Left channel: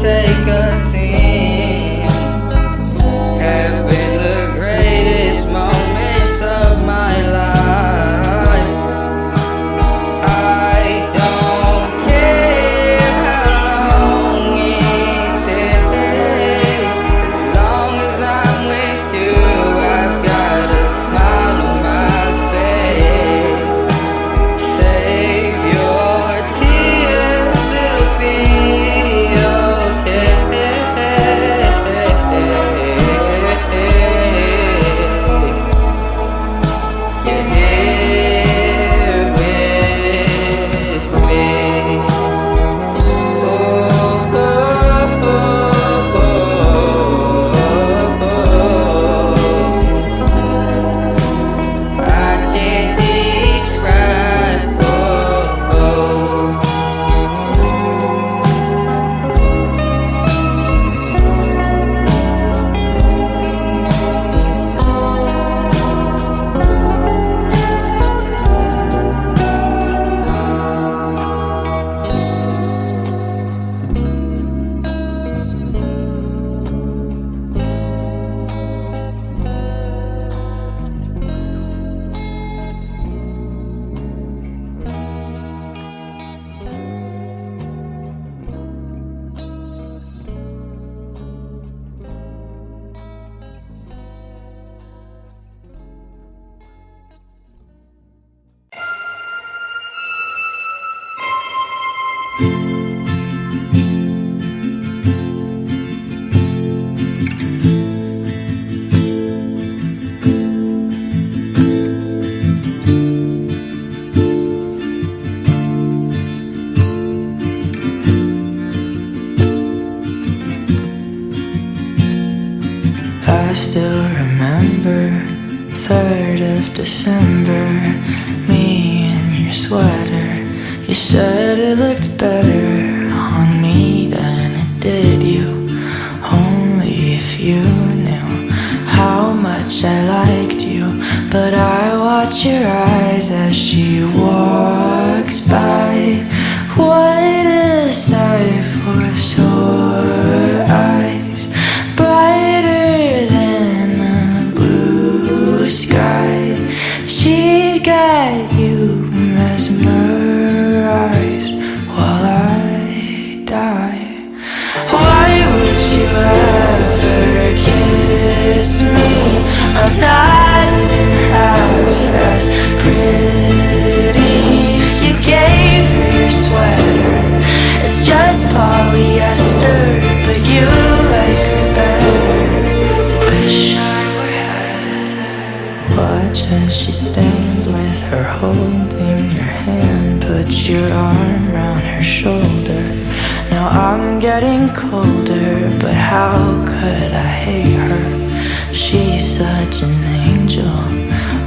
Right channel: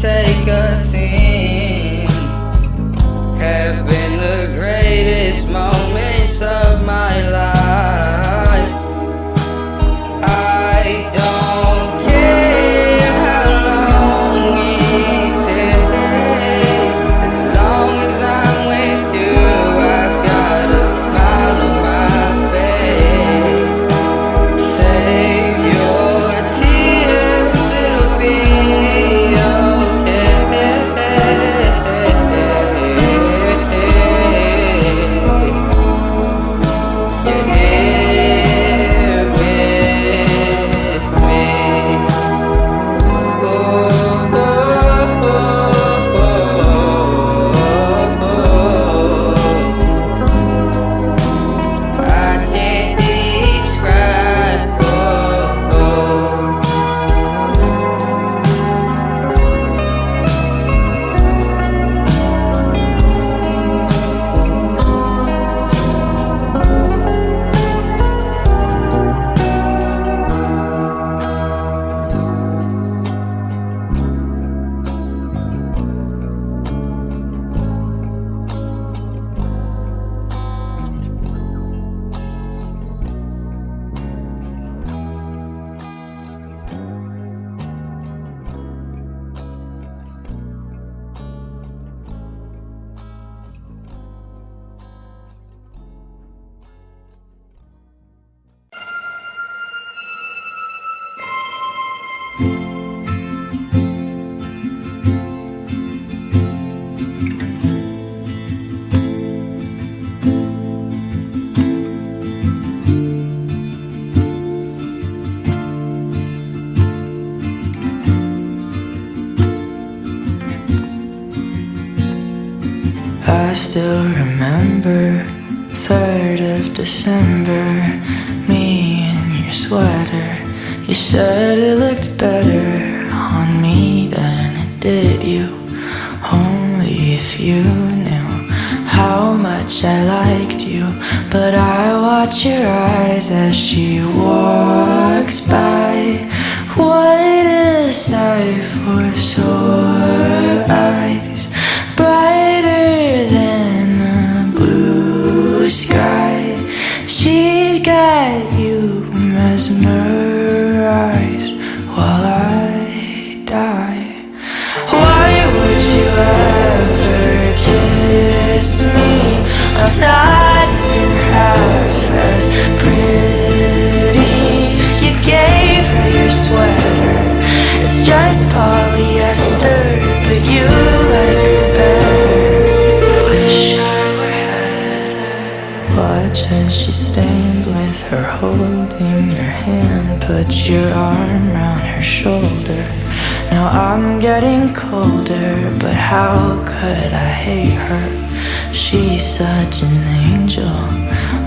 take a scene have been the greatest moments of my life. I don't care how long it takes, as long as I'm with you, I've got a smile on my face. Save your tears, it'll be okay. You're here with me. Oh, oh, oh, oh. I can't describe. Oh, oh. I still remember 3rd of December, me in your sweater. You said it looked better on me than it did you. Only if you knew how much I liked you. But I watch your eyes as she walks by. What a sight for sore eyes, brighter than a blue sky. She's got you mesmerized while I die. Why would you ever kiss me? I'm not even half as pretty. You gave her your sweater, it's just polyester, but you like her better. Wish I were Heather. Watch as she stands with her holding your hand, put your arm round her shoulder. Now I'm getting colder, but how could I hate her? She's such an angel,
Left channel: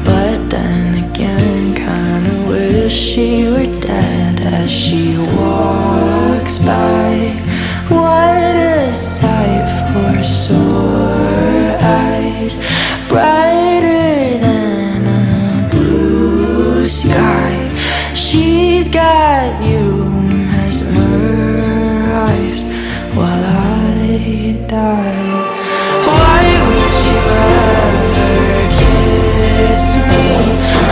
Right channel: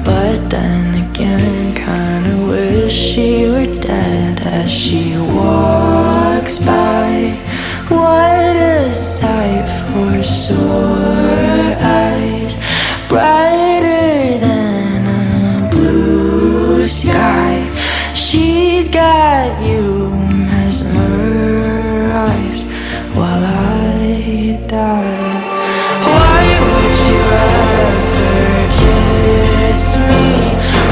but then again kinda wish she were dead as she walks by. What a sight for sore eyes, brighter than a blue sky. She's got you mesmerized while I die. Why would you ever kiss me?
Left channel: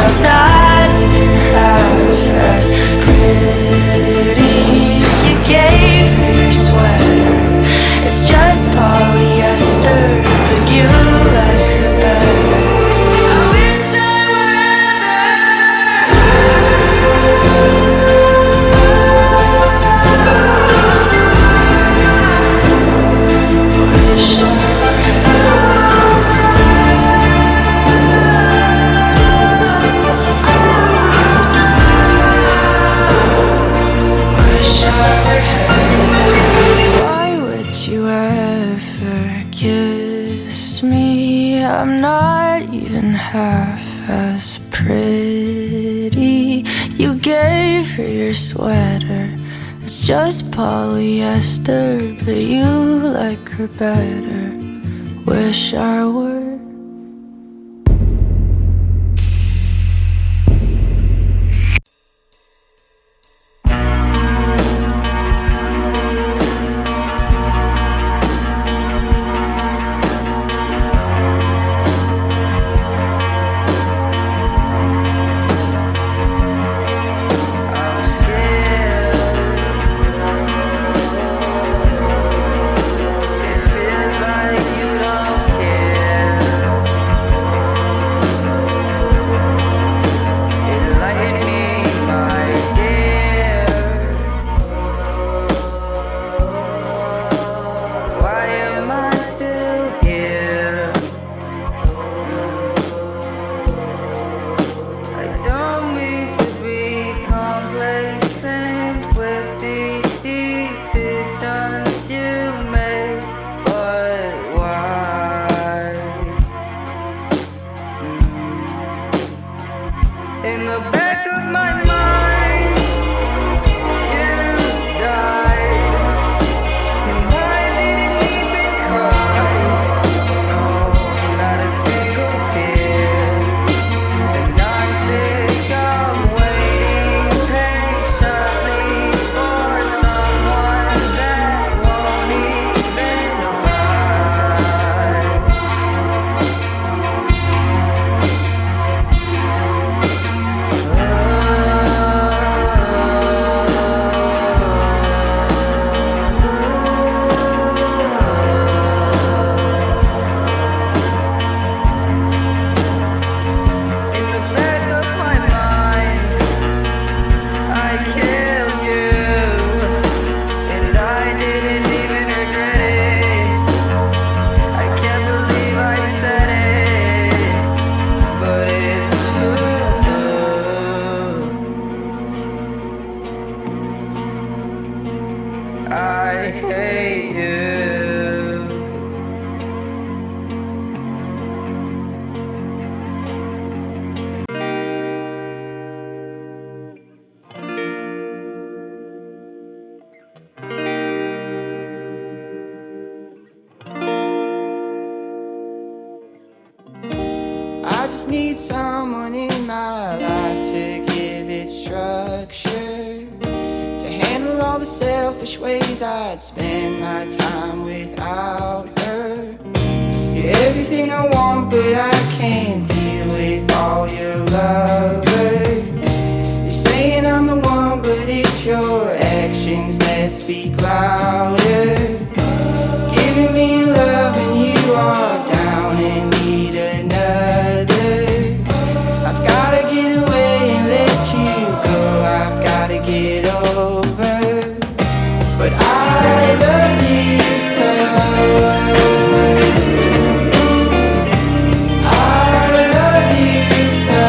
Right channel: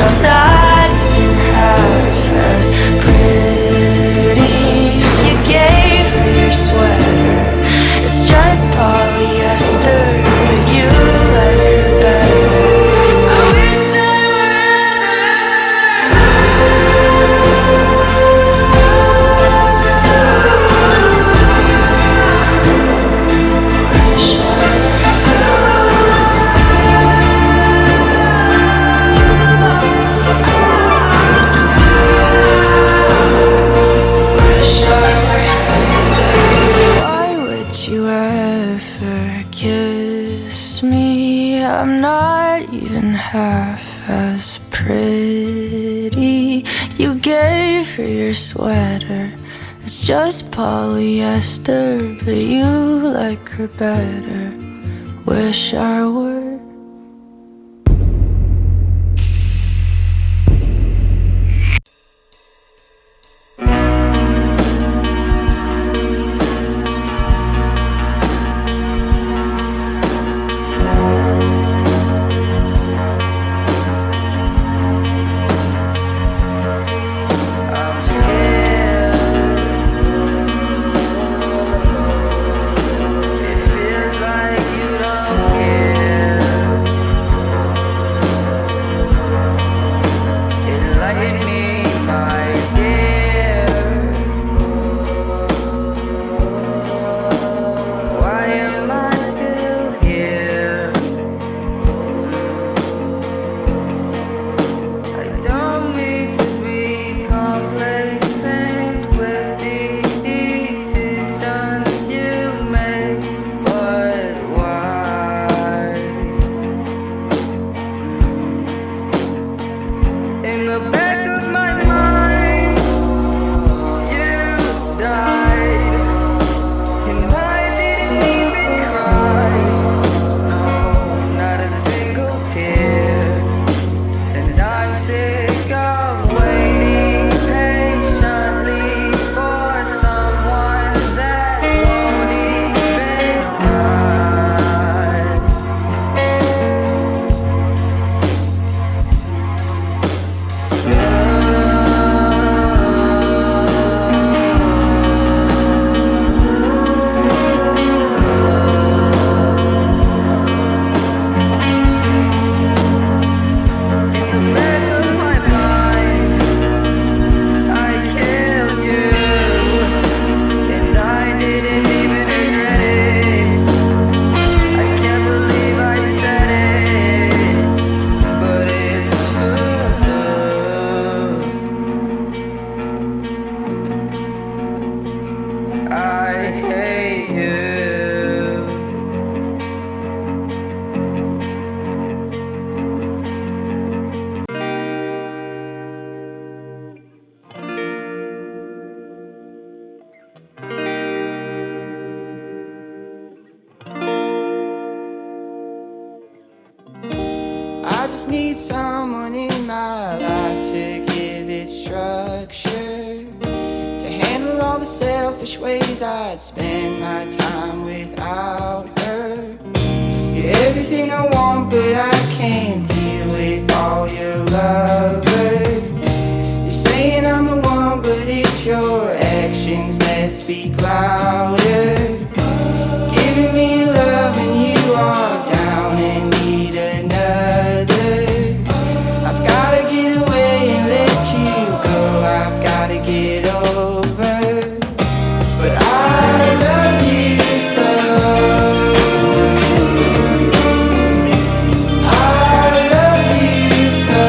I'm not even half as pretty. You gave her your sweater, it's just polyester, but you like her better. I wish I were Wish I were Why would you ever kiss me? I'm not even half as pretty. You gave her your sweater, it's just polyester, but you like her better. Wish I were. In the back of my mind, you died, and I didn't even cry. No, not a single tear. And I'm sick of waiting patiently for someone that won't even arrive. In the back of my mind, I killed you, and I didn't even regret it. I can't believe I said it, but it's true. I hate you. I just need someone in my life to give it structure, to handle all the selfish ways I'd spend my time without her. You're everything I want, but I can't deal with all your lovers. You're saying I'm the one, but it's your actions that speak louder. Giving me love and you are down and need another. I've gotta get away and let you go. I've gotta get over. But I love you so. I love you so.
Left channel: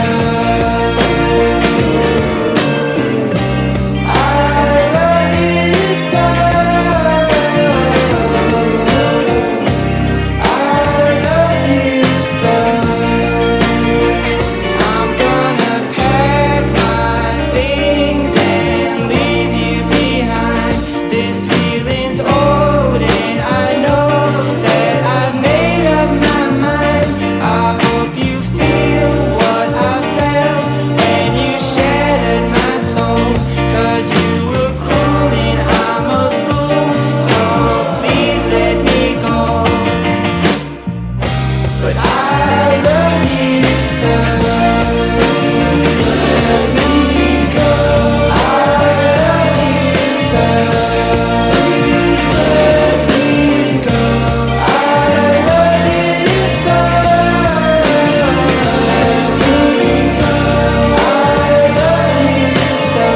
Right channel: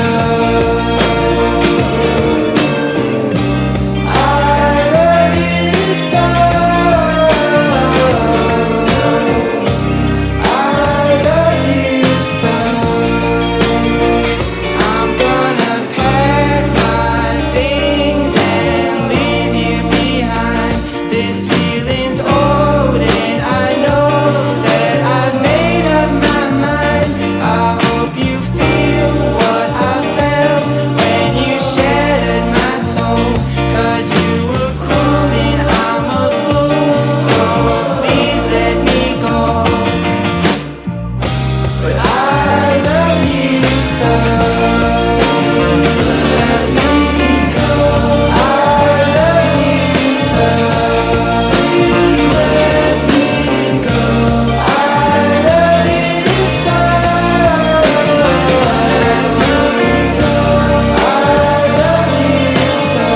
I love you so. I love you so. I'm gonna pack my things and leave you behind. This feeling's old and I know that I've made up my mind. I hope you feel what I felt when you shattered my soul. 'Cause you were cruel and I'm a fool, so please let me go. But I love you so. Let me go. I love you so. Please let me go. I love you so. Let me go. I love you so.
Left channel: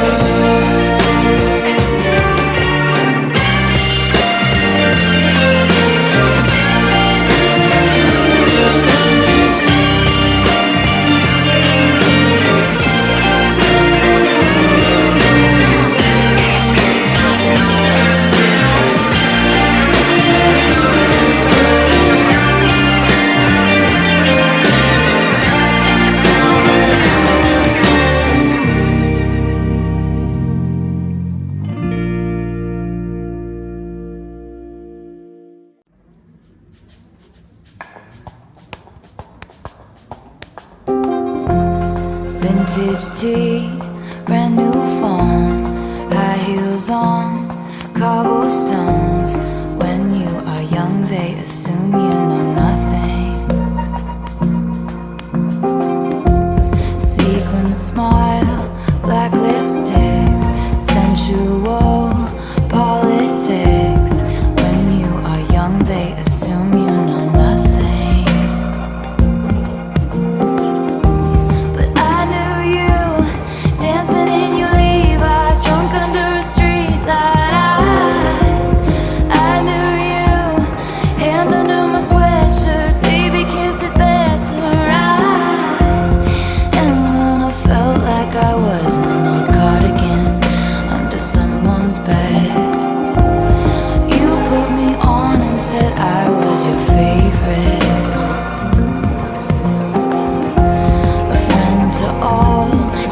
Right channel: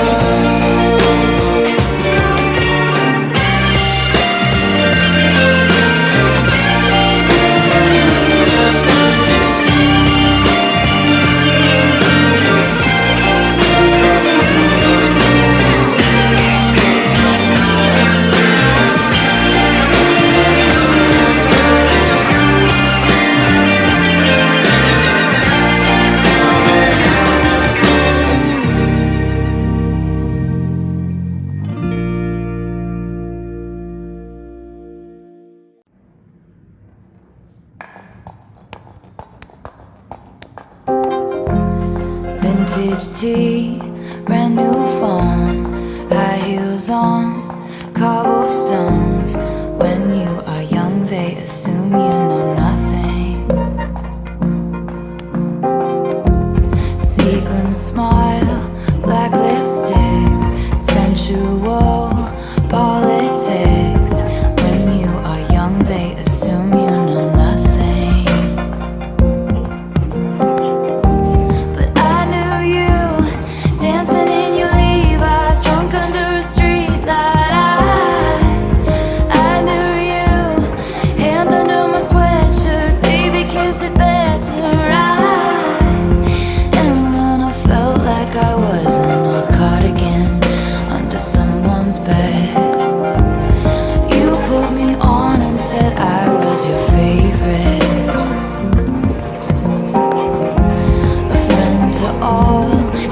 Vintage tea, brand new phone, high heels on, cobblestones. When you are young, they assume you know nothing. Sequin smile, black lipstick, sensual politics. When you are young, they assume you know nothing. But I knew you dancing in your Levi's, drunk under a street light. I knew you, hand under my sweatshirt, baby, kiss it better, right? And when I felt like I was an old cardigan under someone's bed,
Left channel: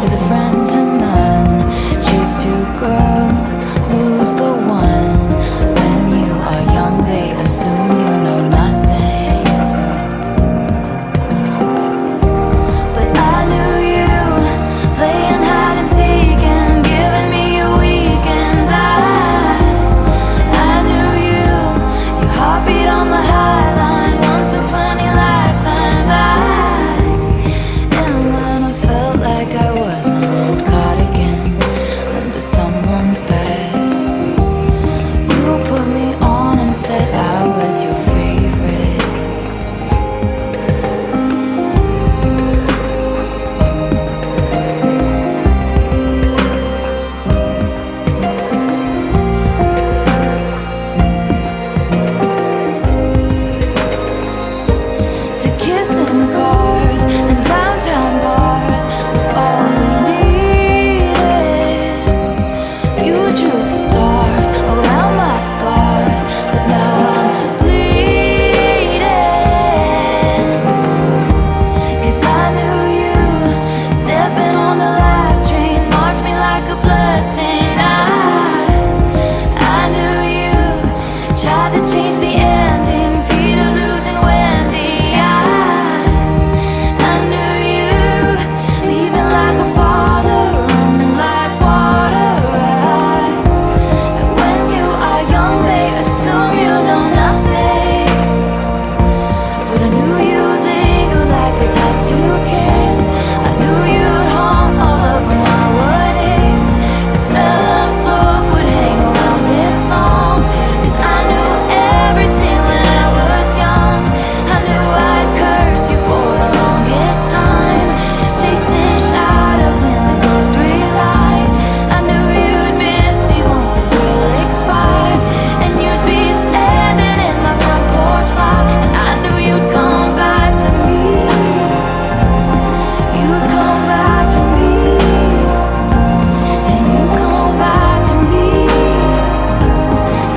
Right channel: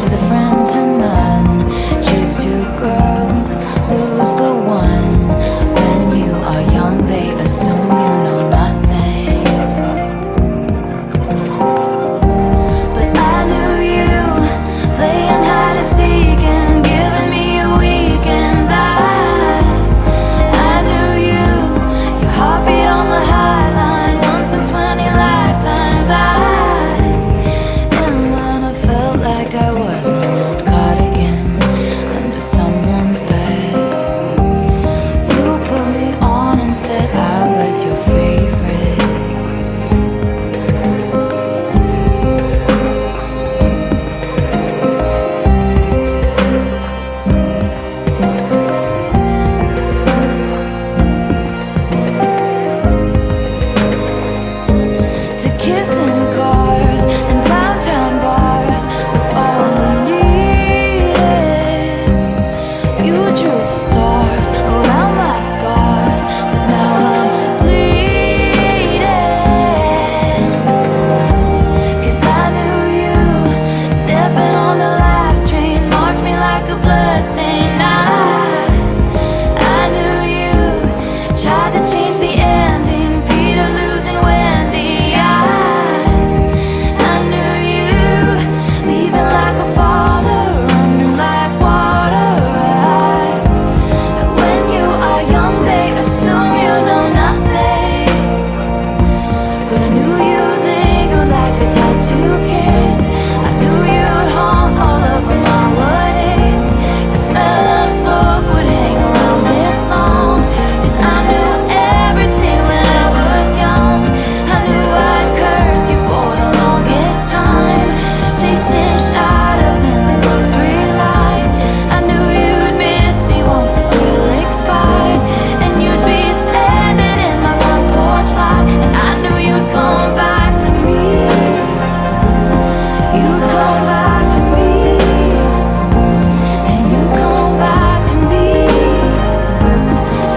is a friend to none. Chase two girls, lose the one. When you are young, they assume you know nothing. But I knew you, playing hide and seek and giving me your weekends. I knew you, your heartbeat on the high line, once in 20 lifetimes. And when I felt like I was an old cardigan under someone's bed, you put me on and said I was your favorite. To kiss in cars and downtown bars was all we needed. You drew stars around my scars, but now I'm bleeding. 'Cause I knew you, stepping on the last train, marked me like a bloodstain. I knew you, tried to change the ending, Peter losing Wendy. I knew you, leaving like a father, running like water. And when you are young, they assume you know nothing. But I knew you'd linger like a tattoo kiss. I knew you'd haunt all over my what ifs. The smell of smoke would hang around this long. 'Cause I knew everything when I was young. I knew I'd curse you for the longest time, chasing shadows in the grocery line. I knew you'd miss me once the thrill expired, and you'd be standing in my front porch light. And I knew you'd come back to me. You'd come back to me. And you come back to me.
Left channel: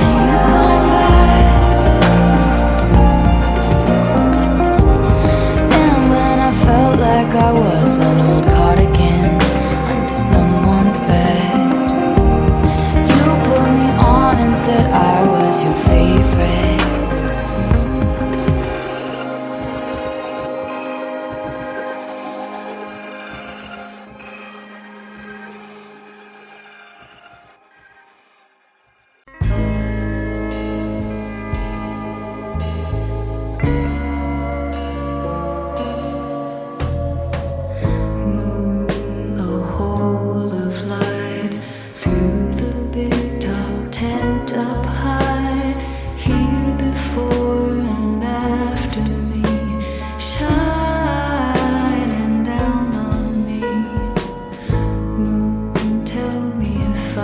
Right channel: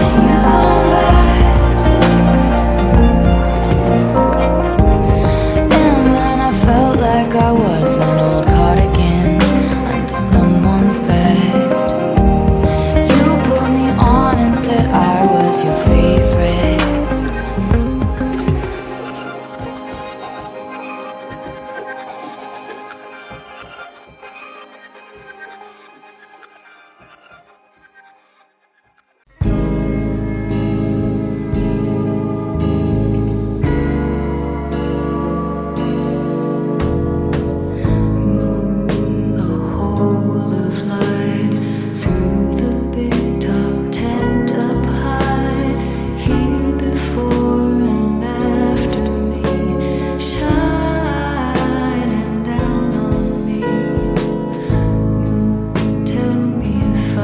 And you come back. And when I felt like I was an old cardigan under someone's bed, you put me on and said I was your favorite. Moon, a hole of light through the big top tent up high, here before and after me, shining down on me. Moon, tell me if I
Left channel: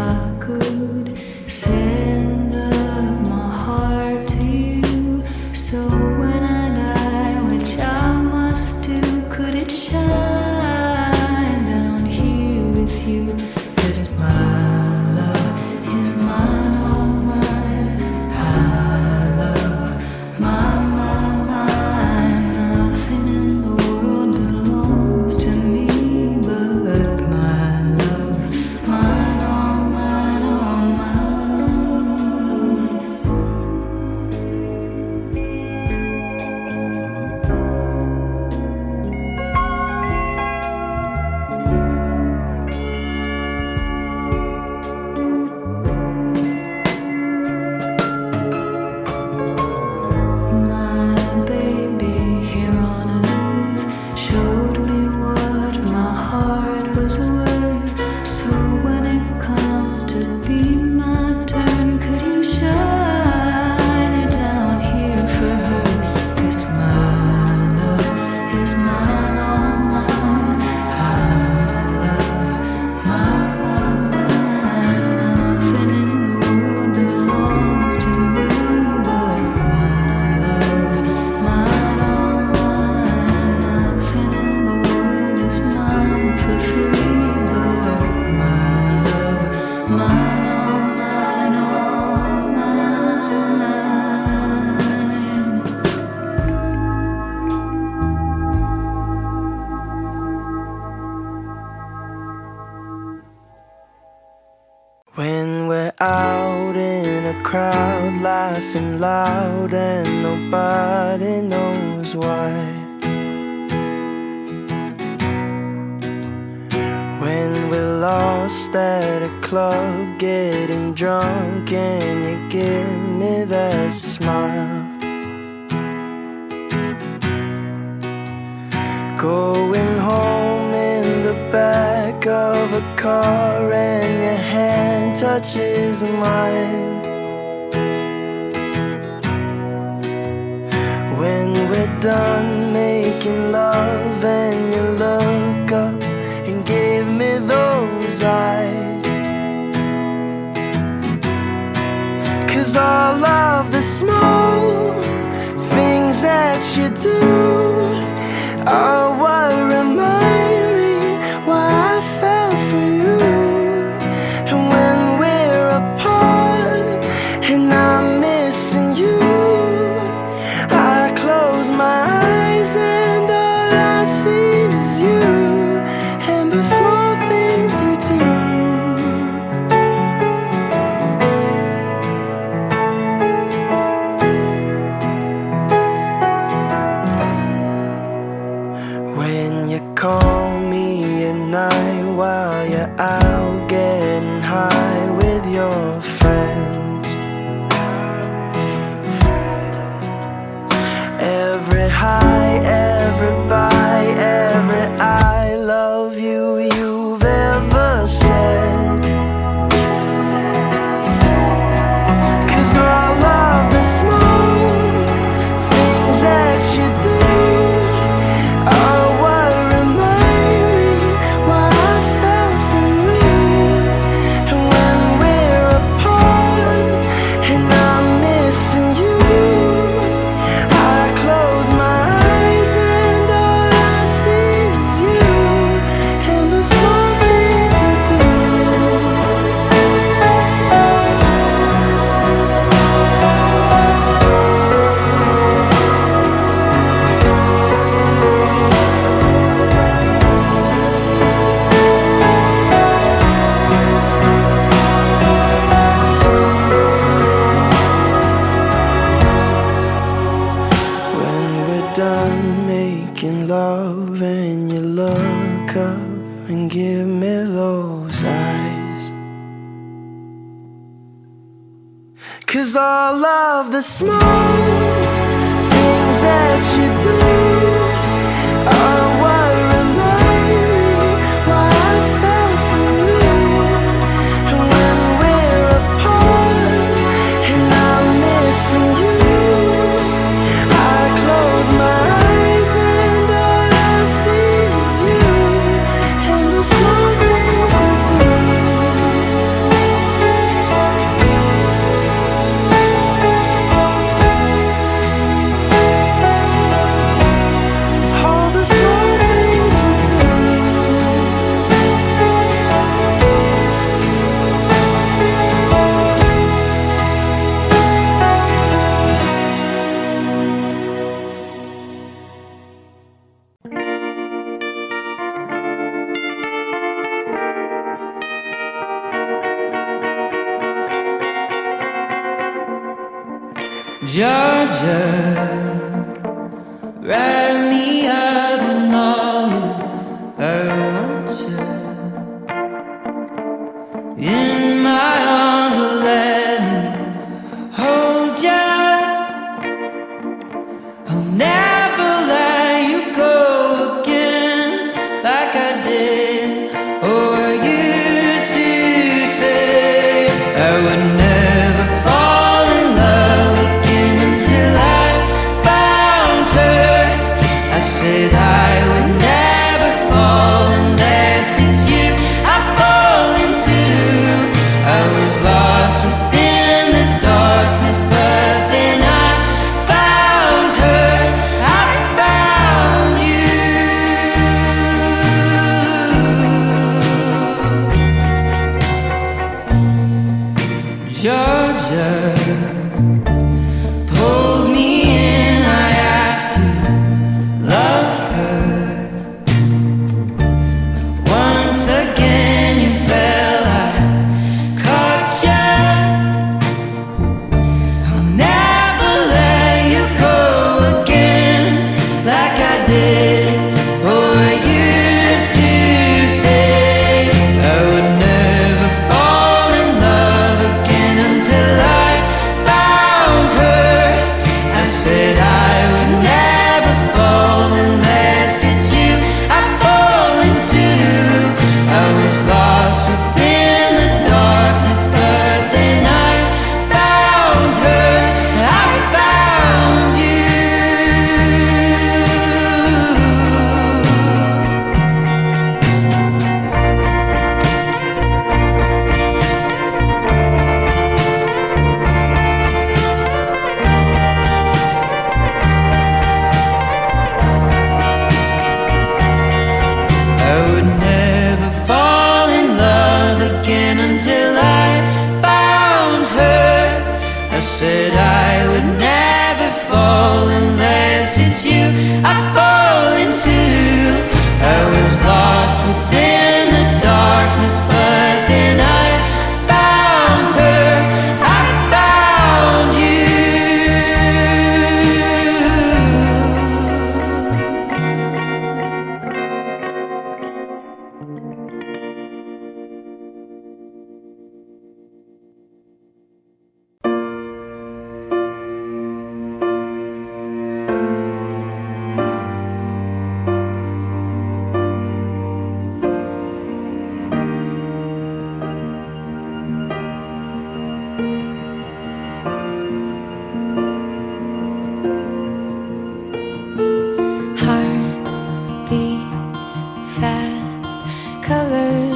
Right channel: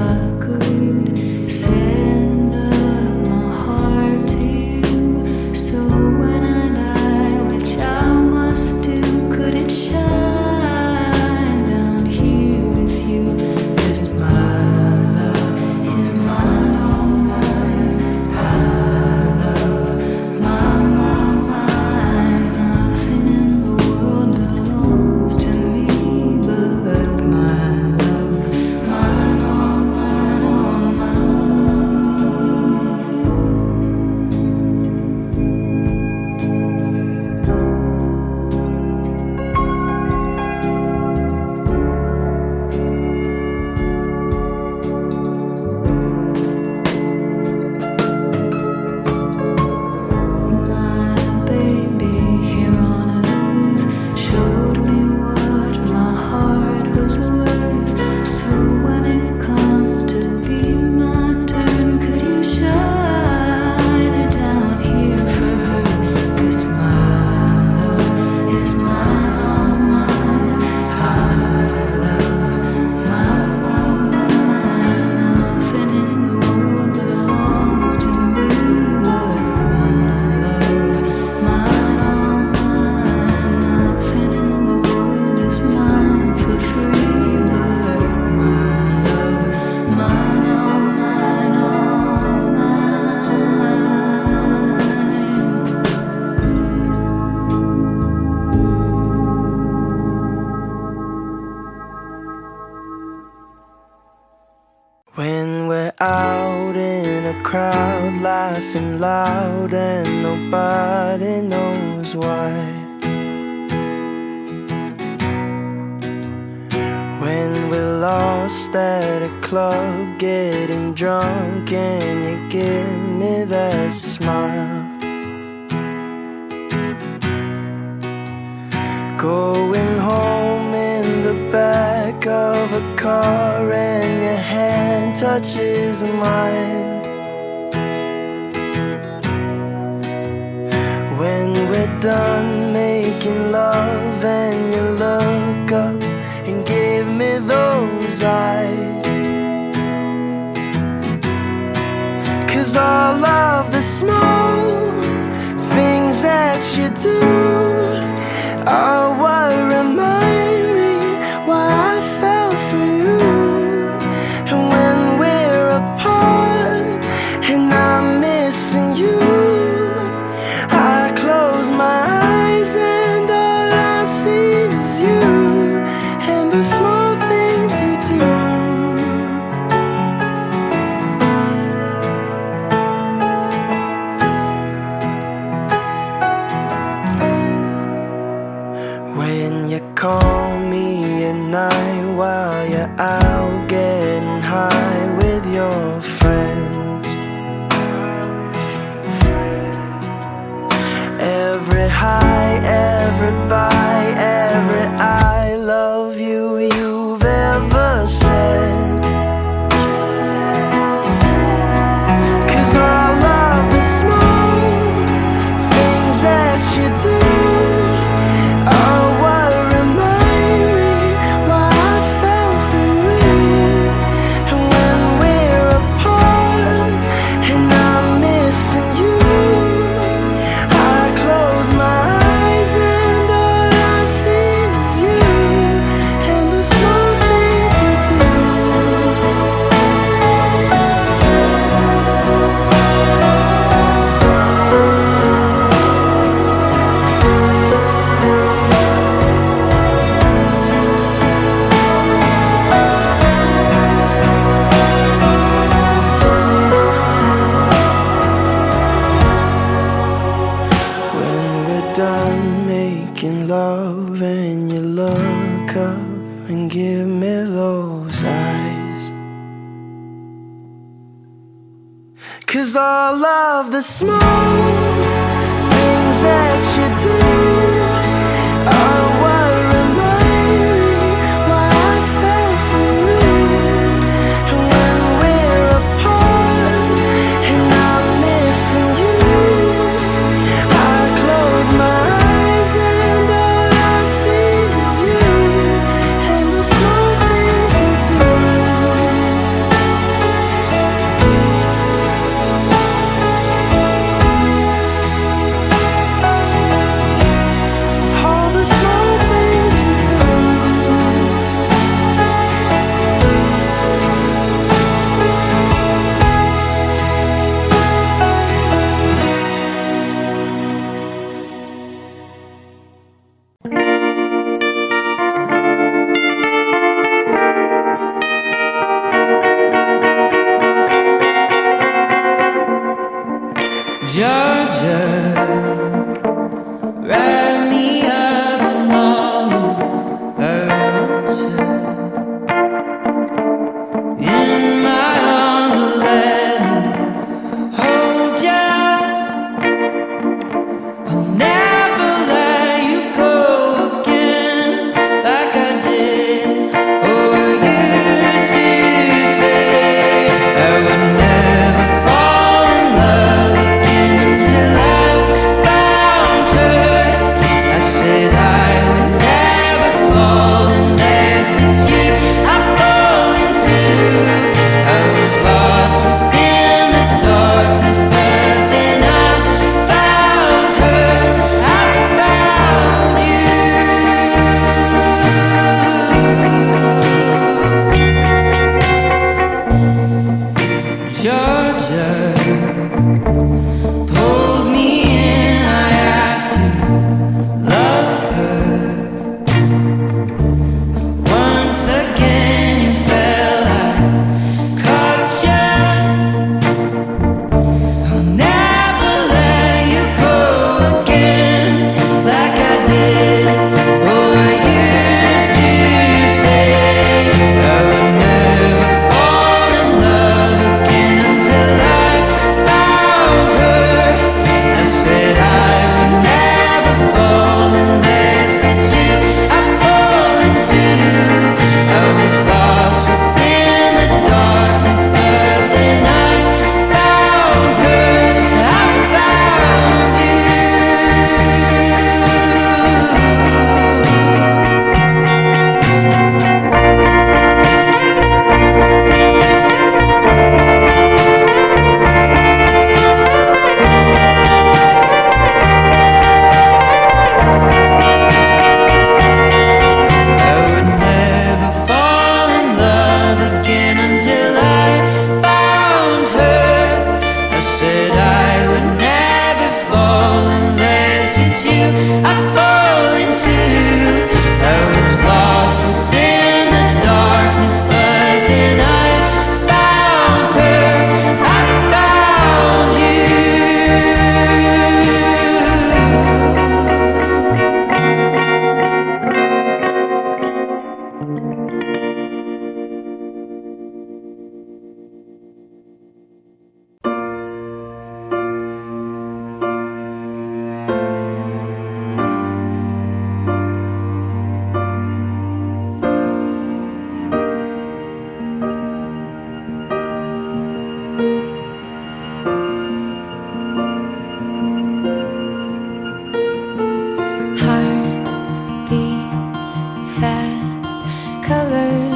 could send up my heart to you, so when I die, which I must do, could it shine down here with you? When we're out in a crowd, laughing loud and nobody knows why. When we're lost at a club, getting drunk and you give me that smile. Going home in the back of a car and your hand touches mine. When we're done making love and you look up and give me those eyes. 'Cause all of the small things that you do are what remind me why I fell for you. And when we're apart and I'm missing you, I close my eyes and all I see is you and the small things you do. When you call me at night while you're out getting high with your friends. Every high, every bye, every I love you you've ever said. 'Cause all of the small things that you do are what remind me why I fell for you. And when we're apart and I'm missing you, I close my eyes and all I see is you and the small things you do. When we're done making love and you look up and give me those eyes. 'Cause all of the small things that you do are what remind me why I fell for you. And when we're apart and I'm missing you, I close my eyes and all I see is you and the small things you do. All the small things you do. Georgia, write me up and all you I want you in my arms, or let me hold ya. I'll never let you go again like I did or used to say. I would never fall in love again until I found her.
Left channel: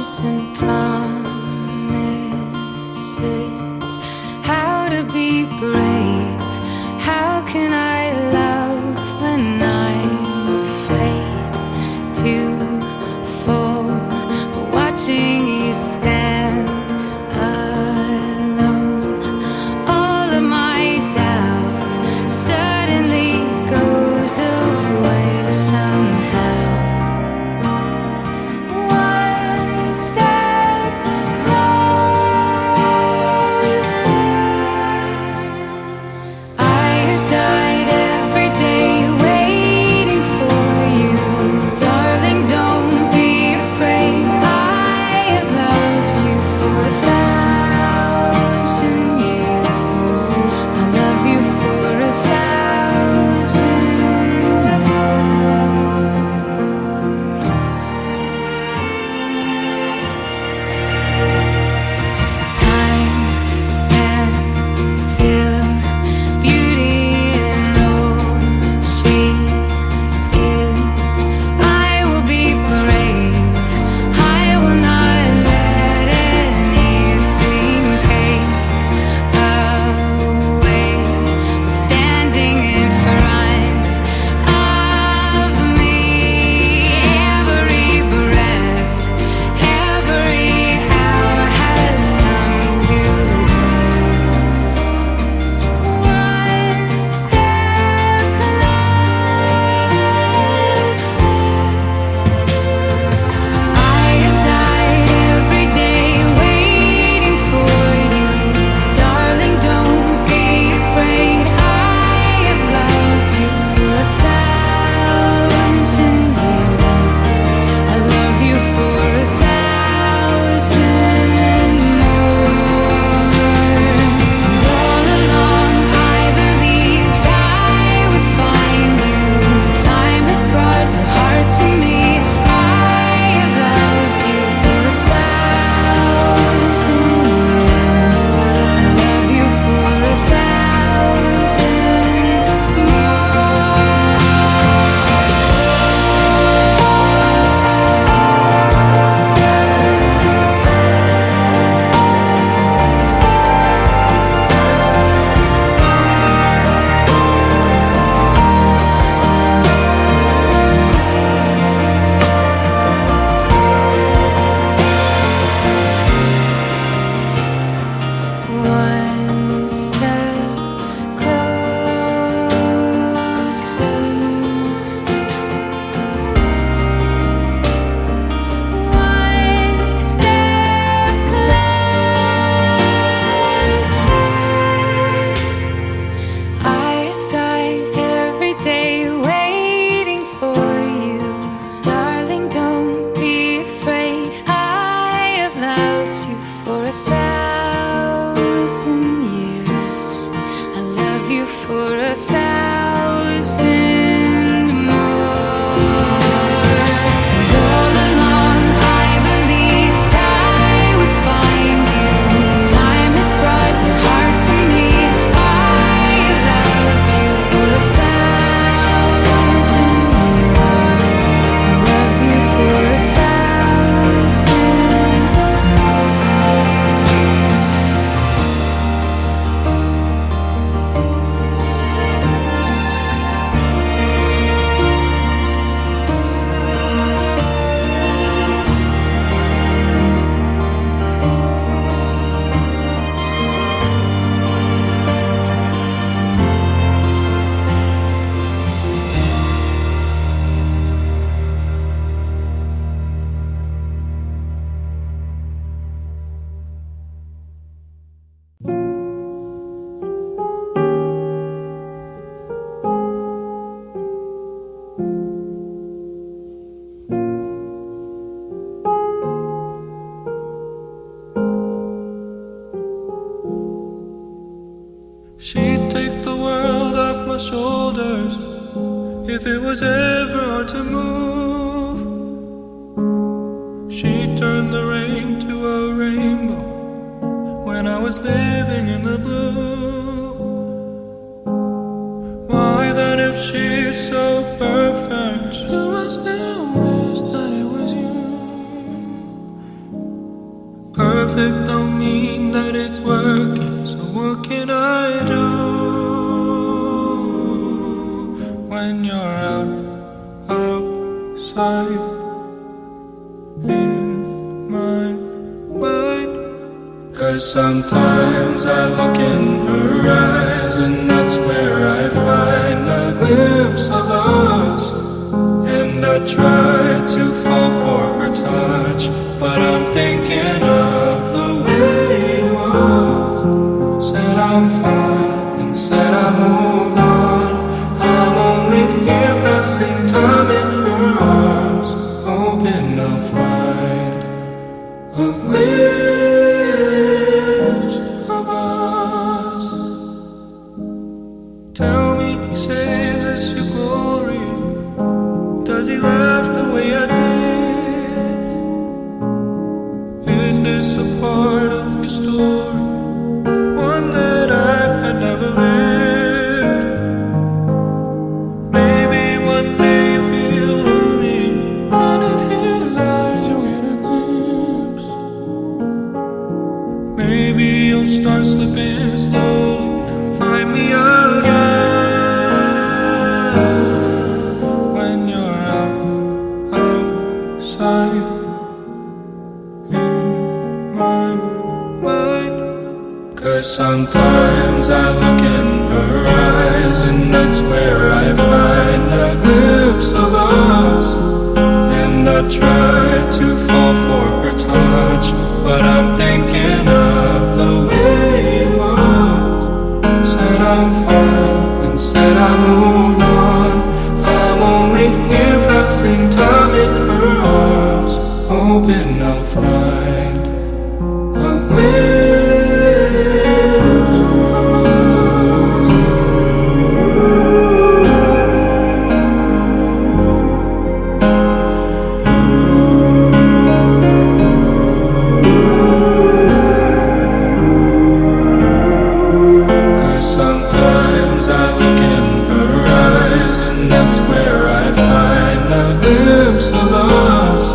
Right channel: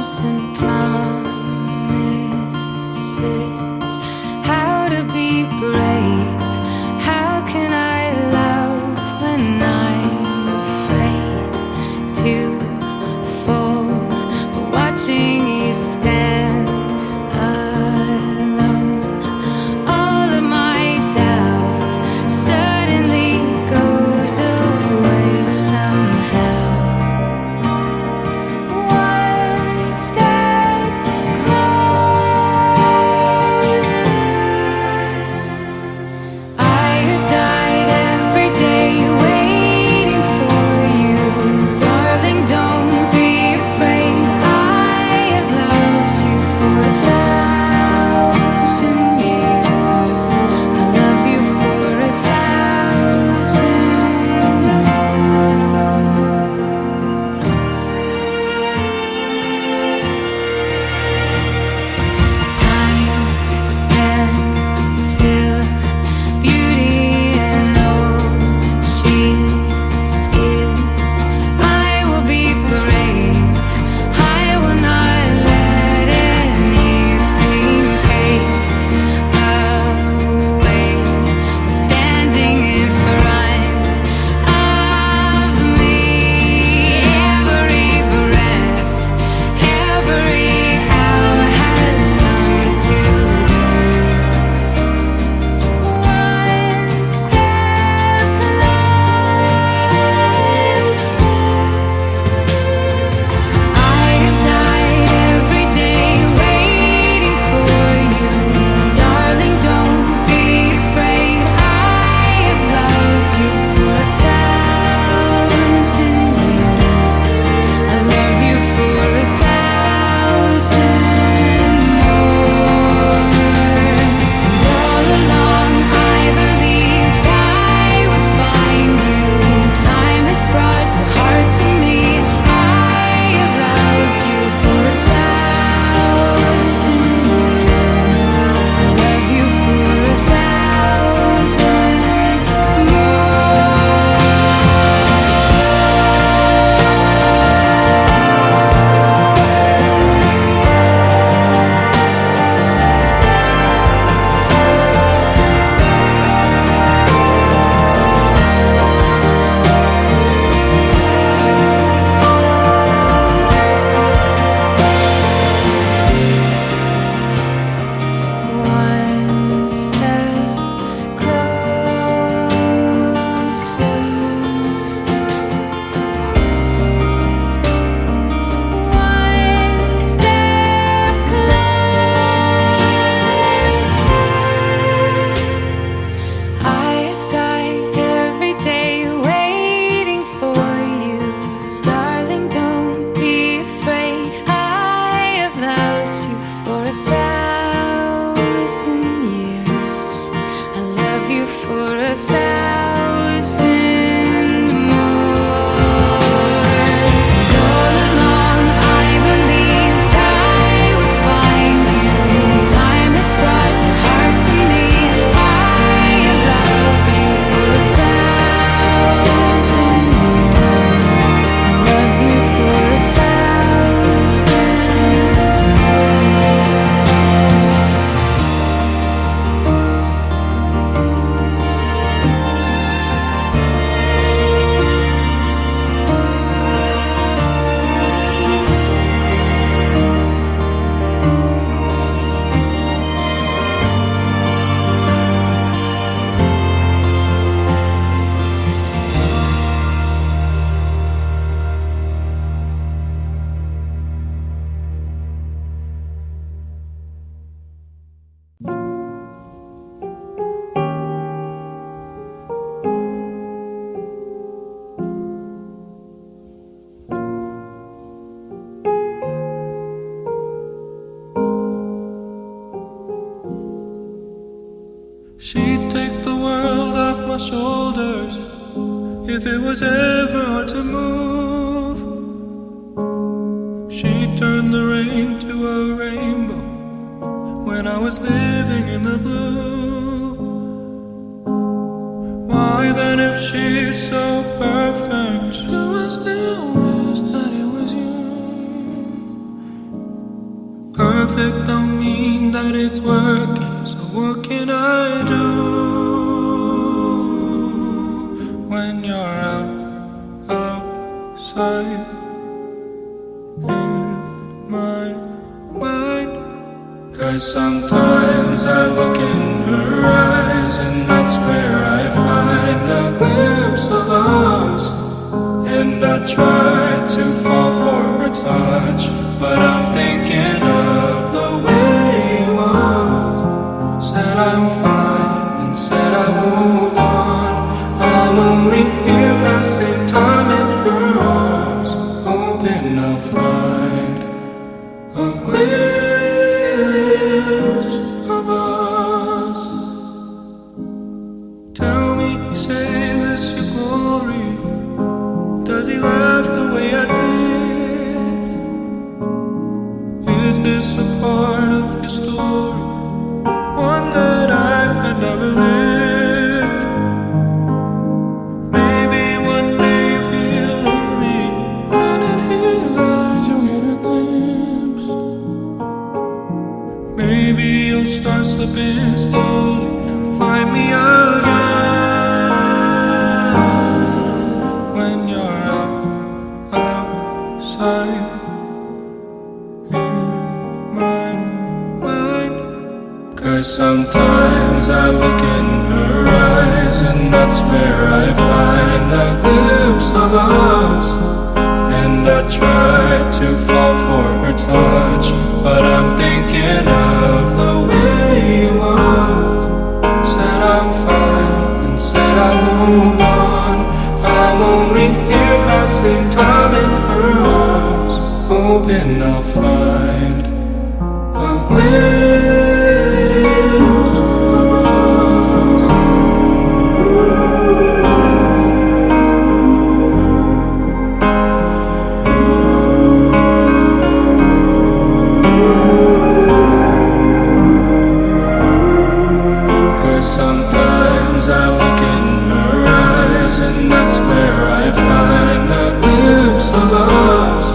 and promises. How to be brave? How can I love when I'm afraid to fall? But watching you stand alone, all of my doubt suddenly goes away somehow. One step closer. I have died every day waiting for you. Darling, don't be afraid. I have loved you for 1,000 years. I love you for 1,000 more. Time stands still. Beauty in all she is. I will be brave. I will not let anything take away what's standing in front of me. Every breath, every hour has come to this. One step closer. I have died every day waiting for you. Darling, don't be afraid. I have loved you for 1,000 years. I love you for 1,000 more. And all along I believed I would find you. Time has brought your heart to me. I have loved you for 1,000 years. I love you for 1,000 One step closer. One step closer. I have died every day waiting for you. Darling, don't be afraid. I have loved you for 1,000 years. I love you for 1,000 more. And all along I believed I would find you. Time has brought your heart to me. I have loved you for 1,000 years. I love you for 1,000 more. She'd take the world off my shoulders if it was ever hard to move. She'd turn the rain to a rainbow when I was living in the blue. Why then, if she's so perfect, do I still wish that it was you? perfect don't mean that it's working. So what can I do when you're outside in my mind? 'Cause sometimes I look in her eyes, and that's where I find a glimpse of us. And I try to fall for her touch, but I'm thinking of the way it was. Said I'm fine and said I moved on. I'm only here passing time in her arms, hoping I'll find a glimpse of us. Tell me, save us your glory. Does he laugh the way I did? Is this a part of your story, one that I had never lived? Maybe one day you feel lonely, and in his eyes you'll get a glimpse. Maybe you'll start slipping slowly and find me again. When you're outside in my mind. 'Cause sometimes I look in her eyes, and that's where I find a glimpse of us. And I try to fall for her touch, but I'm thinking of the way it was. Said I'm fine and said I moved on. I'm only here passing time in her arms, hoping I'll find a glimpse of us. 'Cause sometimes I look in her eyes, and that's where I find a glimpse of us.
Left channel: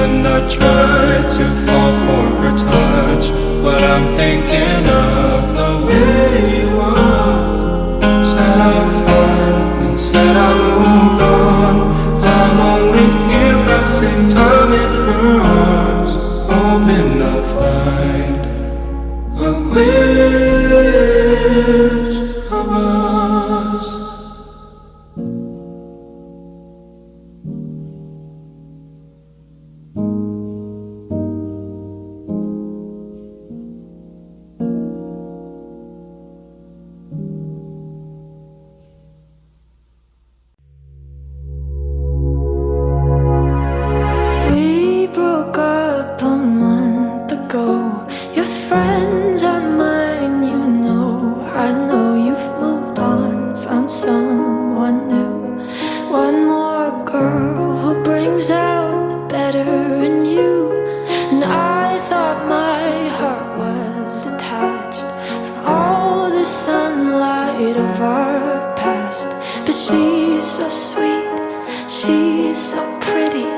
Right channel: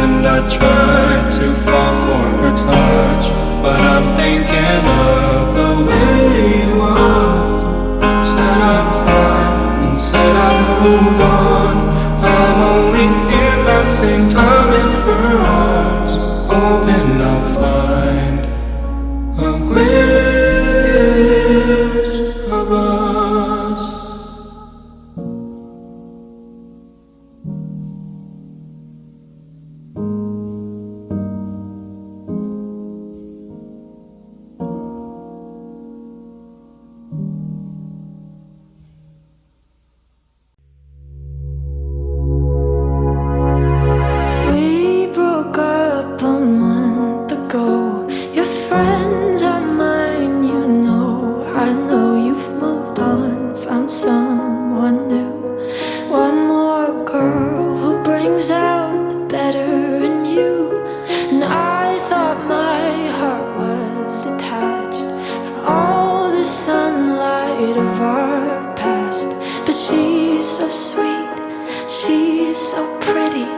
And I try to fall for her touch, but I'm thinking of the way it was. Said I'm fine and said I moved on. I'm only here passing time in her arms, hoping I'll find a glimpse of us. We broke up a month ago. Your friends are mine, you know. I know you've moved on, found someone new. One more girl who brings out the better in you. And I thought my heart was detached from all the sunlight of our past. But she's so sweet, she's so pretty.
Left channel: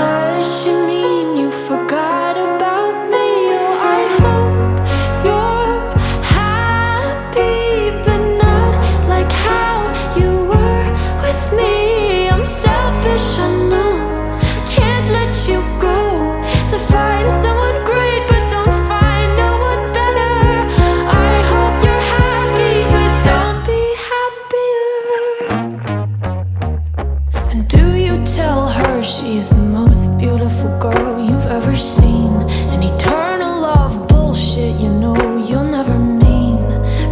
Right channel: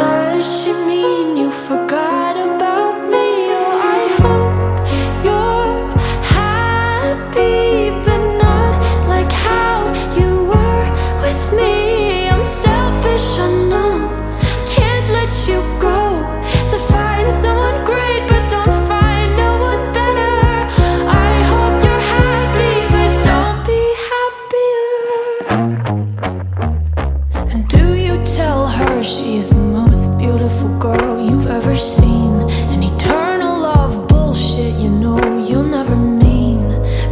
Does she mean you forgot about me? Oh, I hope you're happy, but not like how you were with me. I'm selfish, I know, I can't let you go. So find someone great, but don't find no one better. I hope you're happy, but don't be happier. And do you tell her she's the most beautiful girl you've ever seen? An eternal love bullshit, you know you'll never mean.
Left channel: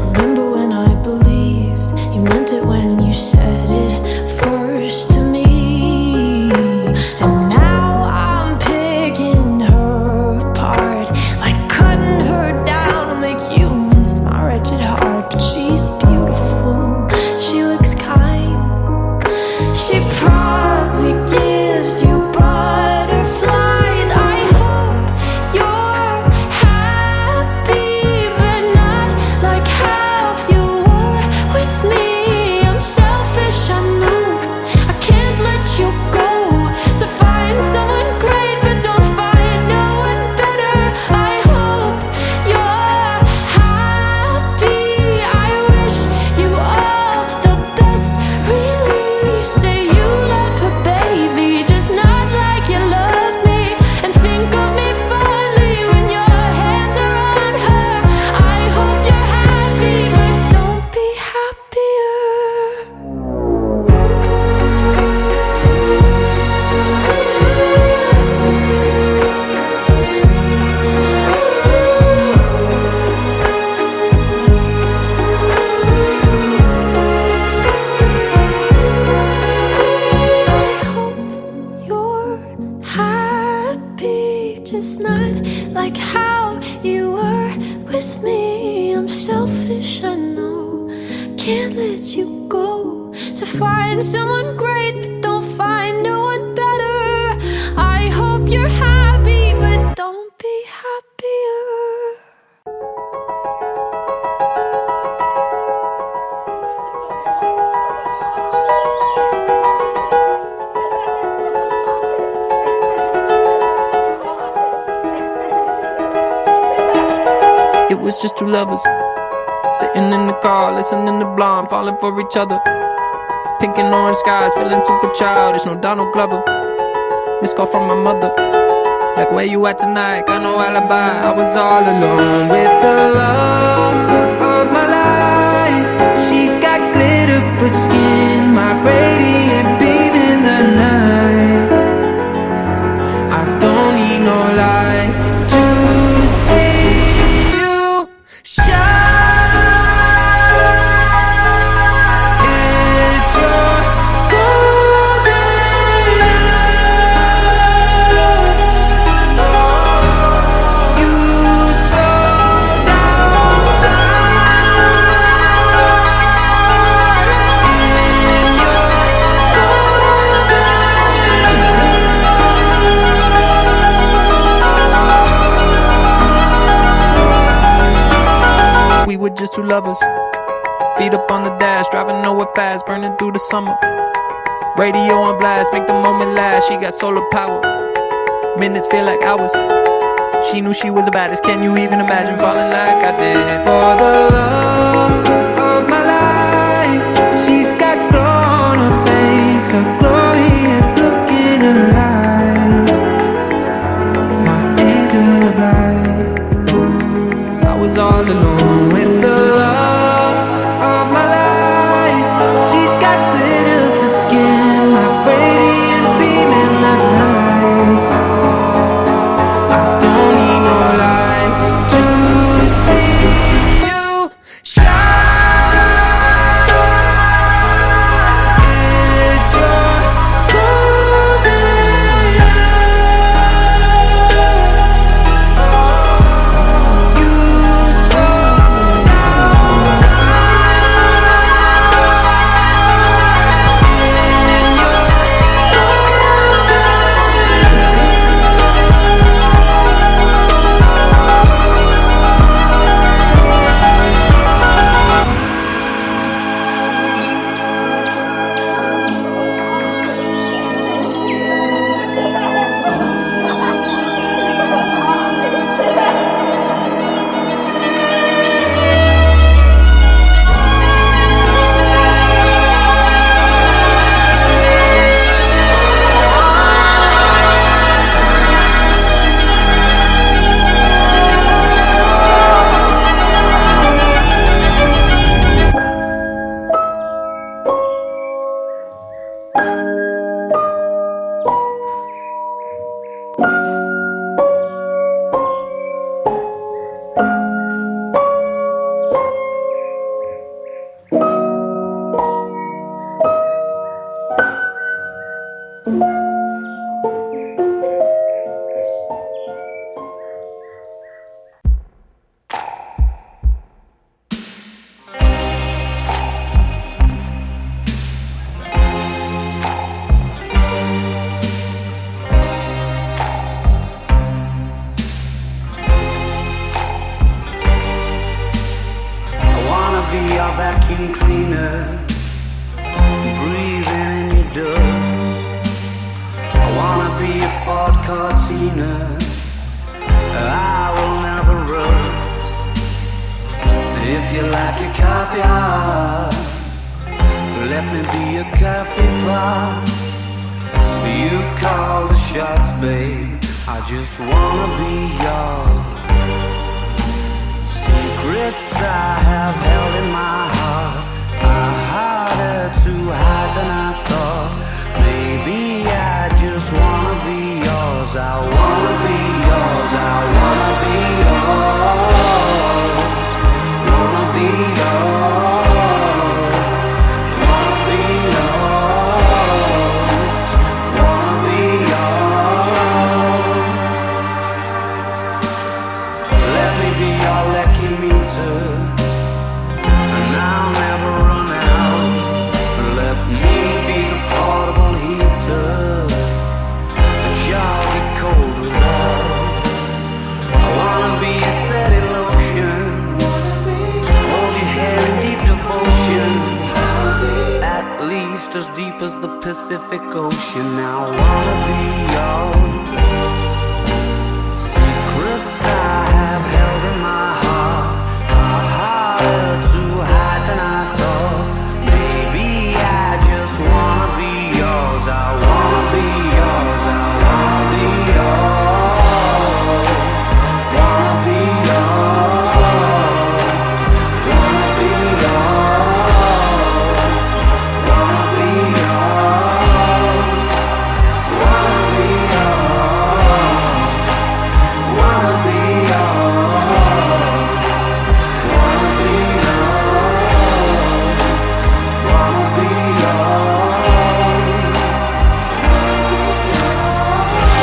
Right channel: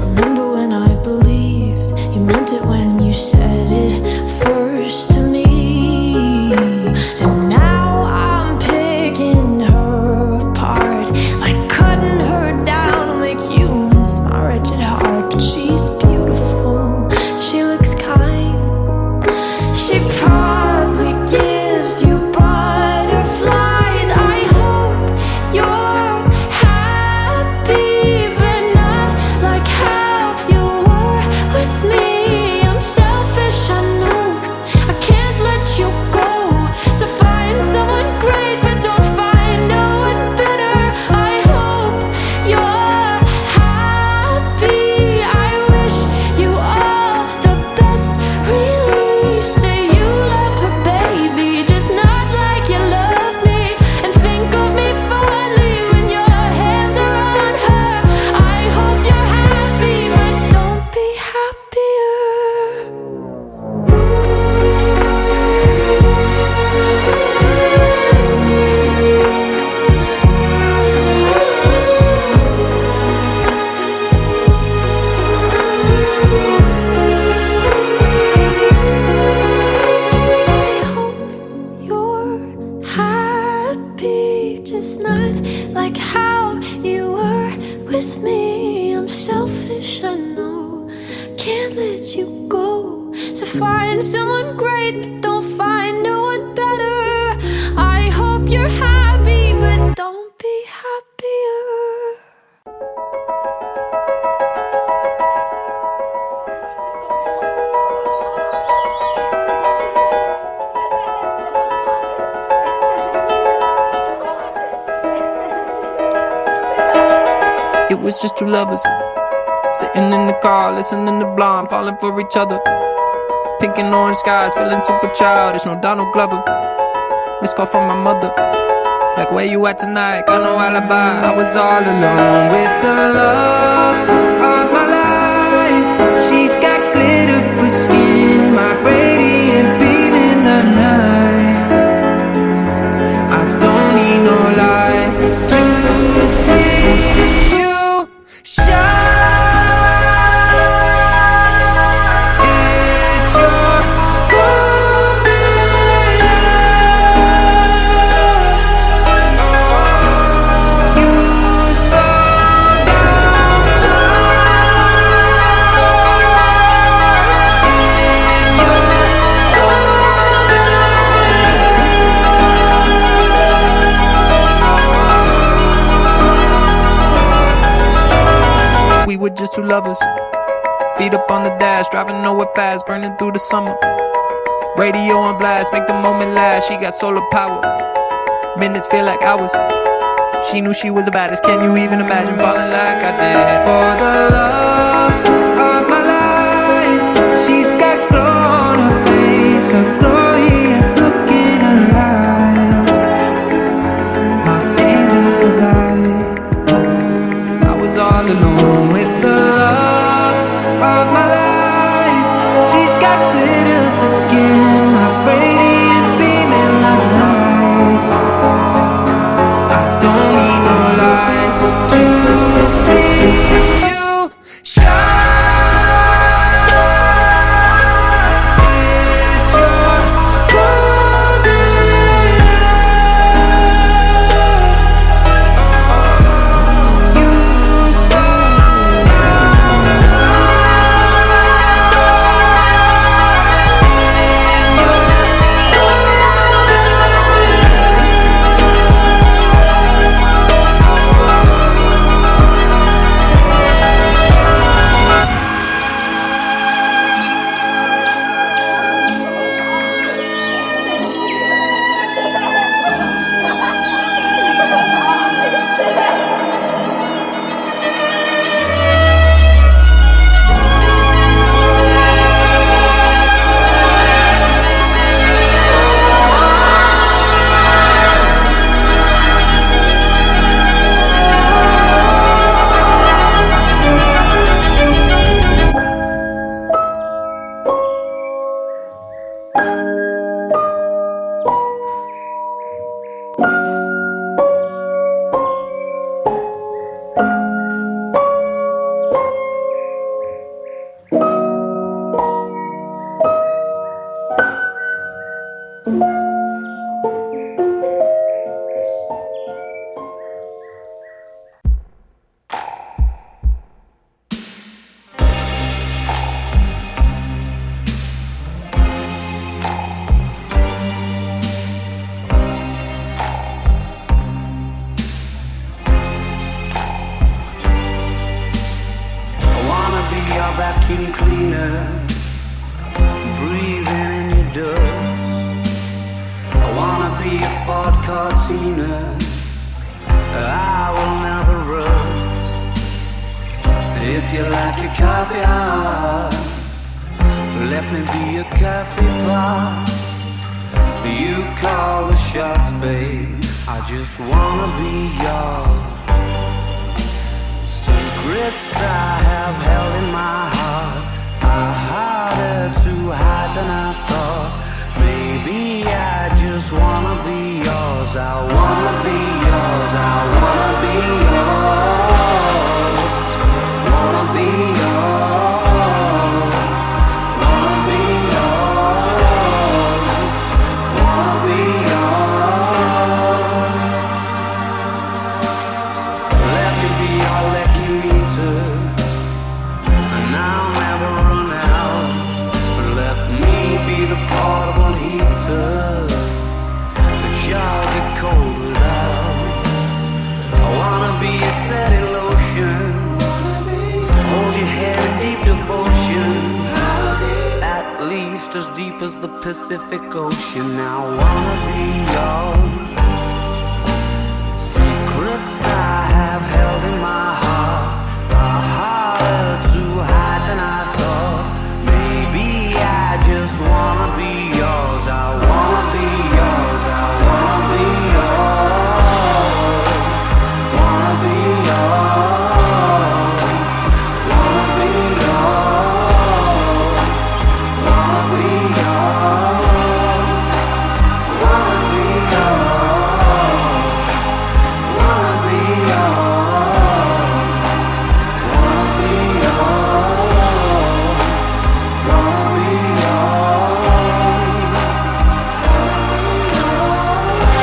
Remember when I believed you meant it when you said it first to me? And now I'm picking her apart, like cutting her down to make you miss my wretched heart. But she's beautiful, she looks kind, she probably gives you butterflies. I hope you're happy, but like how you were with me. I'm selfish, I know, can't let you go. So find someone great, but don't find no one better. I hope you're happy, but don't be happier. It was just two lovers sitting in the car, listening to Blonde, falling for each other. Pink and orange skies, feeling super childish. No Donald Glover. Missed call from my mother, like, where you at tonight? Got no alibi. I was all alone with the love of my life. She's got glitter for skin, my radiant beam in the night. I don't need no light to see you shine. It's your golden hour. Oh, you slow down time in your golden hour. We were just two lovers, feet up on the dash, driving nowhere fast, burning through the summer. Radio on blast, make the moment last. She got solar power, minutes feel like hours. She knew she was the baddest. Can you even imagine falling like I did? For the love of my life, she's got glow on her face, a glorious look in her eyes. My angel of light. I was all alone with the love of my life. She's got glitter for skin, my radiant beam in the night. I don't need no light to see you shine. It's your golden hour. You slow down time in your be a vacuum cleaner, breathing in your dust. I wanna be a Ford Cortina, I will never rust. If you like your coffee hot, let me be a coffee pot. You call the shots, babe, I just wanna be yours. Secrets I have held in my heart are harder to hide than I thought. Maybe I just wanna be yours. I wanna be yours. I wanna be yours. Wanna be yours. Wanna be yours. Wanna be yours. be your lucky meter, and I'll never run out. Let me be the portable heater that y'all get cold without. I wanna be a steady lotion, hold your hair in deep devotion, at least as deep as the Pacific Ocean. I wanna be your secrets I have held in my heart are harder to hide than I thought. Maybe I just wanna be yours. I wanna be yours. I wanna be yours. Wanna be yours. Wanna be yours. Wanna be yours. Wanna be yours. Wanna be yours. Wanna be yours. Wanna be yours.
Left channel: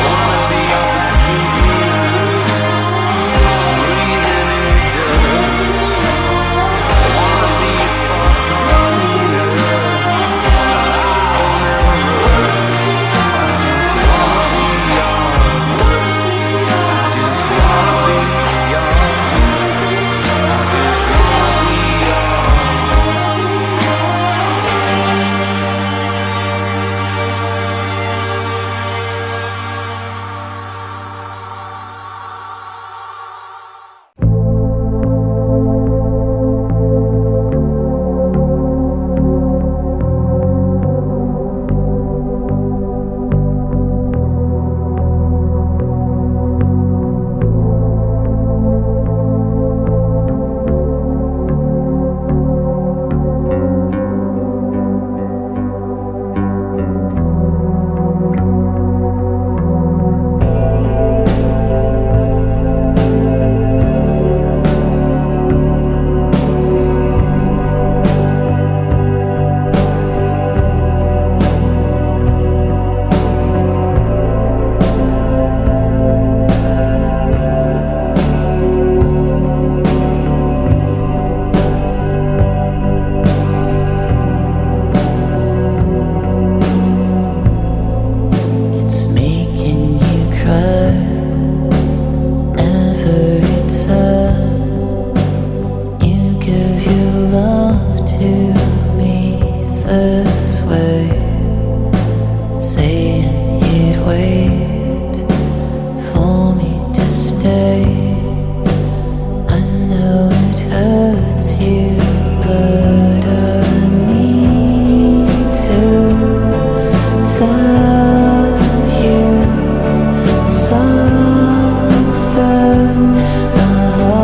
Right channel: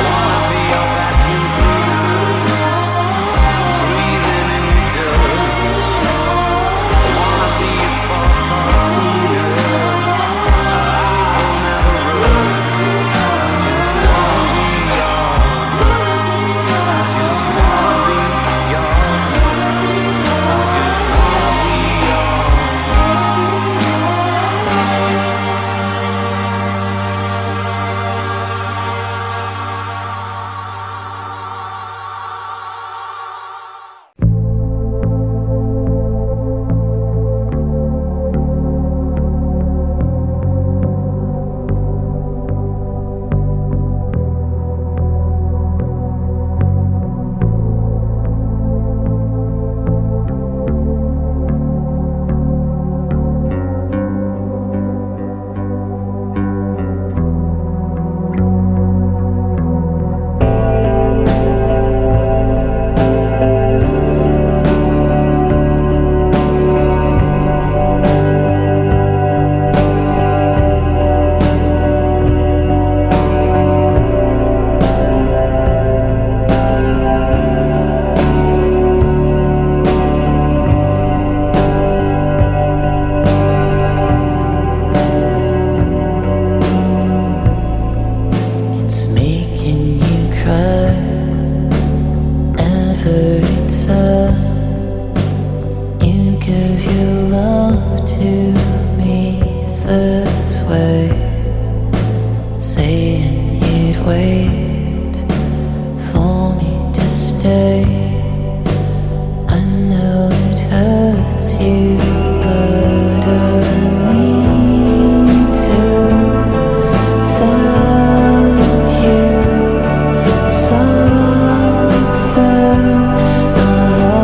Wanna be your vacuum cleaner, breathing in your dirt. Wanna be your Ford Cortina, I will never run. I just wanna be yours. I just wanna be yours. I just wanna be yours. It's making you cry every time you give your love to me this way, saying you'd wait for me to stay. I know it hurts you, but I need to tell you something. My heart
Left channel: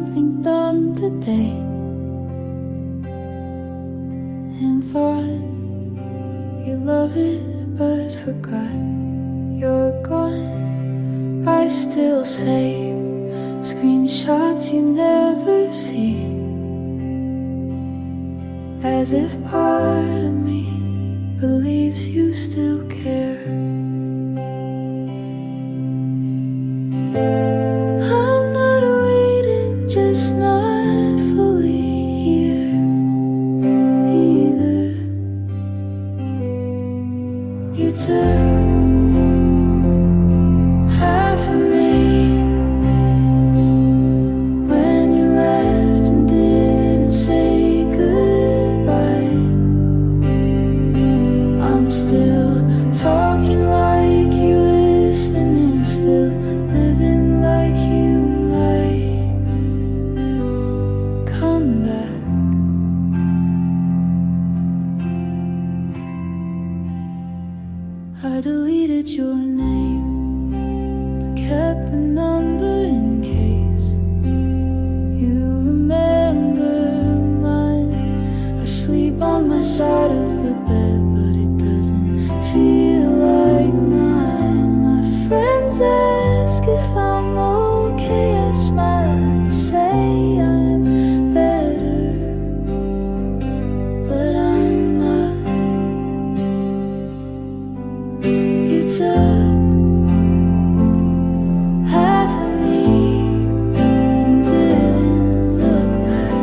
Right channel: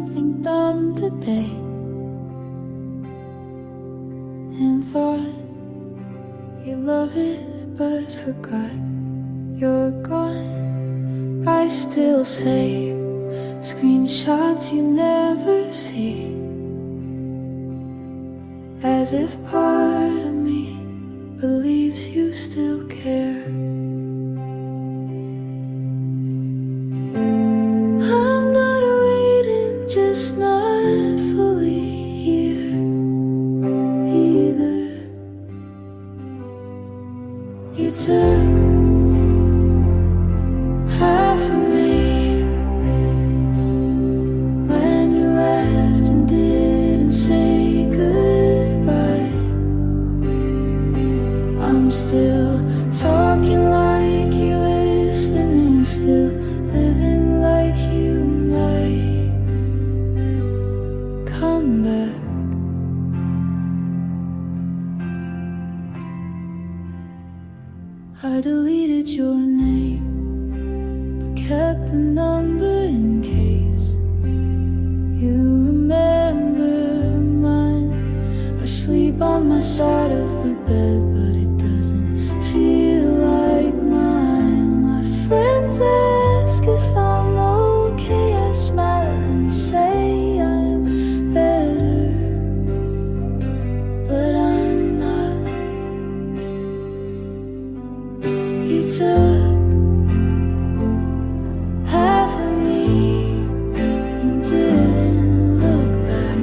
something dumb today and thought you love it but forgot you're gone. I still save screenshots you never see, as if part of me believes you still care. I'm not waiting, just not fully here either. You took half of me when you left and didn't say goodbye. I'm still talking like you're listening, still living like you might come back. I deleted your name, but kept the number in case you remember mine. I sleep on my side of the bed, but it doesn't feel like mine. My friends ask if I'm okay, I smile and say I'm better, but I'm not. You took half of me and didn't look back.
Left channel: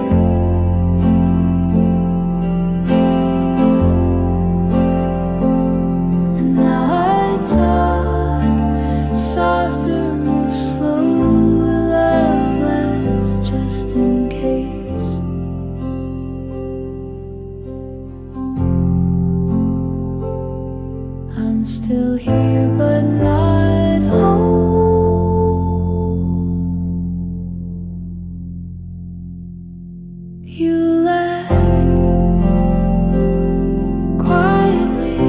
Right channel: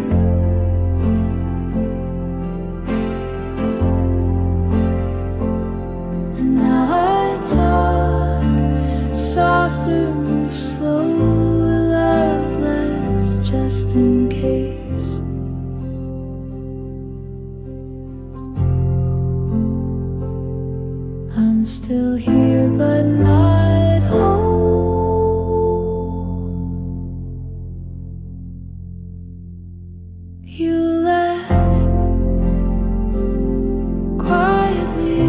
And now I talk softer, move slower, love less, just in case. I'm still here but not home. You left quietly,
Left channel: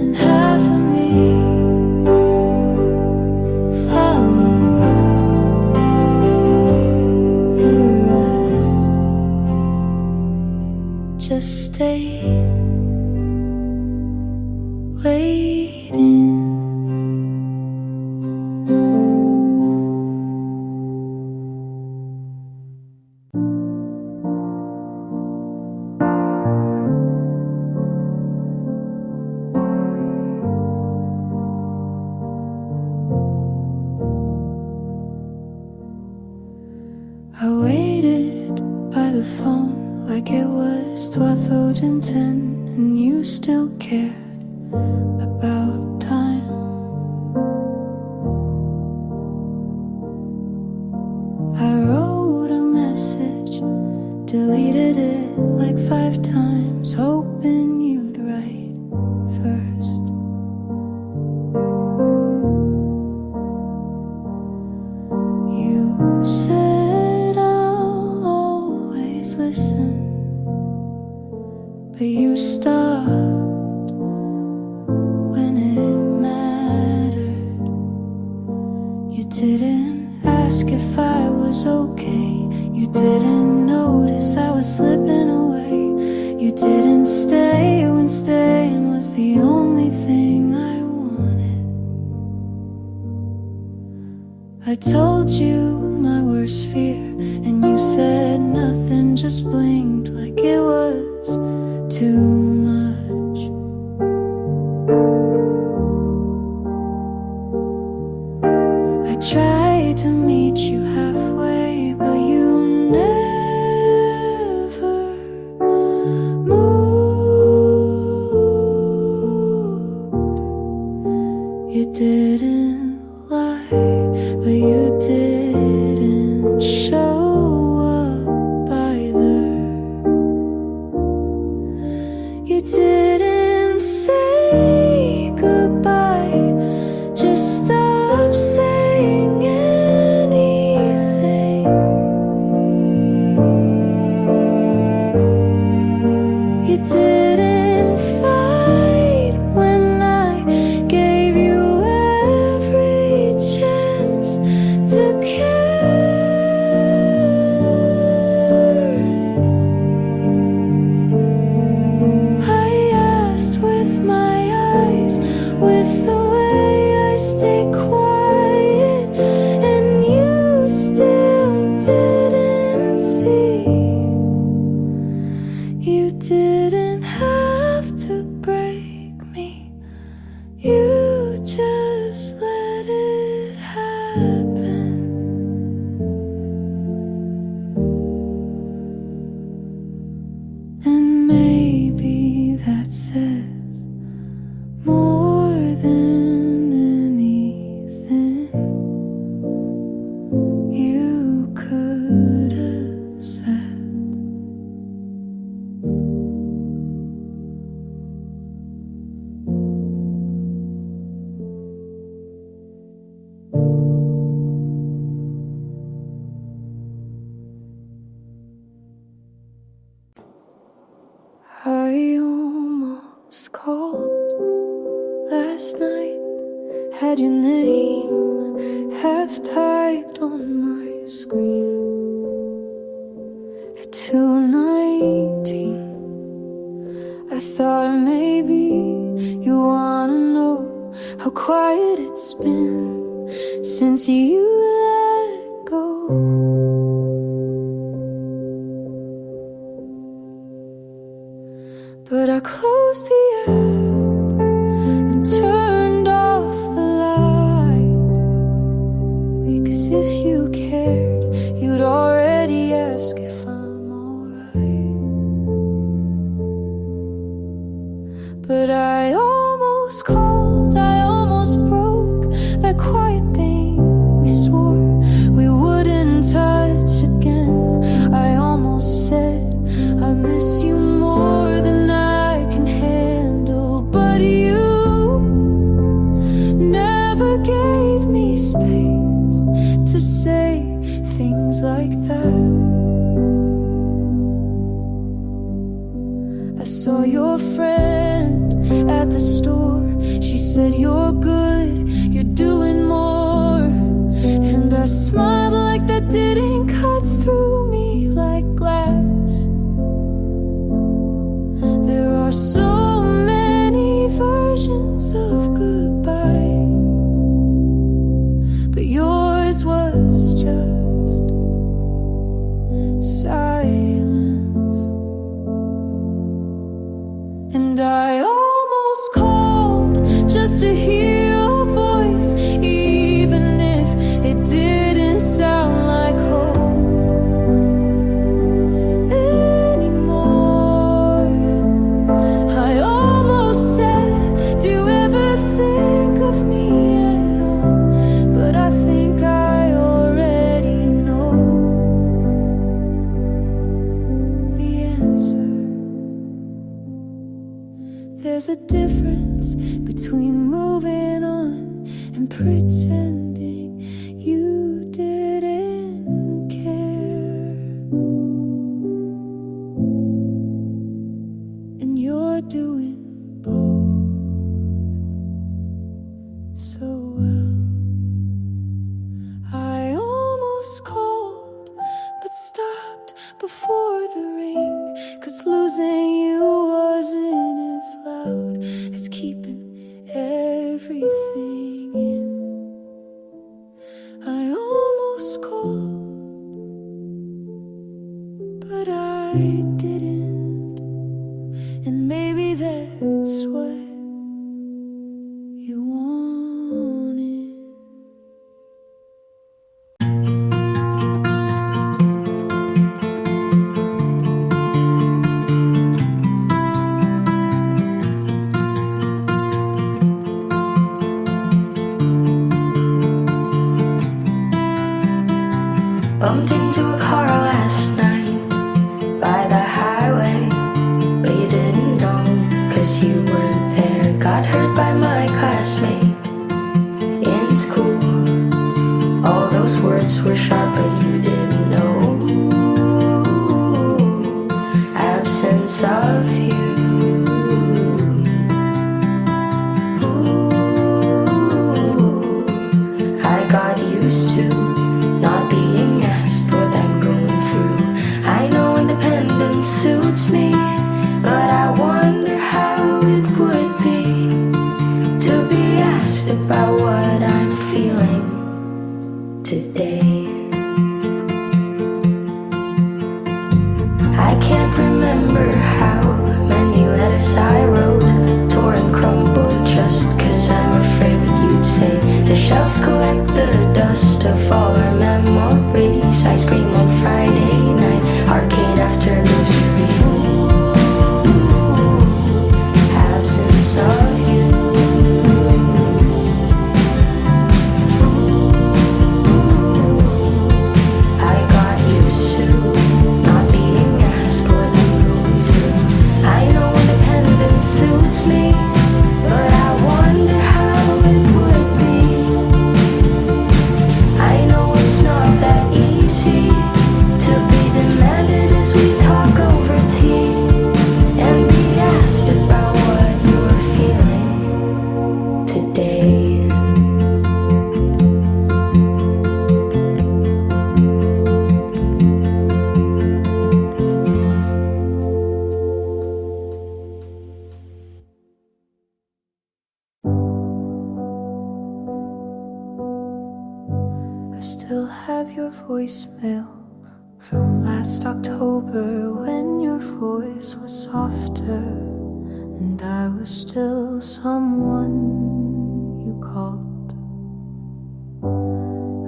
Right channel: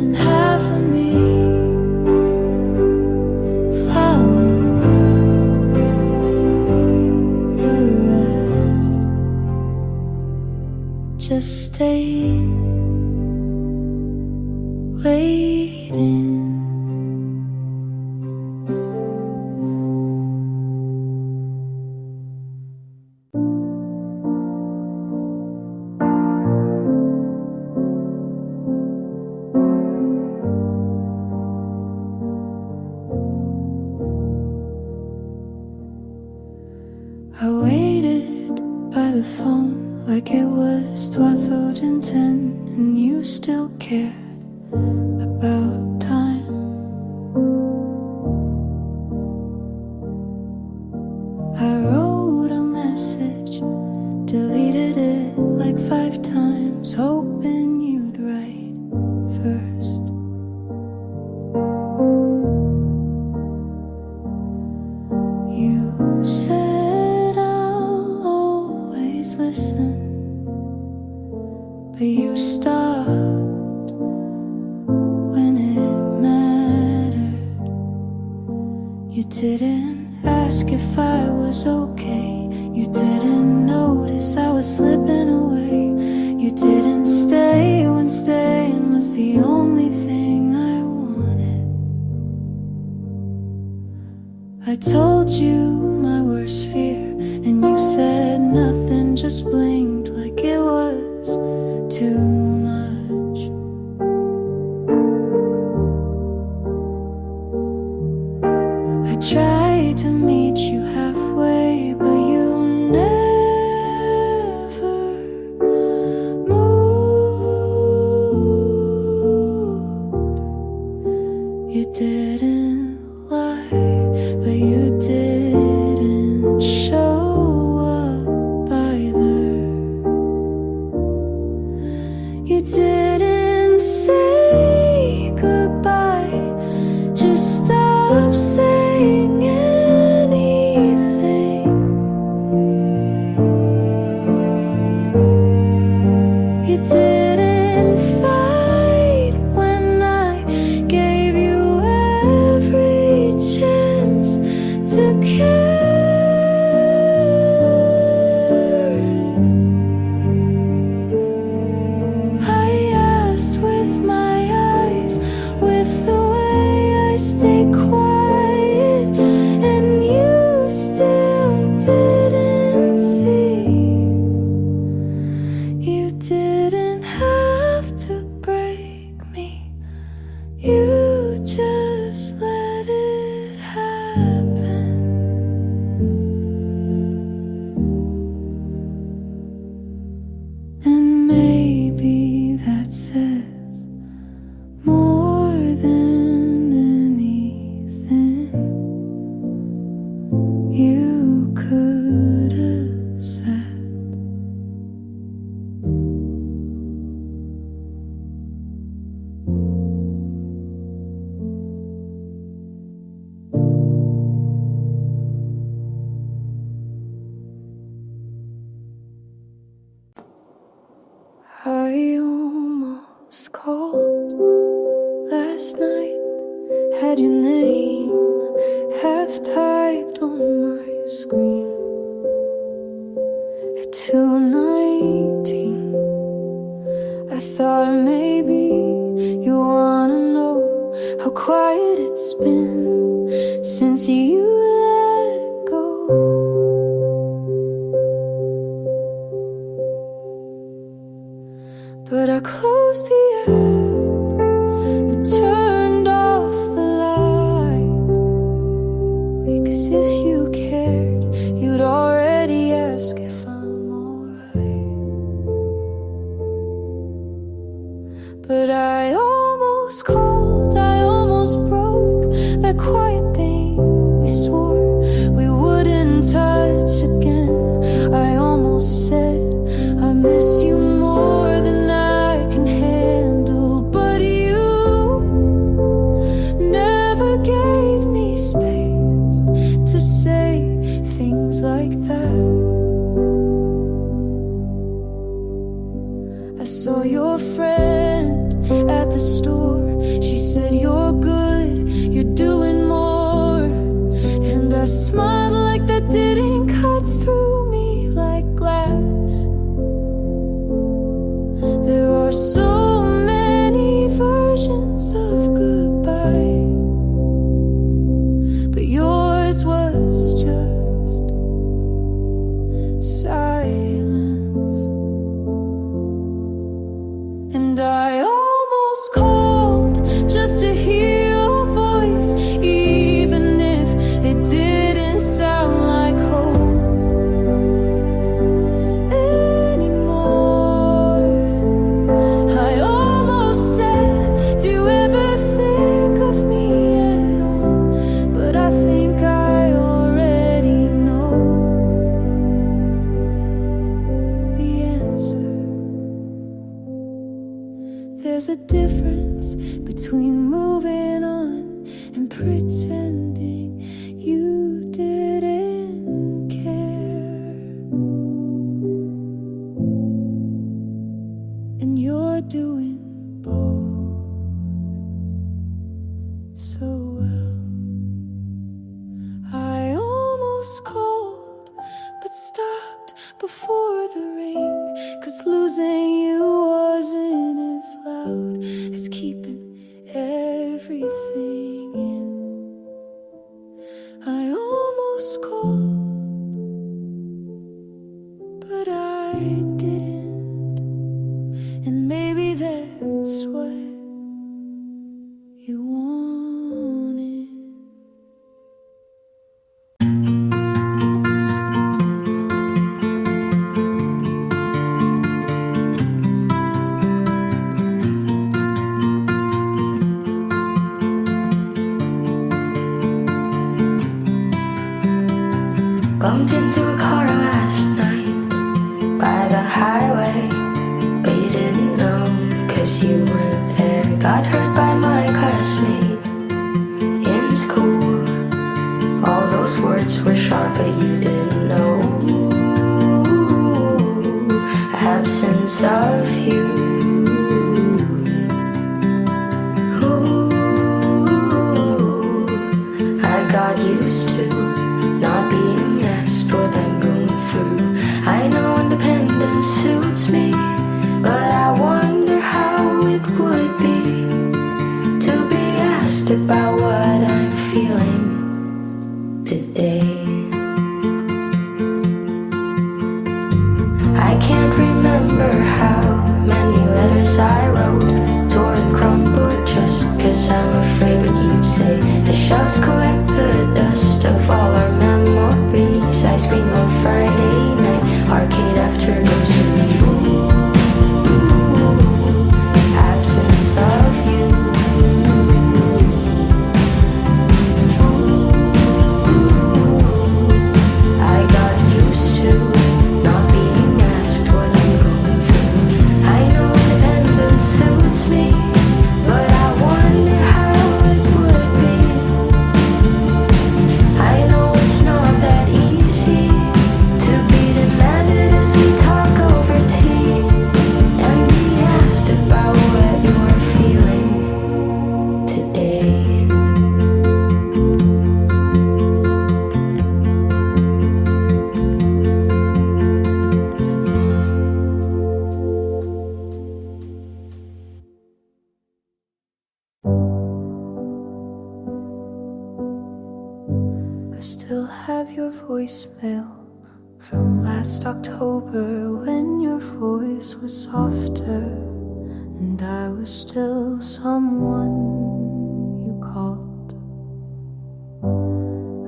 and half of me followed the rest. Just stay waiting. I waited by the phone like it was 2010, and you still cared about time. I wrote a message, deleted it like 5 times, hoping you'd write first. You said I'll always listen, but you stopped when it mattered. You didn't ask if I was okay. You didn't notice I was slipping away. You didn't stay when staying was the only thing I wanted. I told you my worst fear, and you said nothing, just blinked like it was too much. I tried to meet you halfway, but you never moved. You didn't lie, but you didn't show up either. You didn't say goodbye, just stop saying anything. You didn't fight when I gave you every chance to care. I stay quiet, and you still didn't see. You didn't have to break me, you just let it happen. And maybe that says more than anything you could have said. I almost called last night, had your name half typed on my screen. At 2:19, I thought maybe you wanna know how quiet it's been since you let go. But I closed the app and turned off the light, because if you cared, you'd already ask if I'm alright. But I almost called, I almost broke that quiet thing we swore we wouldn't touch again. I almost said I miss you more than I can handle, but you never gave me space to say things like that. I saw your friend at the store. She said you're good, you're doing more, and I smiled like that didn't cut through me like glass. There are so many versions of goodbye, but yours was just silence. And I almost called just to hear your voice, even if it didn't sound like home anymore. I almost said, do you ever think of me at all? But I think I already know the answer. There's a difference between moving on and pretending you didn't care. And you're doing both so well. I almost called but stopped before the ring, 'cause losing you wasn't as loud as keeping everything in. I almost called, but I didn't. And maybe that's what you wanted. Bumped into a car last night by the highway, but you didn't know, 'cause you were there. Got hurt by my classmate in school. All those words were sharp, but you didn't know. Absence of you. Ooh, I got used to not being asked what I'm going through. I know independence suits me, but I wonder how it would be to be asked about what still have your voicemail from last October when your voice was softer and I was still someone you called.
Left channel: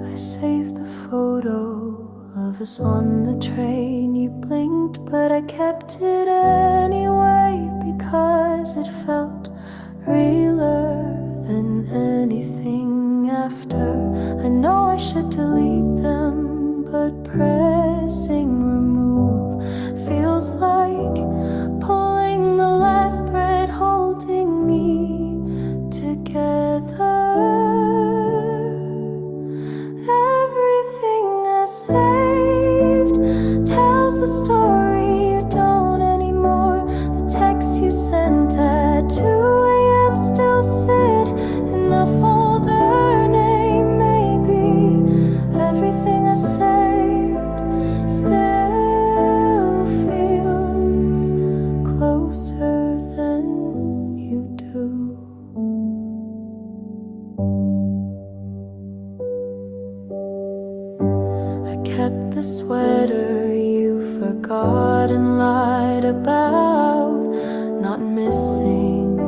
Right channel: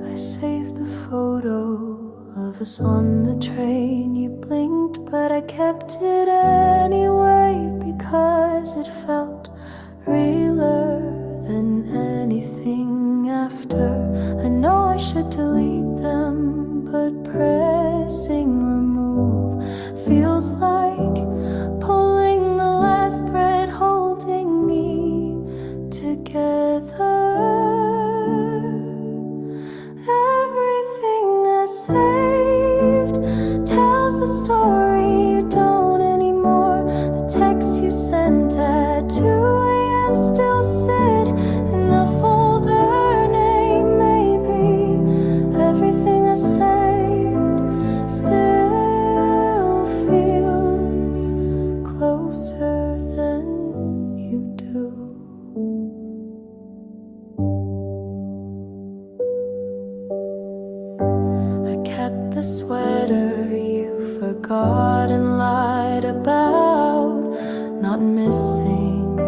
I saved the photo of us on the train. You blinked, but I kept it anyway because it felt realer than anything after. I know I should delete them, but pressing remove feels like pulling the last thread holding me together. Everything I saved tells the story you don't anymore. The texts you sent at 2 a.m. still sit in a folder. Name maybe everything I saved still feels closer than you do. I kept the sweater you forgot and lied about not missing.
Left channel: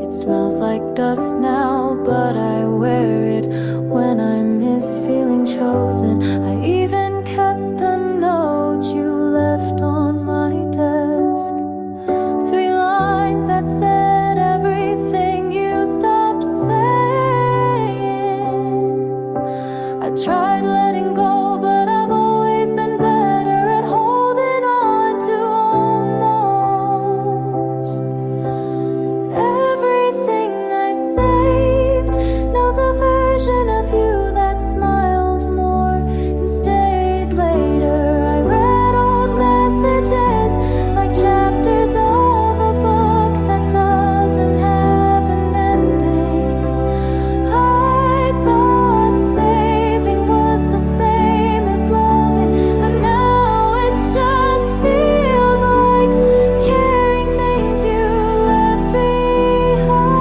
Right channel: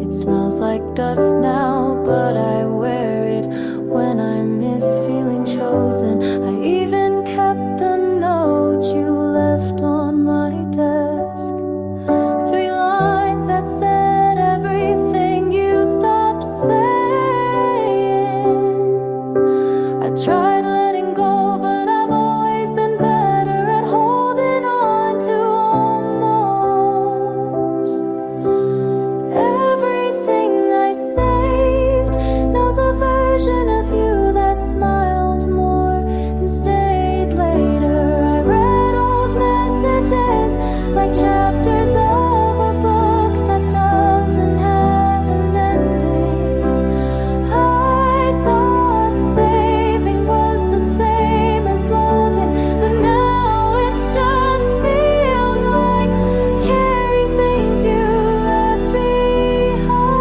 It smells like dust now, but I wear it when I miss feeling chosen. I even kept the note you left on my desk. 3 lines that said everything you stopped saying. I tried letting go, but I've always been better at holding on to almost. Everything I saved knows a version of you that smiled more and stayed later. I read old messages like chapters of a book that doesn't have an ending. I thought saving was the same as loving, but now it just feels like carrying things you left behind.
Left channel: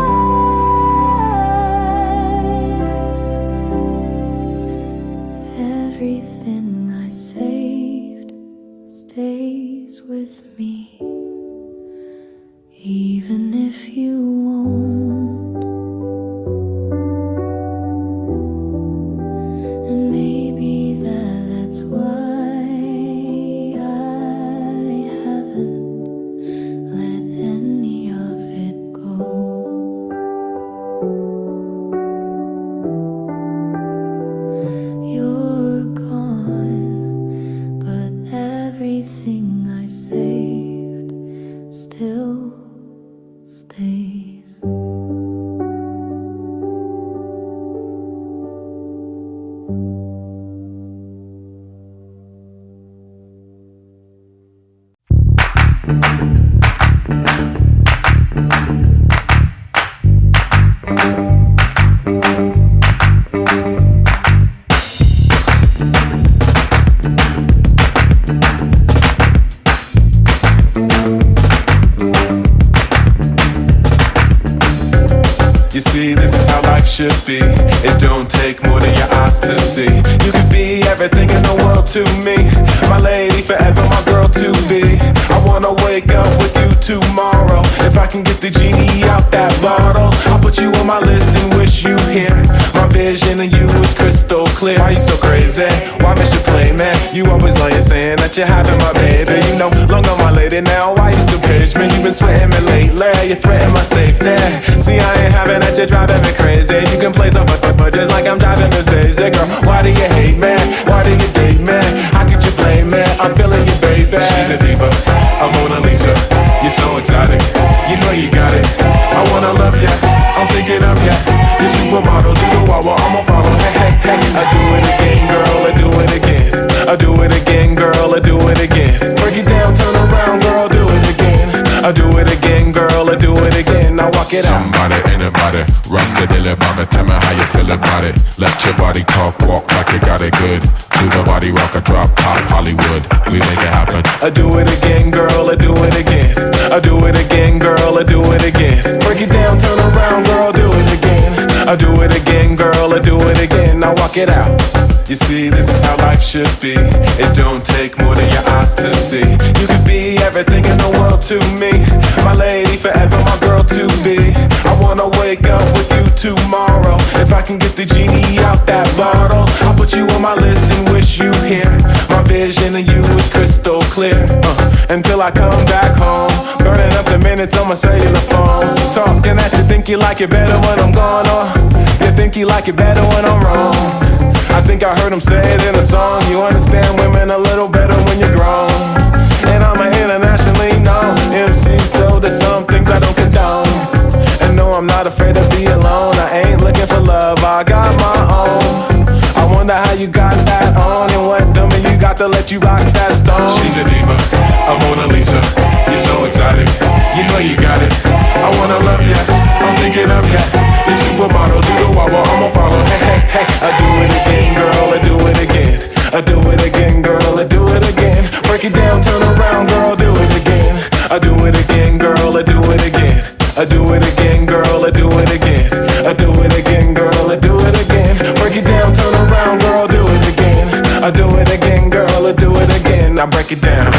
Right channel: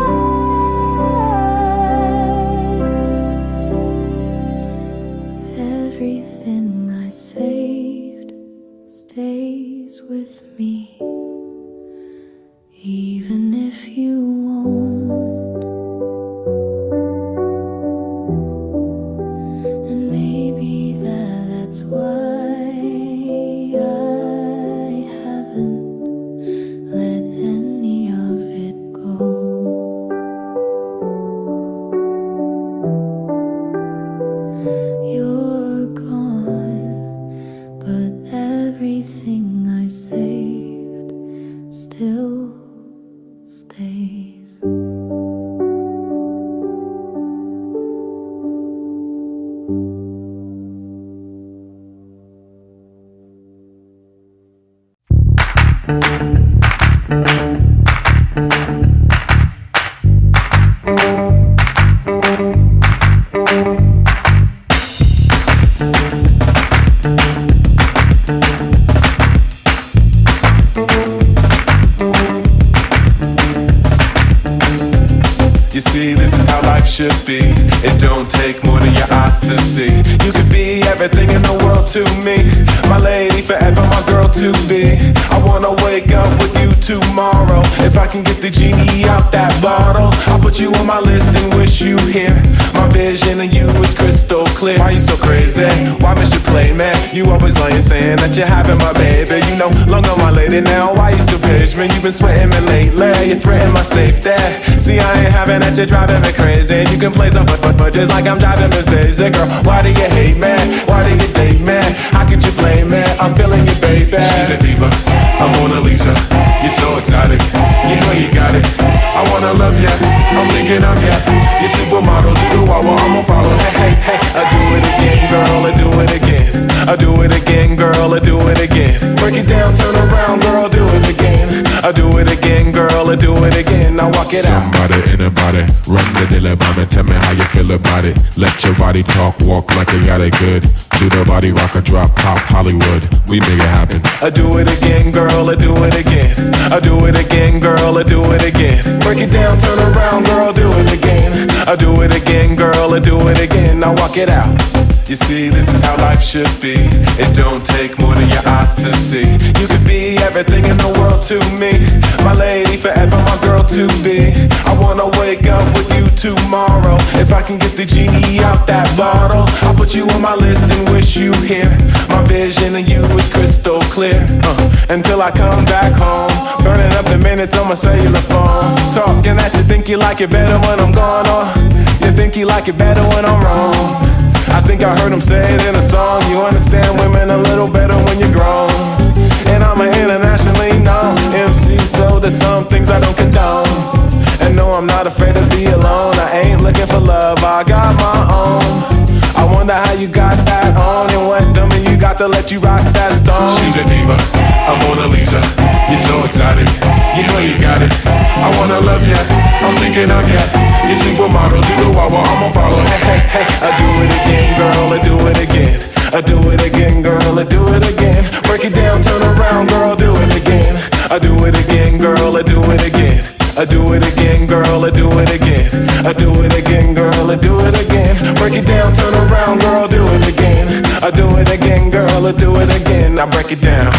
Everything I saved stays with me, even if you won't. And maybe that's why I haven't let any of it go. You're gone, but everything I saved still stays. You see, this is how life should be. It don't take more than your eyes to see. You could be everything in the world to me. My lady forever, my girl to be. I wanna wake up with you tomorrow. If I can get the genie out that bottle, I'll put you on my list and wish you here. My vision of you is crystal clear. Why you so crazy? Why miss your play, man? You always lying, saying that you're having my baby. You know, long on my lady now. Why you still page me? You been sweating me lately. You threaten my safety. See, I ain't having that, you're driving me crazy. You can play some but just like I'm driving Miss Daisy. Girl, why do you hate me? Why do you date me? How could you blame me? I'm feeling you, baby. She's a diva, I'm Mona Lisa. You're so exotic, you know you got it. I wanna love ya, I'm thinking of ya. You're supermodel, do the wah-wah, I'ma follow. Hey, hey, hey, I do it again, girl, I do it again. I do it again, girl, I do it again. Break it down, turn around, girl, do it again. I do it again, girl, I do it again. Now walk it out. Somebody, anybody, rock the dilly bobby. Tell me how you feel about it. Let your body talk, walk like you got it good. Do the body rock a drop top Hollywood. We make it happen. I do it again, girl, I do it again. I do it again, girl, I do it again. Break it down, turn around, girl, do it again. I do it again, girl, I do it again. Now walk it out. You see, this is how life should be. It don't take more than your eyes to see. You could be everything in the world to me. My lady forever, my girl to be. I wanna wake up with you tomorrow. If I can get the genie out that bottle, I'll put you on my list and wish you here. My vision of you is crystal clear. Until I come back home, burning up the minutes on my cellular phone. Talking at you, think you like it better when I'm gone, or you think you like it better when I'm wrong. I think I heard him say it in a song. You understand women a little better when you're grown. And I'm an internationally known MC, so there's some things I don't condone. And no, I'm not afraid to be alone. I ain't looking for love, I got my own. I wonder how you got that on, and what dummy you got to let you rock that stone. She's a diva, a Mona Lisa. You're so exotic, you know you got it. I wanna love ya, I'm thinking of ya. You supermodel, do the wah wah, I'ma follow. Hey, hey, hey, I do it again, girl, I do it again. I do it again, girl, I do it again. Break it down, turn around, girl, do it again. I do it again, girl, I do it again. I do it again, girl, I do it again. I do it again, girl, I do it again. Break it down, turn around, girl, do it again. I do it again, girl, I do it again. I break it down.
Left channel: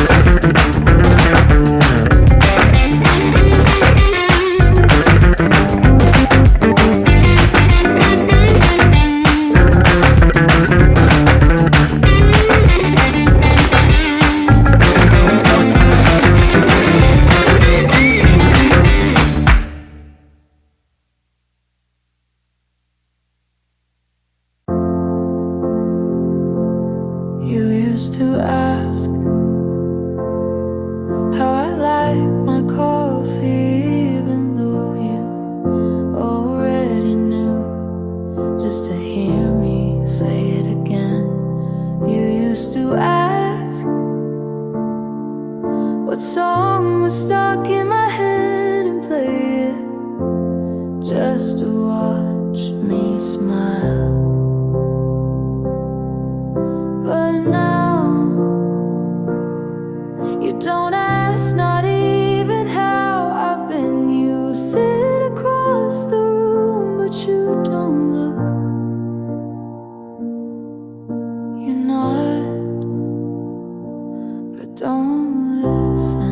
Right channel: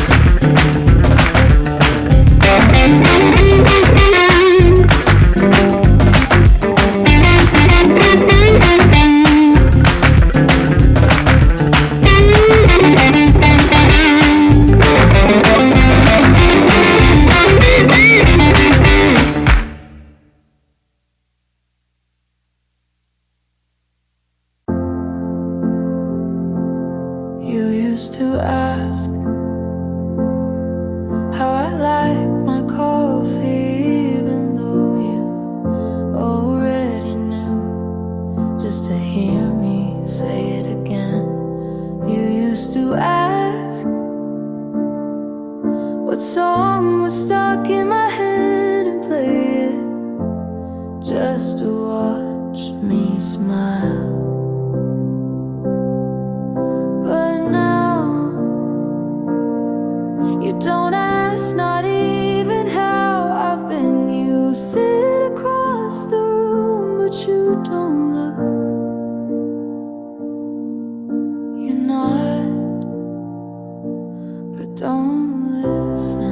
You used to ask how I like my coffee, even though you already knew, just to hear me say it again. You used to ask what song was stuck in my head and play it just to watch me smile. But now you don't ask, not even how I've been. You sit across the room, but you don't look. You nod, but don't listen.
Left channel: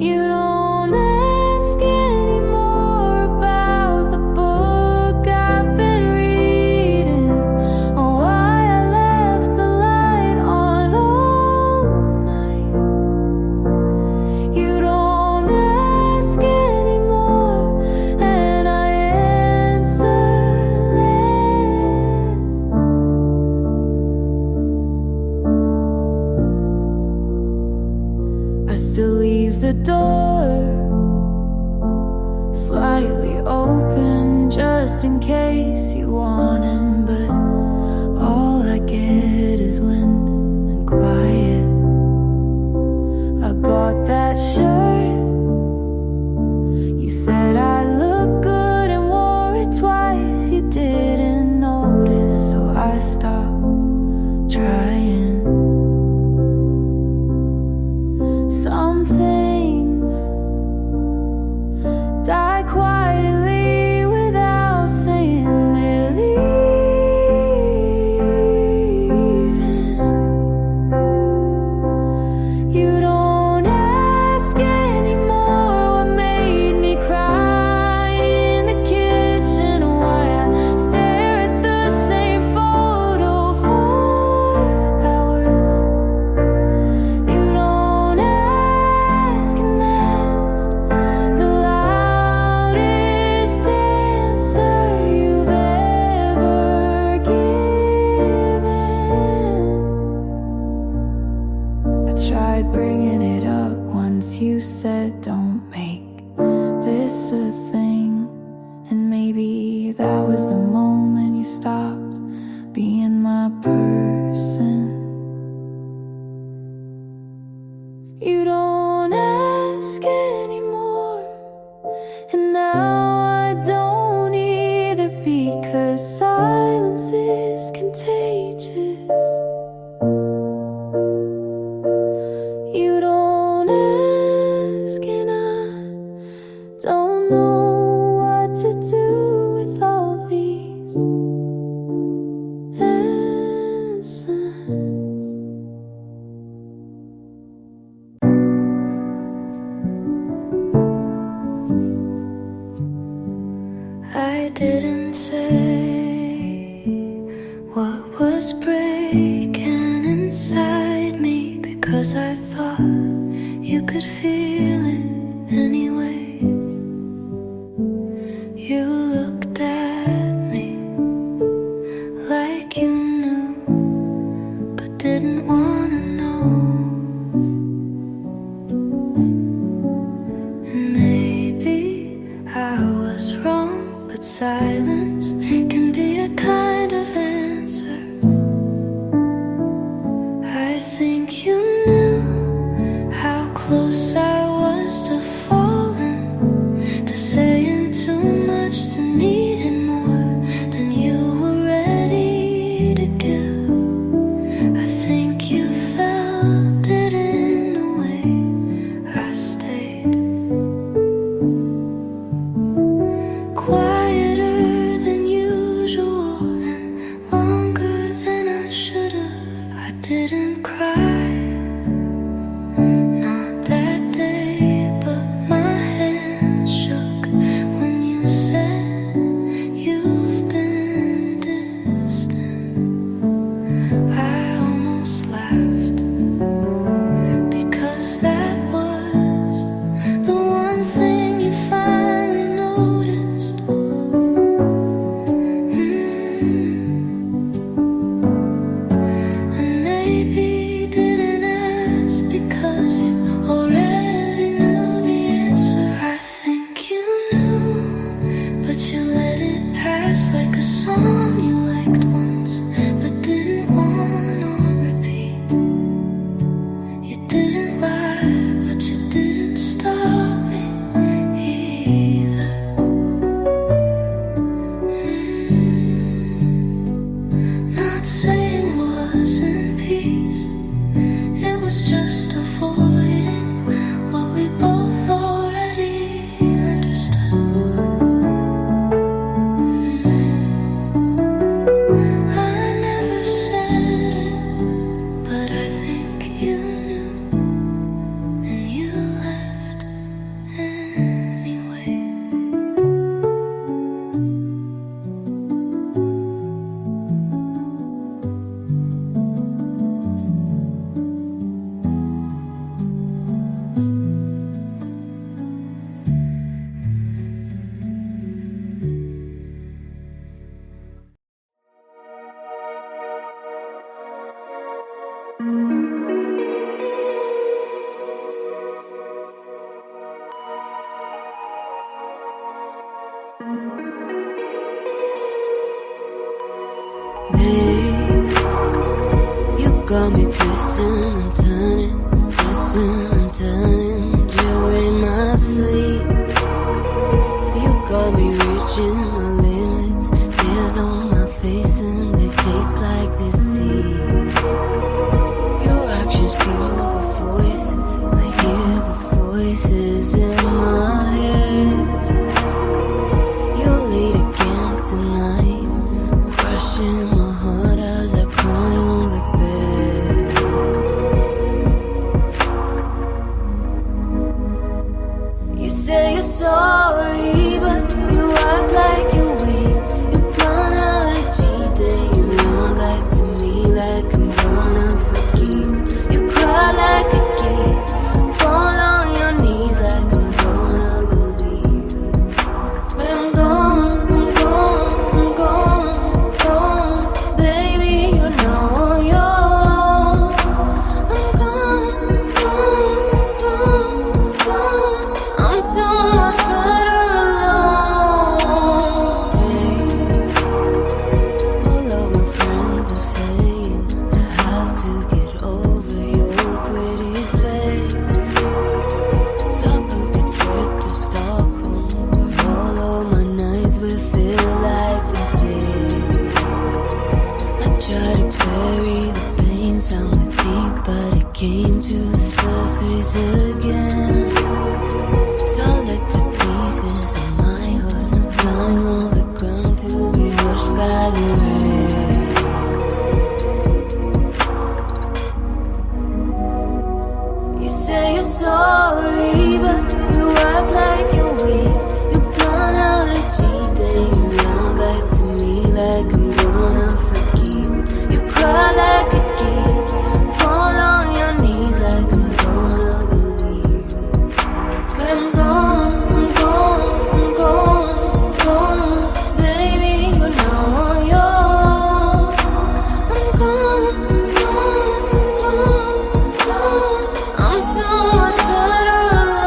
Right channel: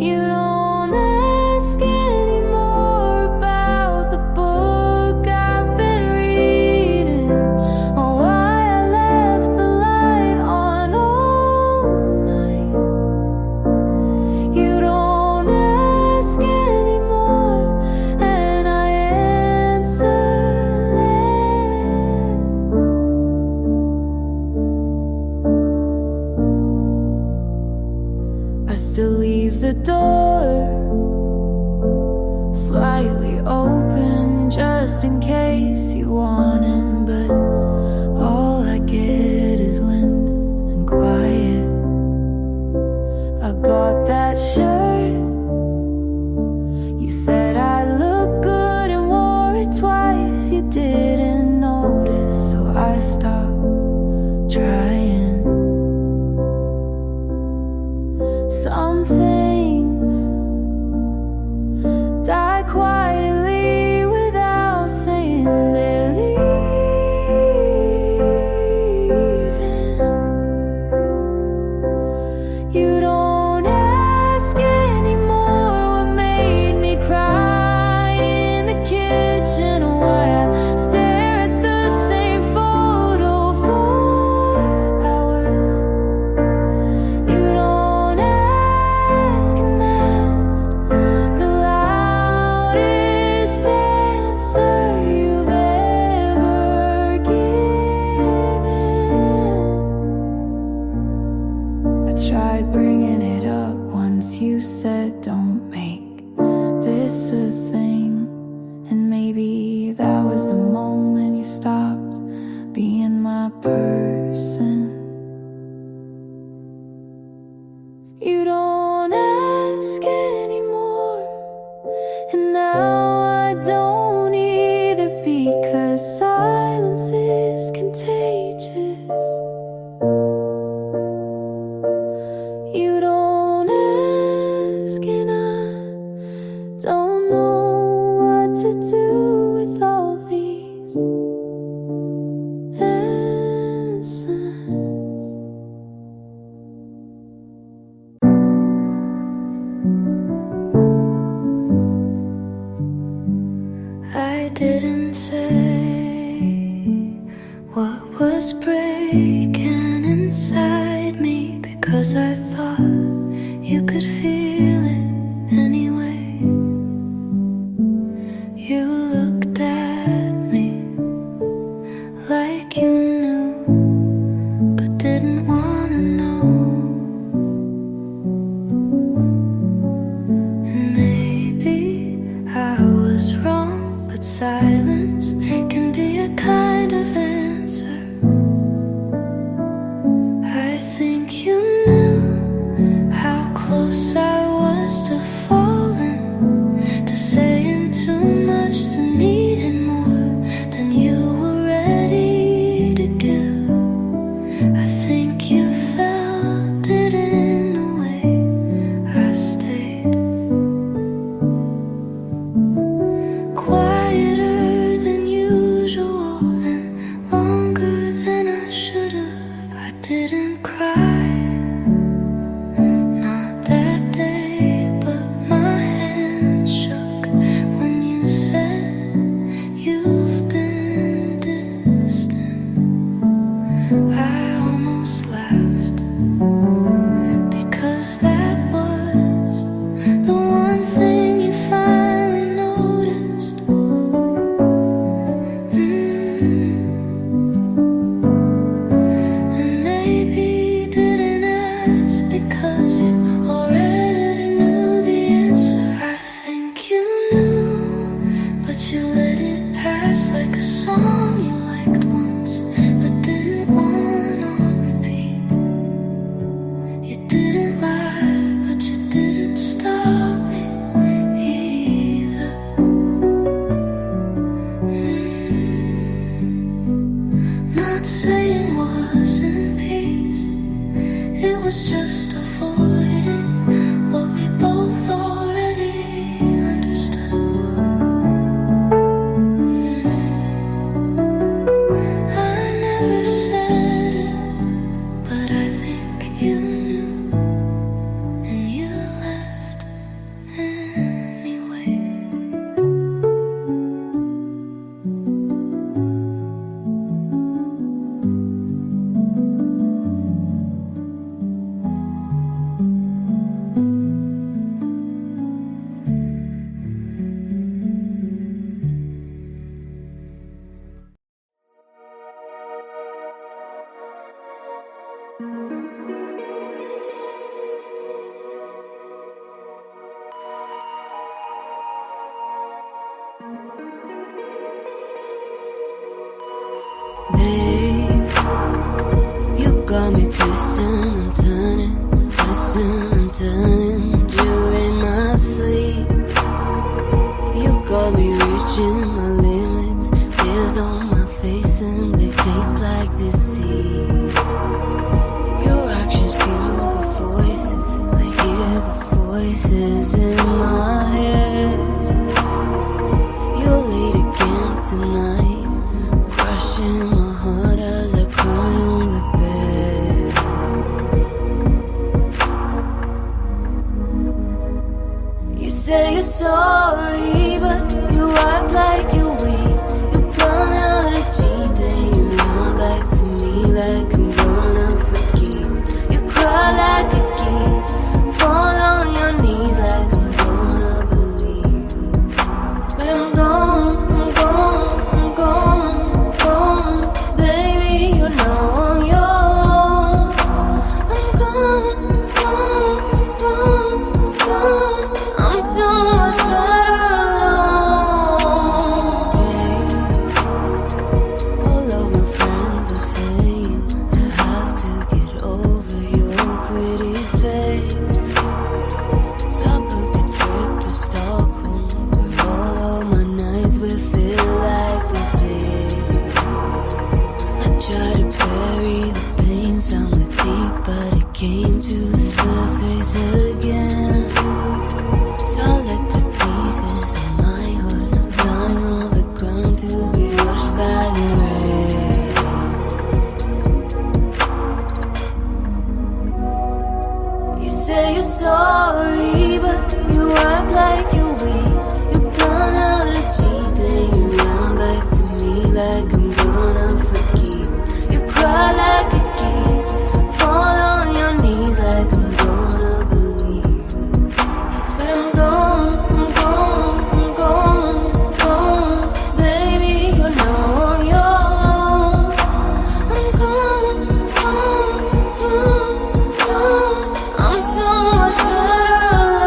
You don't ask anymore about the book I've been reading, or why I left the light on all night. You don't ask anymore, and I answer less. I still leave the door slightly open just in case you want in, but all I get is wind and quiet. I bought that shirt, you said I look good and wore it twice. You didn't notice, so I stopped trying. Some things die quietly without saying they're leaving. You don't ask anymore what made me cry in the kitchen, or why I stare at the same photo for hours. You don't ask, and that's the loudest answer you've ever given. I tried bringing it up once, you said don't make this a thing, and maybe that was the moment you stopped being my person. You don't ask anymore, and now I don't either, because silence is contagious. You don't ask, and I don't know what to do with all these say what was breaking inside me, because I thought you could feel it anyway. You looked at me like you knew, but didn't wanna know. And maybe I was wrong, but silence can be a kind of answer. I think you knew how close I was to falling, to saying too much, to needing more than you were ready to give. I think you felt it in the way I stayed. Quieter than usual and longer than I should have. I didn't cry, not that day, but my hands shook when you said you've been distant. I almost laughed, because that was the one thing you finally noticed. And maybe didn't ask because you already knew the answer. I think you knew, but you let it pass like a song you liked once, but didn't want on repeat. You didn't lie, but you didn't stop me either. Not saying was in peace, it was just avoiding what we both already understood. I never said it, but I think you knew, and you left anyway. Babe, you got me twisting and turning during my sleep. You got me reaching my limits, tears on my face and they taste like deceit. Your actions fuel the voices, I hear the voices in my head. You're late again tonight, crushing my heart as I cry on the bed. You say you're sorry, but you act like you're weak. You plan how to cheat, then you run back to me like I'm gonna forgive. You cry like a kid, fall on your knees like I'm gonna believe. But I'm gone, I'm gone, I'm gone, gone. Baby, you're now on your own. I'm gone, gone, gone, gone. I'm so much better alone. Hey, all of my friends are saying I have to get over your pretty face. So I booked a trip to Stockholm, where all of my nights will feel like the day. I tried to bury the pain sound with deep, but it came to the surface again. So I let the pieces of my heart lying on the ground to be washed by the rain. You say you're sorry, but you act like you're weak. You plan how to cheat, then you run back to me like I'm gonna forgive. You cry like a kid, fall on your knees like I'm gonna believe. But I'm gone, I'm gone, I'm gone, gone. Baby, you know I'm yours. I'm gone, gone, gone, gone. I'm so much better alone.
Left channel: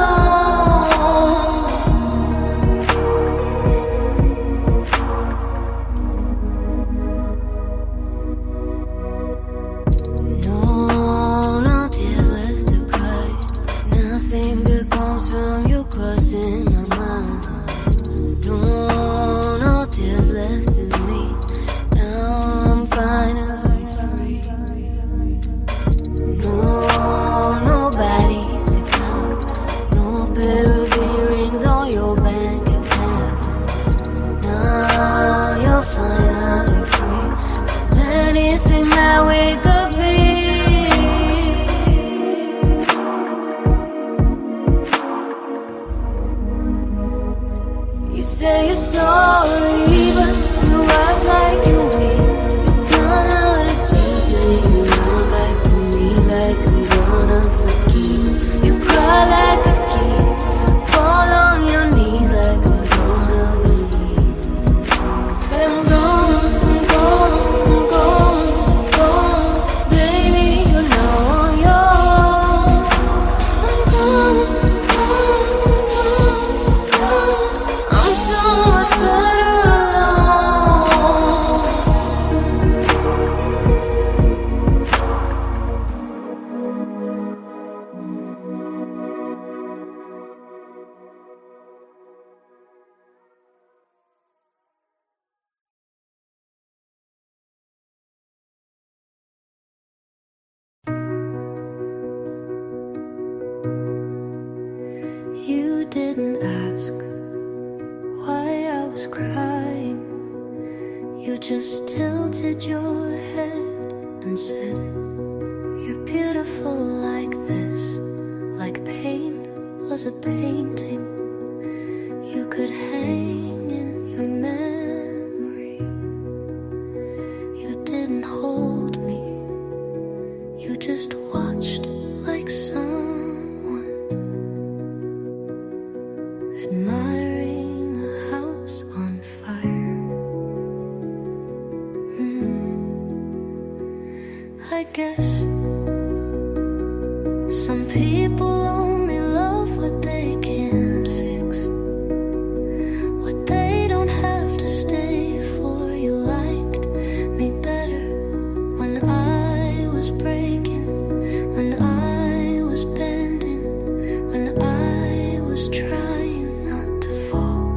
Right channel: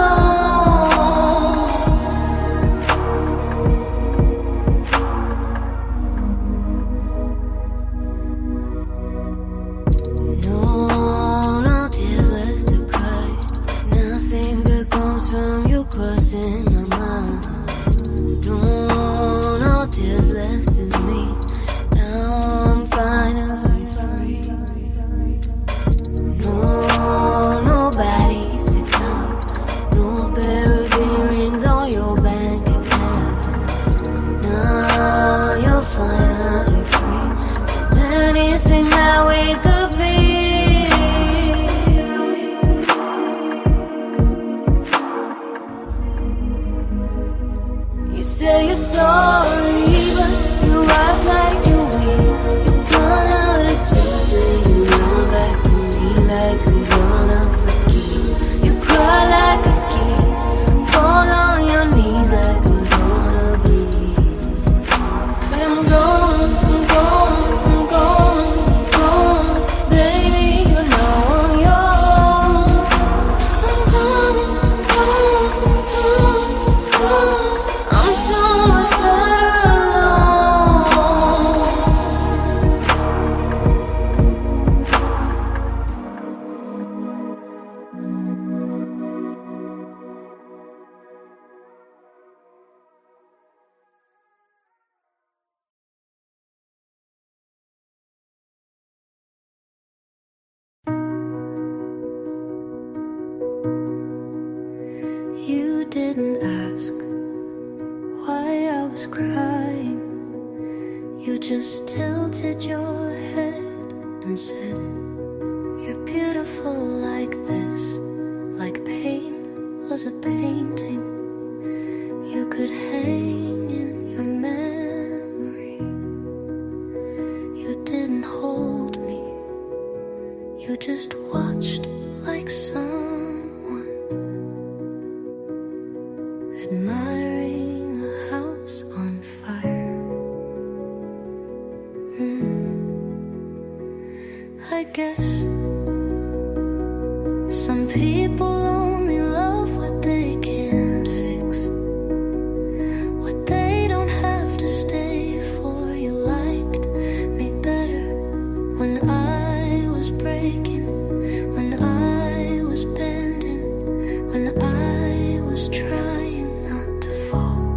No, no tears left to cry. Nothing good comes from you crossing my mind. No, no tears left in me. Now I'm finally free. No, nobody's to come. No pair of earrings on your bank account. Now you're finally free from anything that we could be. You say you're sorry, but you act like you will. You run out of cheap, you run back to me like I'm gonna forgive. You cry like a kid, fall on your knees like I'm gonna believe. But I'm gone, I'm gone, I'm gone, gone. Baby, you know I'm yours. I'm gone, gone, gone, gone. I'm so much better alone. You didn't ask why I was crying. You just tilted your head and said, you're beautiful like this, like pain was a painting you could hang in your memory. You didn't hold me, you just watched like someone admiring a house on fire. I guess some people only love what they can't fix, what they don't have to stay for. You liked me better when I was breaking, when I was bending, when I was trying not to fall.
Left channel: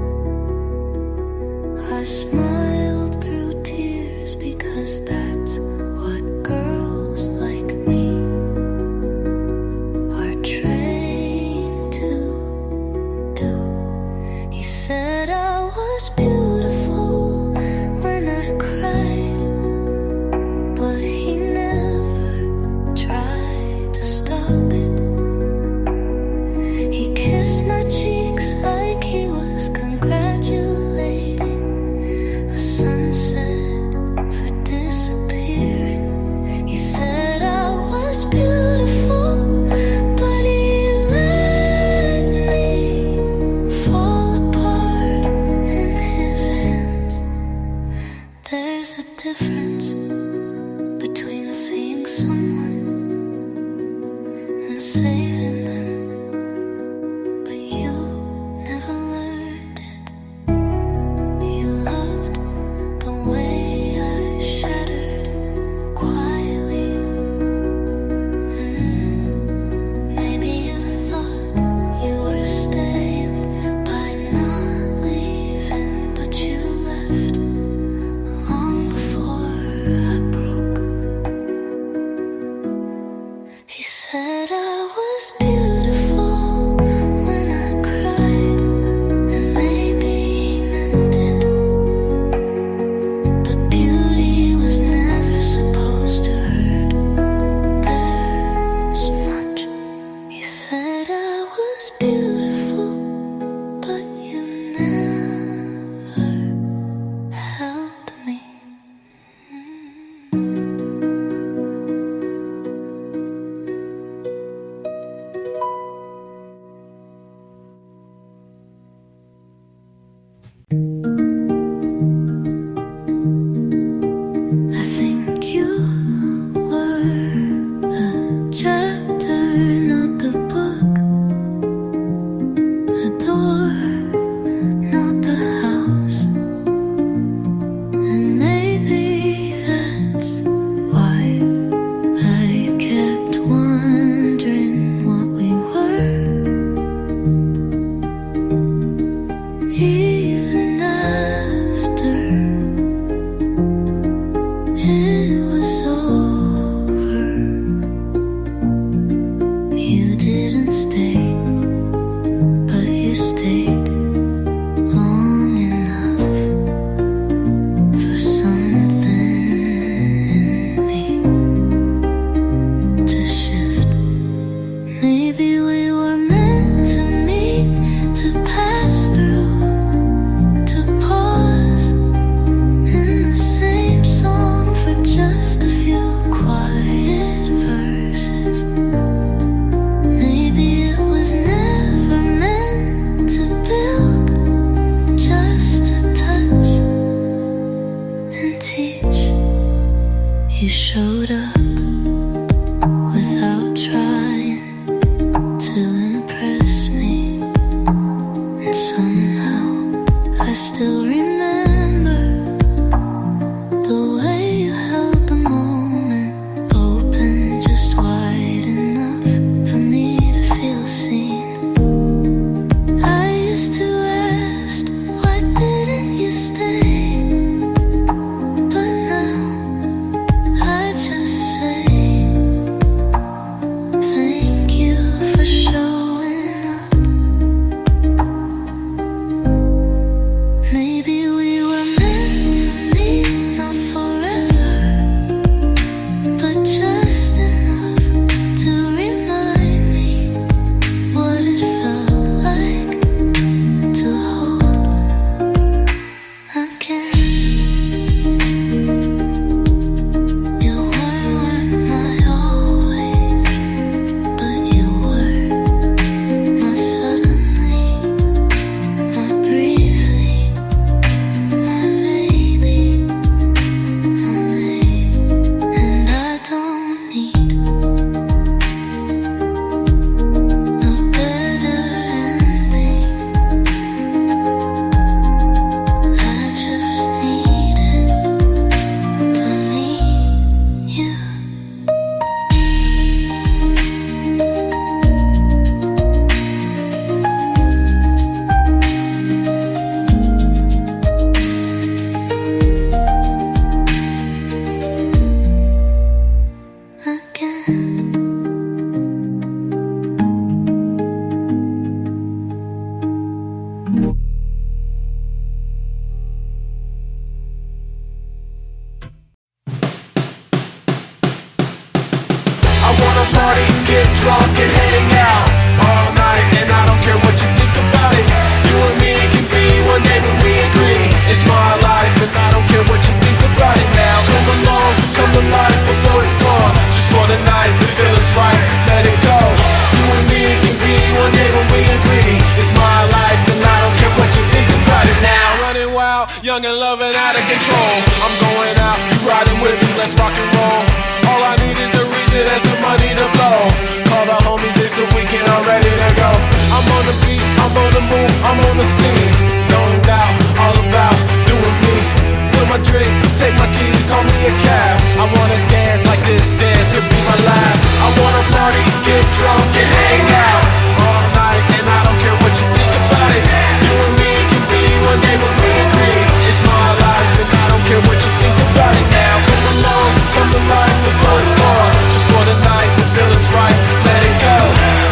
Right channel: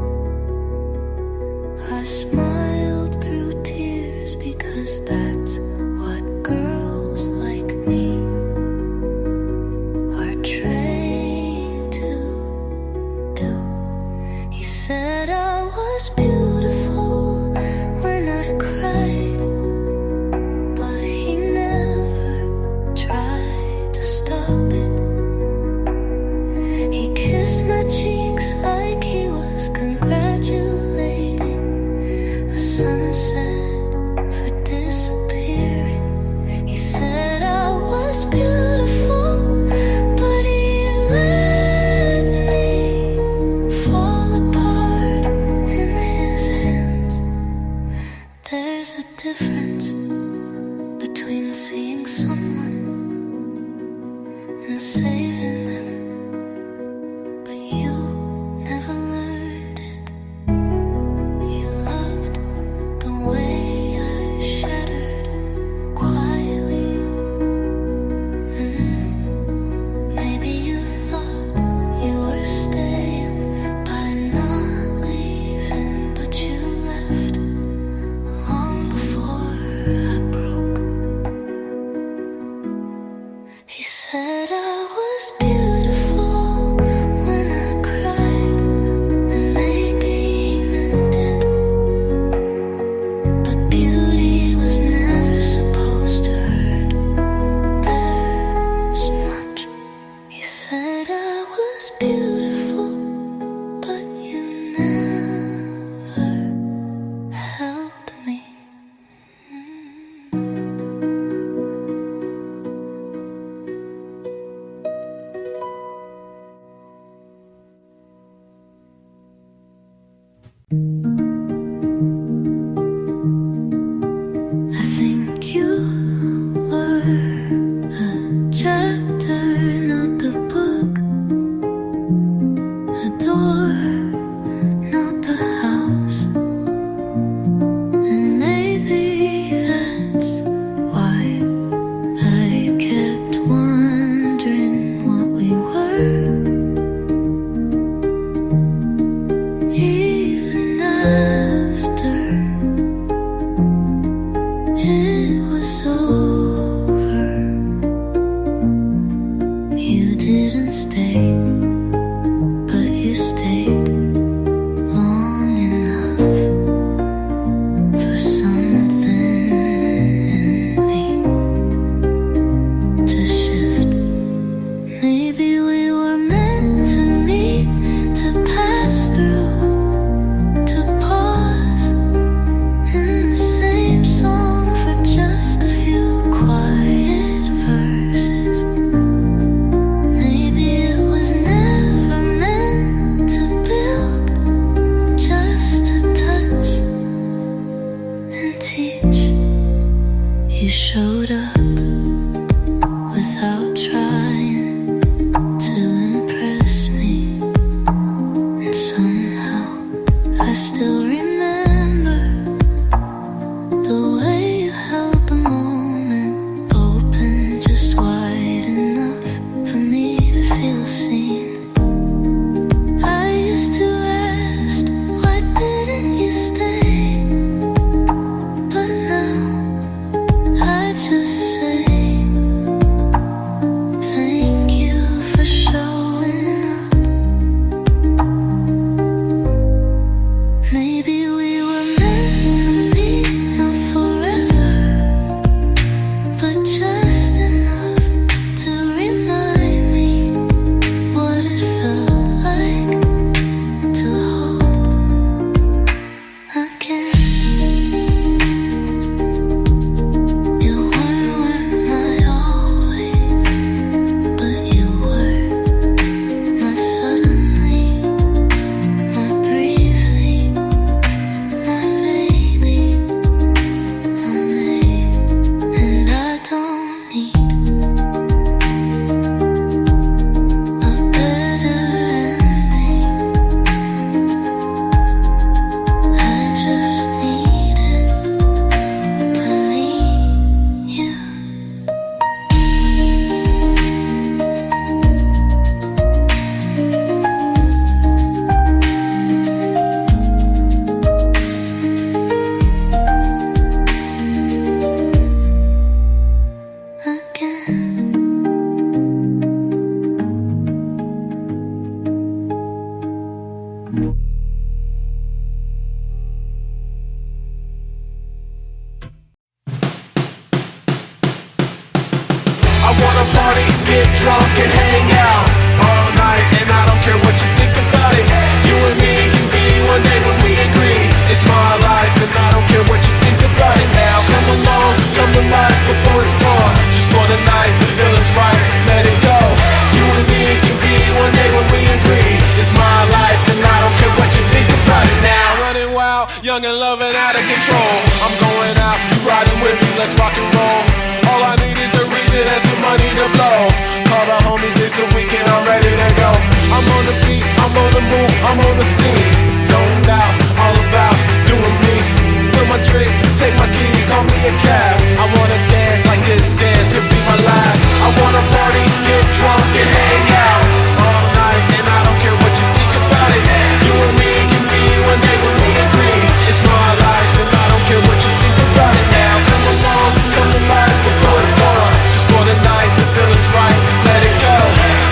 I smiled through tears because that's what girls like me are trained to do. He said I was beautiful when I cried, but he never tried to stop it. He kissed my cheeks like he was congratulating a sunset for disappearing. He said I was beautiful, but he let me fall apart in his hands. There's a difference between seeing someone and saving them, but you never learned it. You loved the way I shattered quietly. Maybe you thought you were staying by not leaving, but you left long before I broke. He said I was beautiful. it was over. You didn't stay, but you stayed long enough for something in me to shift. Maybe we were meant to meet, to pass through, to pause in the same song for just a few quiet verses. Maybe it was never meant to build, just to touch and teach. You showed up without trying to impress me, and somehow I still remember the way you held the moment open, just wide enough for me to feel seen. I used to ask, why didn't you stay? But now I just say, thank you for showing up. Maybe we were meant to meet, not forever, but just enough to remind me what it felt like to hope again. You weren't my always, but you were my suddenly, my briefly, my maybe, my maybe. And I don't need a better ending. I just needed to meet you. Again. I wanna party, get drunk and hang out all night, and I don't care what you think about it. You and me can be one day when we agree. It's my life and I don't care what you think about it now. Come along, come to life before it's gone. Just for the night, the feeling's right, let it go. You and me can be one day when we agree. It's my life and I don't care what you think about it now. Running wild, young and loving, out of control. I'm going out, you riding with me, let's rock and roll. All I need is a reason and some money to blow. Call the homies, it's the weekend, I'm ready to go. I'm on the beat, I'm on the move, I'm on the scene. Zoned out, all about doing me. Fill my drink, take my keys, call me a cab. I wanna dance like this dance could be my last. I wanna party, get drunk and hang out all night, and I don't care what you think about it. You and me can be one day when we agree. It's my life and I don't care what you think about it now. Come along, come to life before it's gone. Just for the night, the feeling's right, let it go.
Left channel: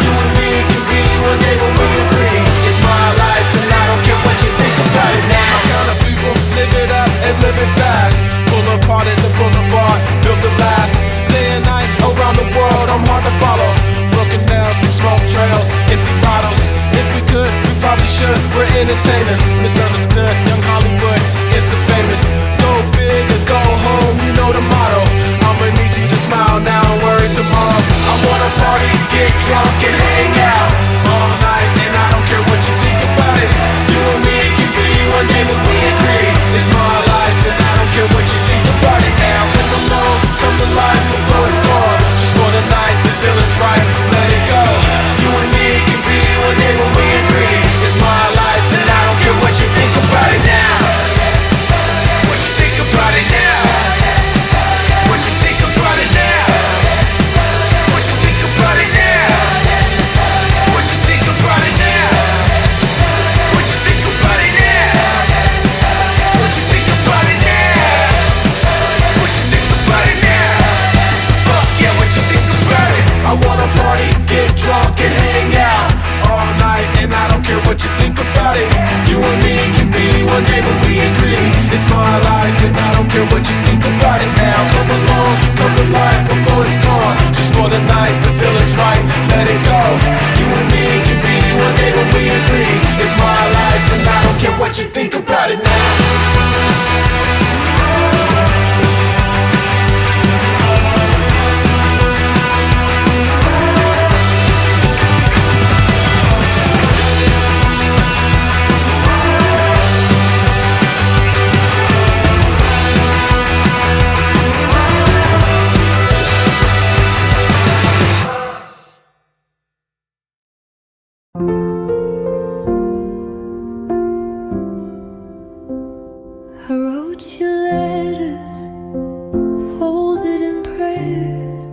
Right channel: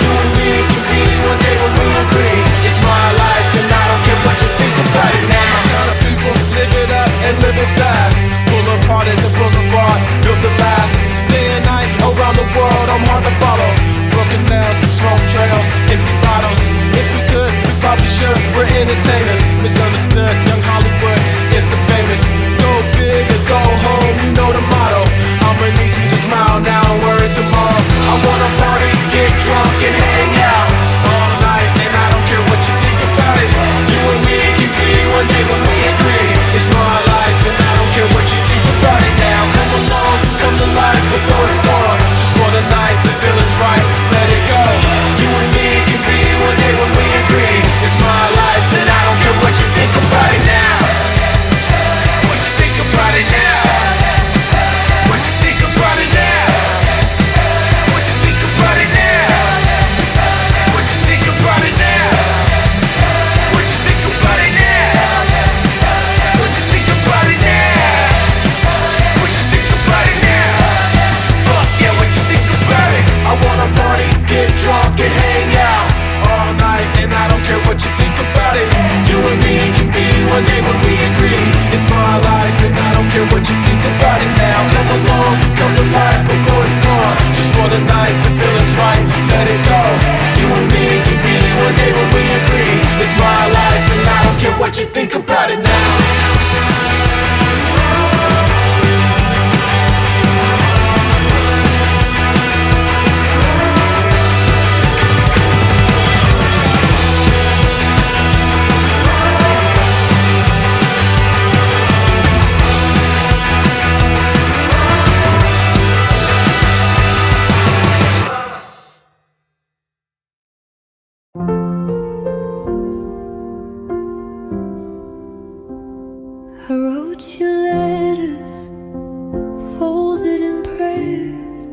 You and me can be one day when we agree. It's my life and I don't care what you think about it now. My kind of people live it up and live it fast. Pull apart at the boulevard, built to last. Day and night around the world, I'm hard to follow. Broken nails, smoke trails, empty bottles. If we could, we probably should. We're entertainers, misunderstood. Young Hollywood, it's the famous. Go big or go home, you know the motto. I'ma need you to smile now and worry tomorrow. I wanna party, get drunk and hang out all night, and I don't care what you think about it. You and me can be one day when we agree. It's my life and I don't care what you think about it now. Come along, come to life before it's gone. Just for the night, the feeling's right, let it go. You and me can be one day when we agree. It's my life and I don't care what you think about it now. What you think about it now? What you think about it now? What you think about it now? What you think about it now? What you think about it now? What you think about it now? What you think care what you think about it now. Come along, come to life before it's gone. Just for the night, the feeling's right, let it go. You and me can be one day when we agree. It's my life and I don't care what you think about it now. I wrote you letters, folded in prayers,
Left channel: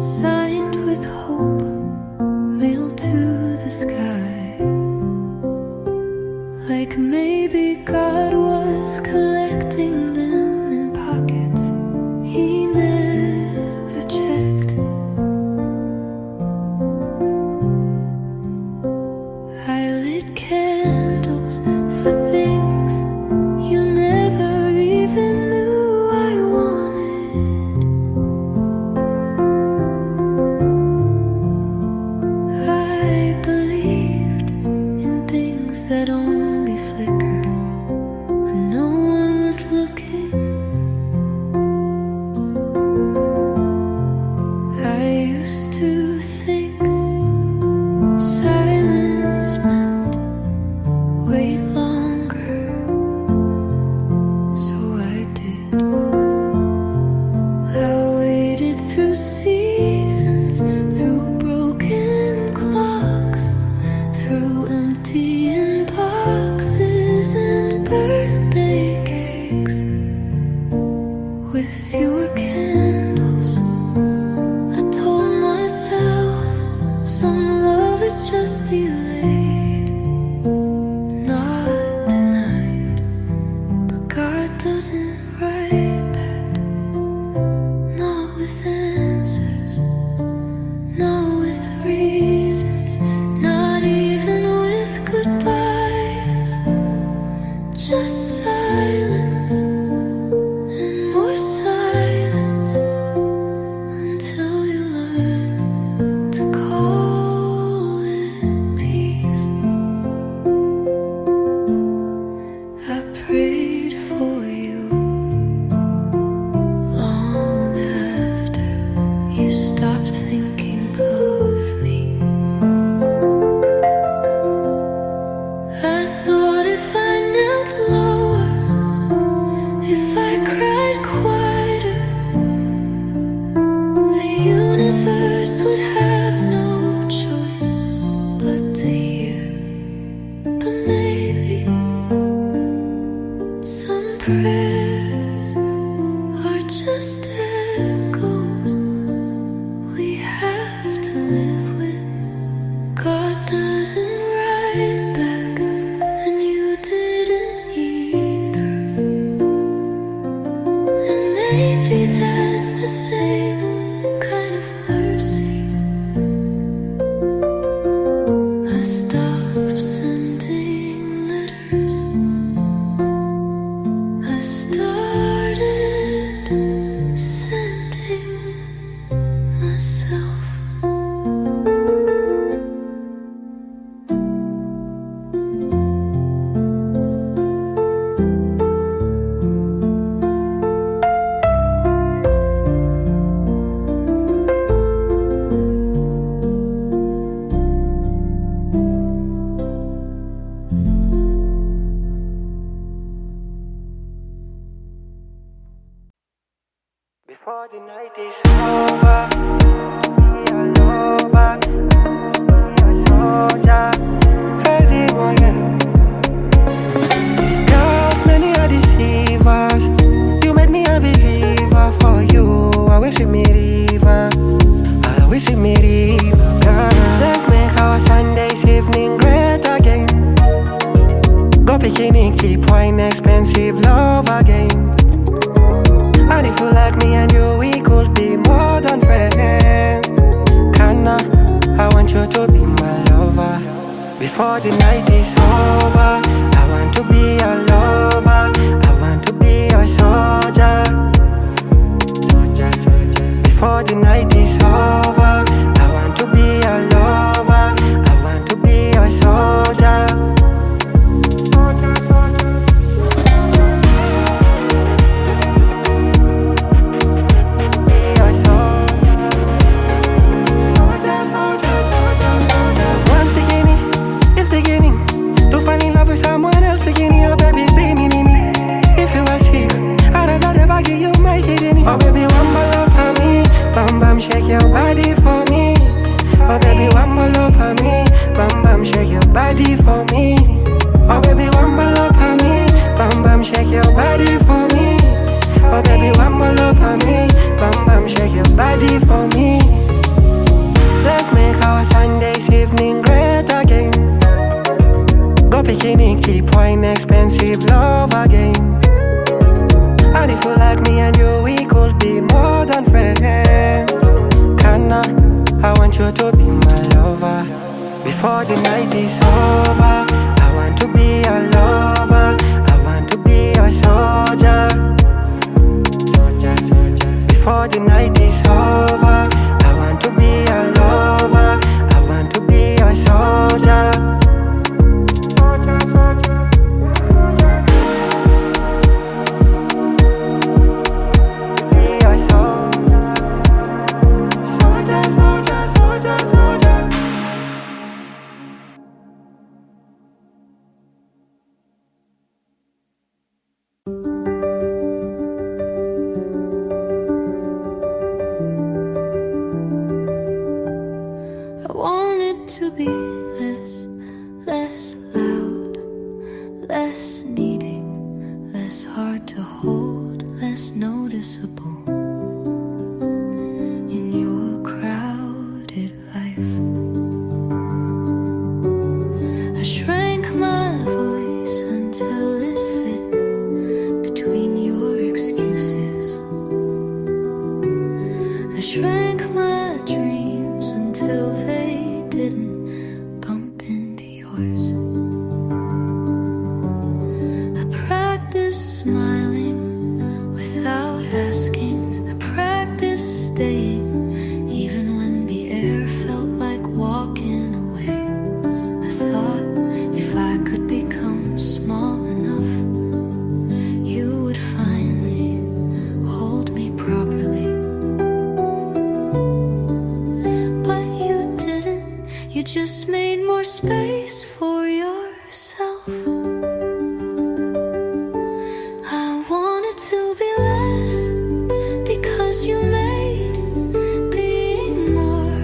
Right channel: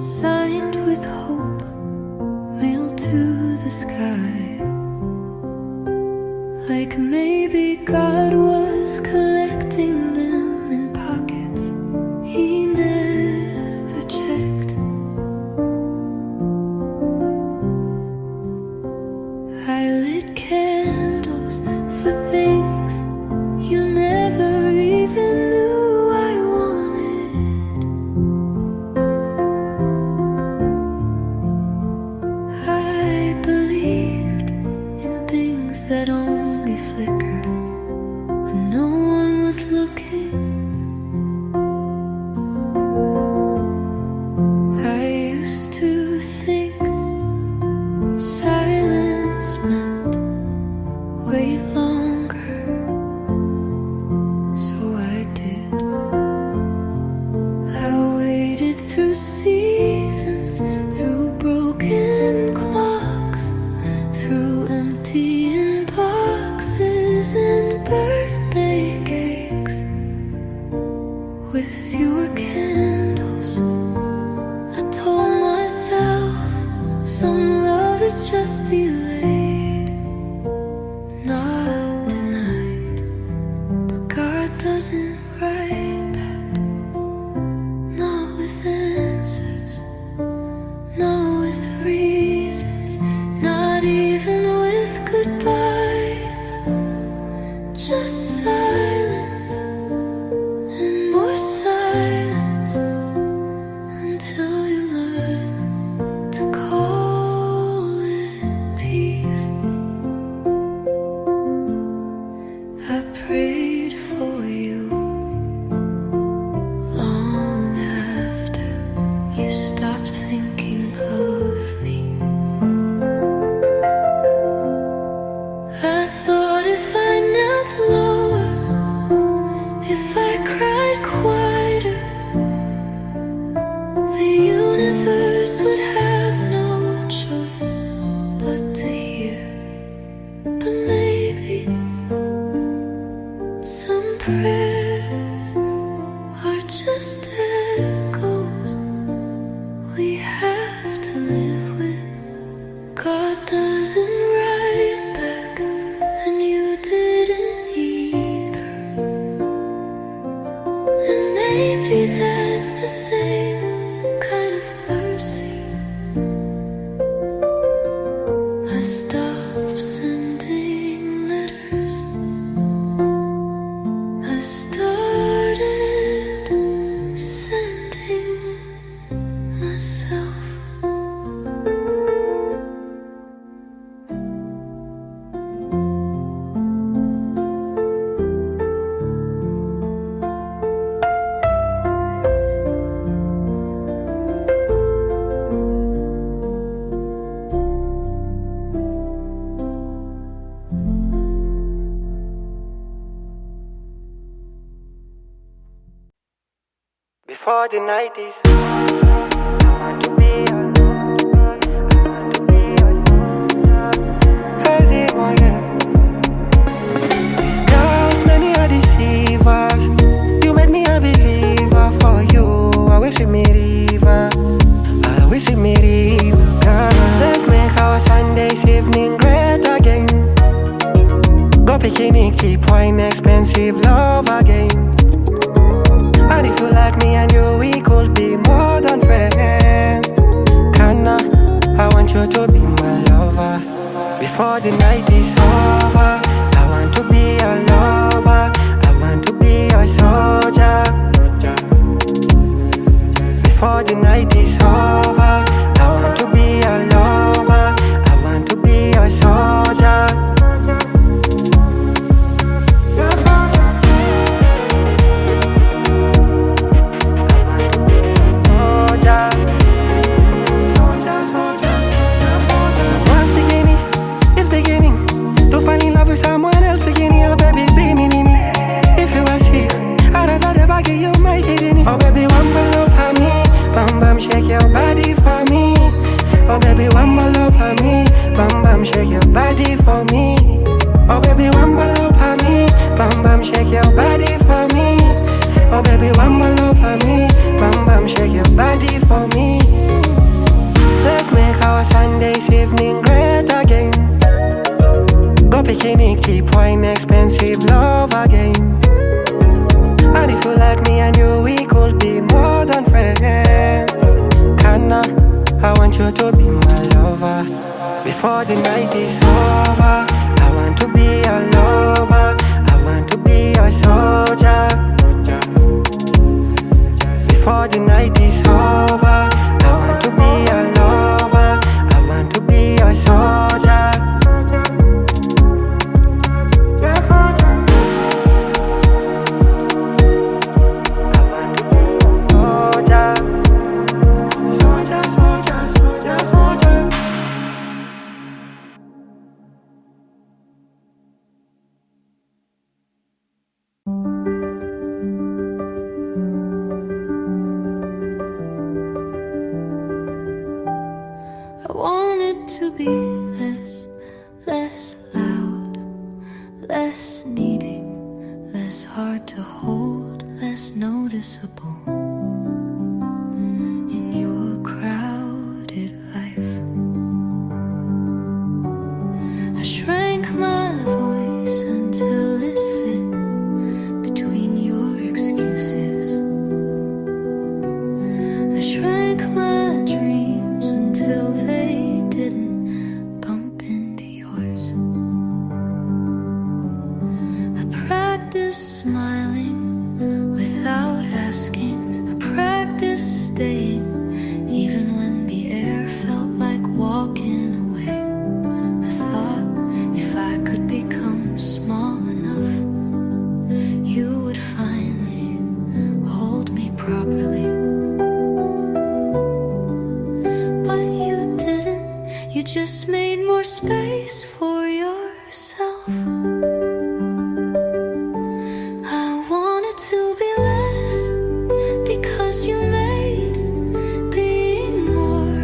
signed with hope, mailed to the sky. Like maybe God was collecting them in pockets he never checked. I lit candles for things you never even knew I wanted. I believed in things that only flickered when no one was looking. I used to think silence meant wait longer. So I did. I waited through seasons, through broken clocks, through empty boxes and birthday cakes. With fewer candles, I told myself some love is just delayed, not denied. God doesn't write back, not with answers, not with reasons, not even with goodbyes. Just silence and more silence until you learn to call it peace. I prayed for you long after you stopped thinking of me. I thought if I knelt lower, if I cried quieter, the universe would have no choice but to hear. But maybe some prayers are just echoes we have to live with. God doesn't write back, and you didn't either. And maybe that's the same kind of mercy. I stopped sending letters. I started sending myself. Before the night is over, I want to be a lover, I want to be a soldier. As it was, yeah. These girls, many are deceivers. You made me a believer for you. I wish with me river, I wish with me river, girl. Let's make our Sundays evening great again. Go picnic, cheap wine, expensive love again. And if you like me and you, we could be more than friends. Kinda, I want you to be my lover. Before the night is over, I want to be your lover, I want to be your soul. before the night is over. I want to be a lover, I want to be a soldier. Someone's beginning, it's beginning to fall in love with someone else beginning. Oh baby, be me. If you are sick, I don't know the baggy you might hit in it. Oh baby, one more up on me, bam bam, shake your body for me. Oh baby, one more up on me, bam bam, shake your body for me. Oh baby, one more up on me, bam bam, shake your body for me. Oh baby, one more up on me, bam bam, shake your body for me. Let's make our Sundays evening great again. Go picnic, cheap wine, expensive love again. And if you like me and you, we could be more than friends. Kinda, I want you to be my lover. Before the night is over, I want to be a lover, I want to be a soldier. Before the night is over, I want to be a lover, I want to be a soldier. I want it to be less loud, less needing, less hard to hold, less noticeable in your crowded life. I shrank my voice until it fit between your excuses. I shrank my dreams until they didn't bump into yours. I practiced smiling without asking. I practiced staying even when the air felt like walking away. I thought if I could become small enough, you would finally hold me properly. You just made more space for yourself. I wanted to be less because you made being more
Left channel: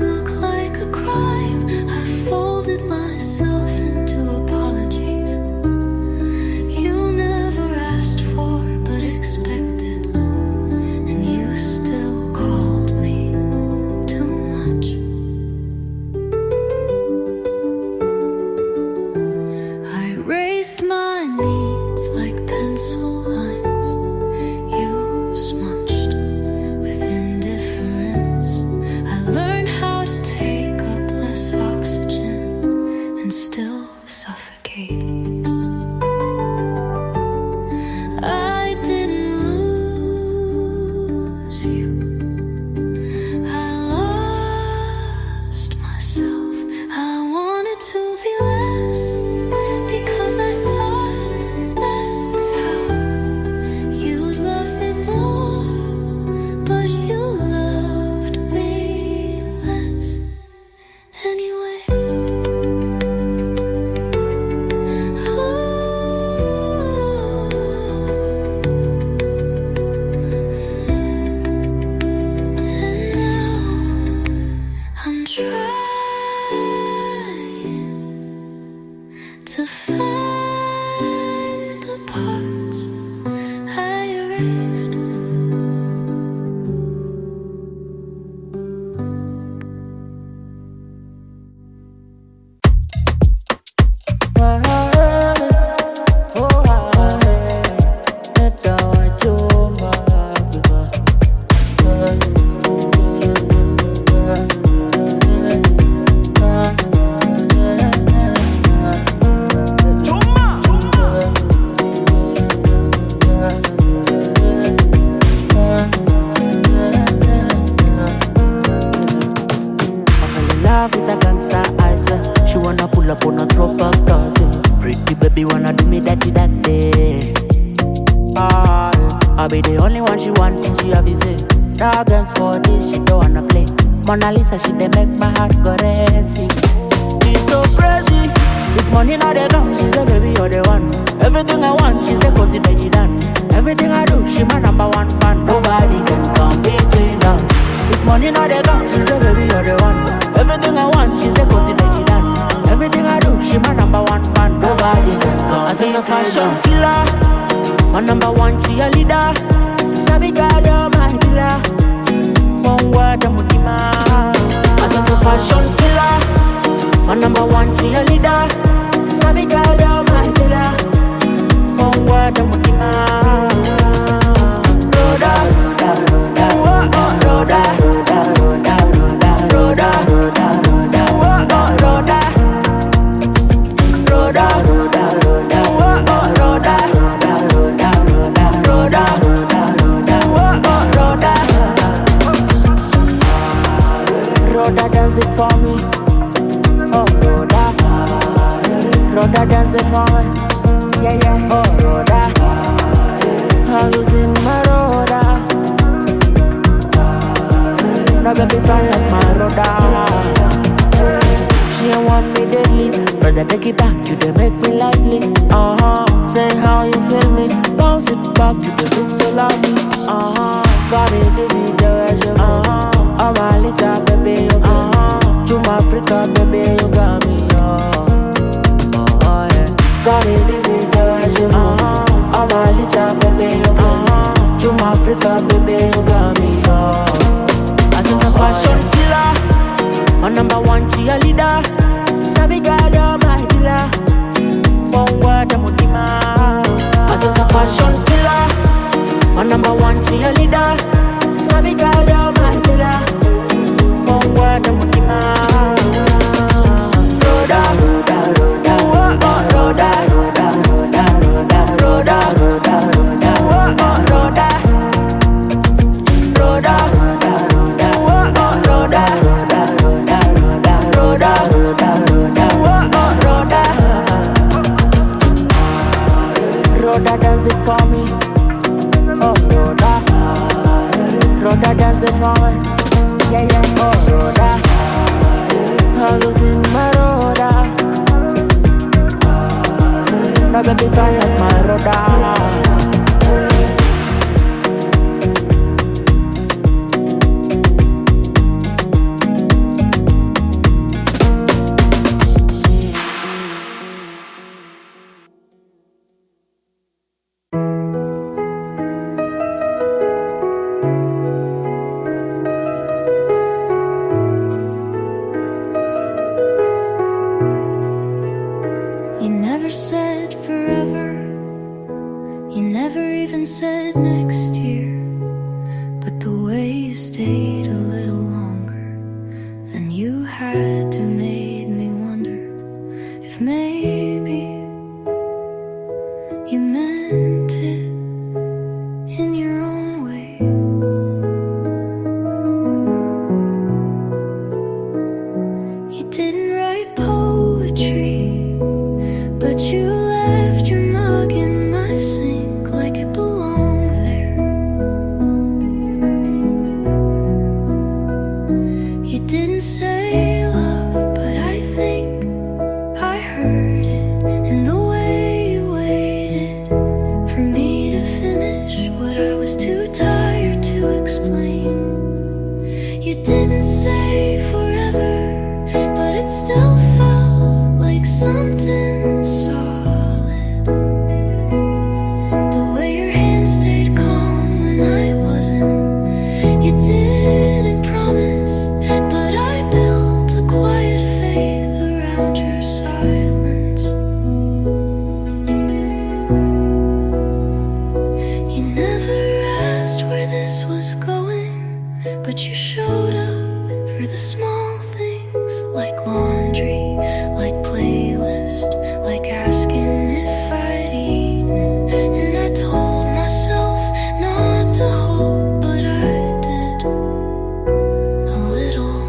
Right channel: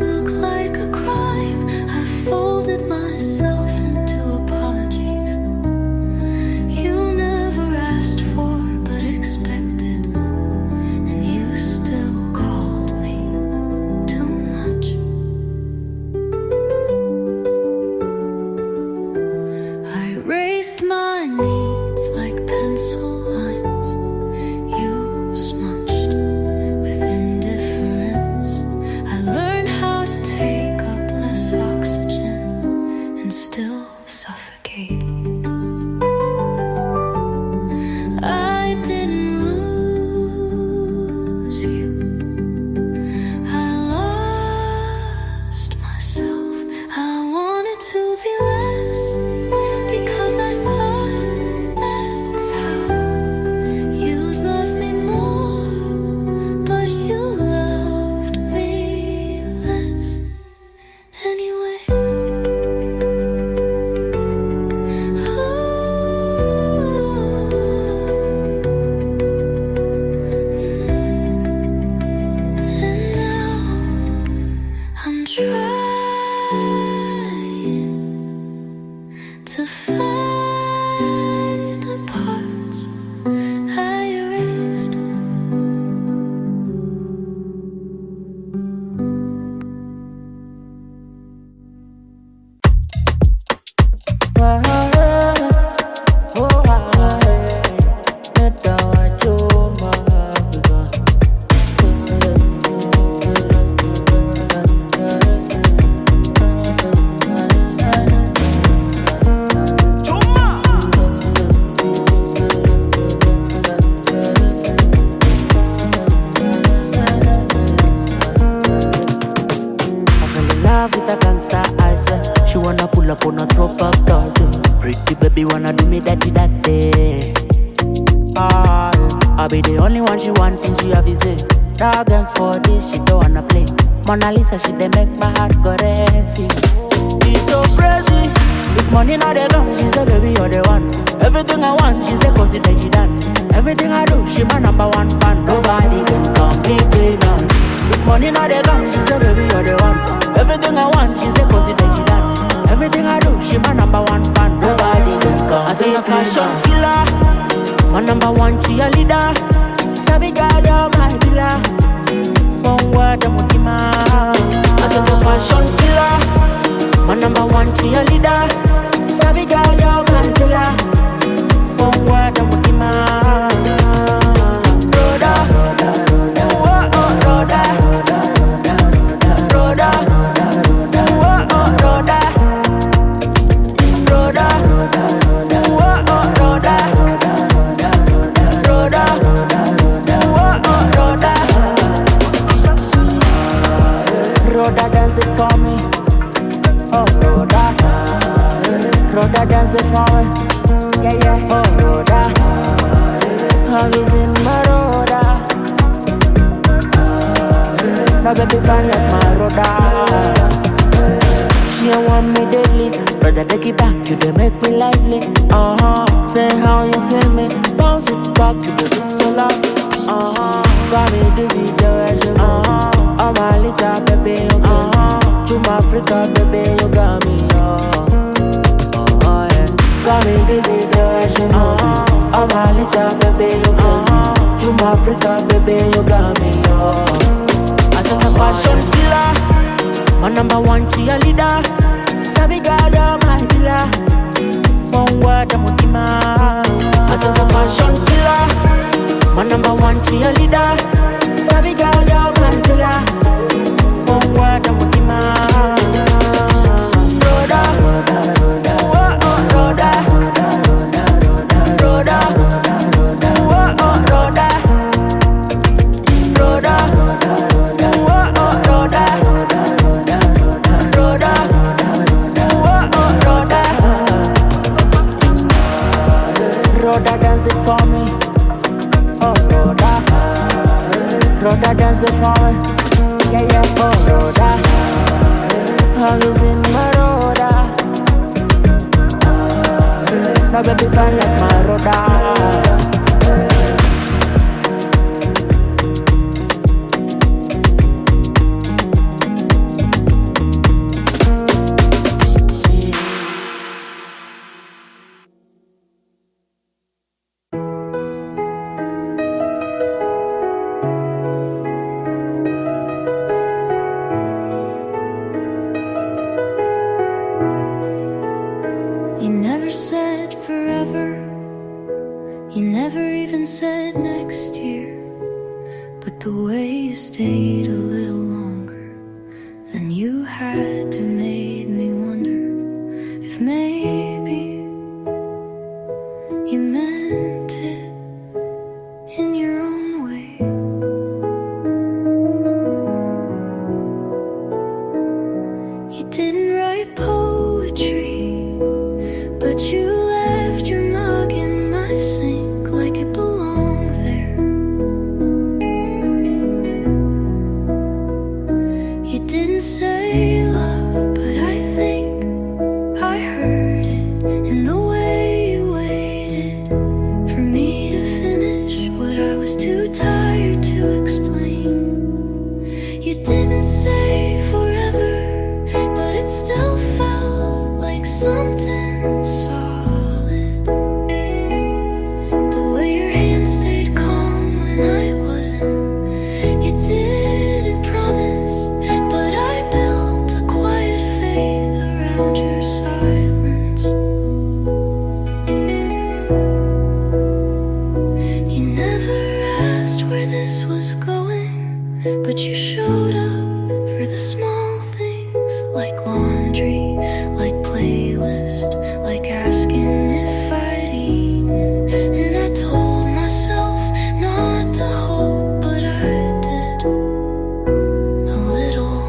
look like a crime. I folded myself into apologies you never asked for but expected, and you still called me too much. phone on throwback Thursday. Pretty baby wanna do me that day. I'll be the only one she want, thing she have is it. Dog games for this, she don't wanna play. Mona Lisa, she dey make my heart go racing. It's so crazy. If money not dey come, she say baby you're the one. Everything I want, she say consider it done. Everything I do, she my number one fan. Nobody can come between us. If money not dey come, she say baby you're the one. Everything I want, she say consider it done. Everything I do, she my number one fan. Nobody can come between us. I say a fashion killer, my number one cheerleader. Sabi girl, you're my pillar. One word, I'm mutima. I say a fashion killer, my number one cheerleader. Sabi girl, you're my pillar. One word, I'm mutima. Roda, roda, oh oh, roda, roda, roda, roda, roda, oh oh, roda, roda, roda, roda, oh oh, roda, roda, roda, roda, oh oh, roda. Rhoda, dance it for me. Oh, Rhoda. Rhoda, dance it for me. Yeah, yeah. Oh, Rhoda. I was in my Rhoda. Now baby fine like my Rhoda. She don't want me deadly. Brother, take it back, you dey make me lively. Say how you feel me. Bounce it back, you dey look so lovely. Got me dizzy, the way she move. I'm a little baby, you got me. Juma Africa, baby, you got me, yeah. Got me dizzy, the way she move. I'm a little baby, you got me. Juma Africa, baby, you got me, yeah. I sense a fashion killer, my number one cheerleader. Sabi girl, you're my pillar. One word, I'm mutima. I sense a fashion killer, my number one cheerleader. Sabi girl, you're my pillar. One word, I'm mutima. Roda, roda, roda, oh oh, roda, roda, roda, roda, roda, roda, oh oh, roda, roda, roda, roda, oh oh, roda, roda, roda, roda, roda, roda, oh oh, roda. Rhoda, dance it for me. Oh, Rhoda. Rhoda, dance it for me. Yeah, yeah. Oh, Rhoda. I was in my Rhoda. Now baby fine like my Rhoda. You never said forever. You never even said next year. But the way you stayed a little longer than you had to made me wonder if maybe you meant it in your own way. You didn't write poetry, but you left your mug in my sink like it belonged there. You didn't say love, but I think I heard it in the way you waited for me to finish what I was too tired to explain. You didn't say forever, but it still felt like something solid. The way your hand stayed calm when I wasn't. You didn't promise, but I built a quiet faith around your silence. You never asked where this was going, but you showed up for the small things, like laundry, like playlist, like asking if I'd eaten. And I told myself not to hope, but I did a little.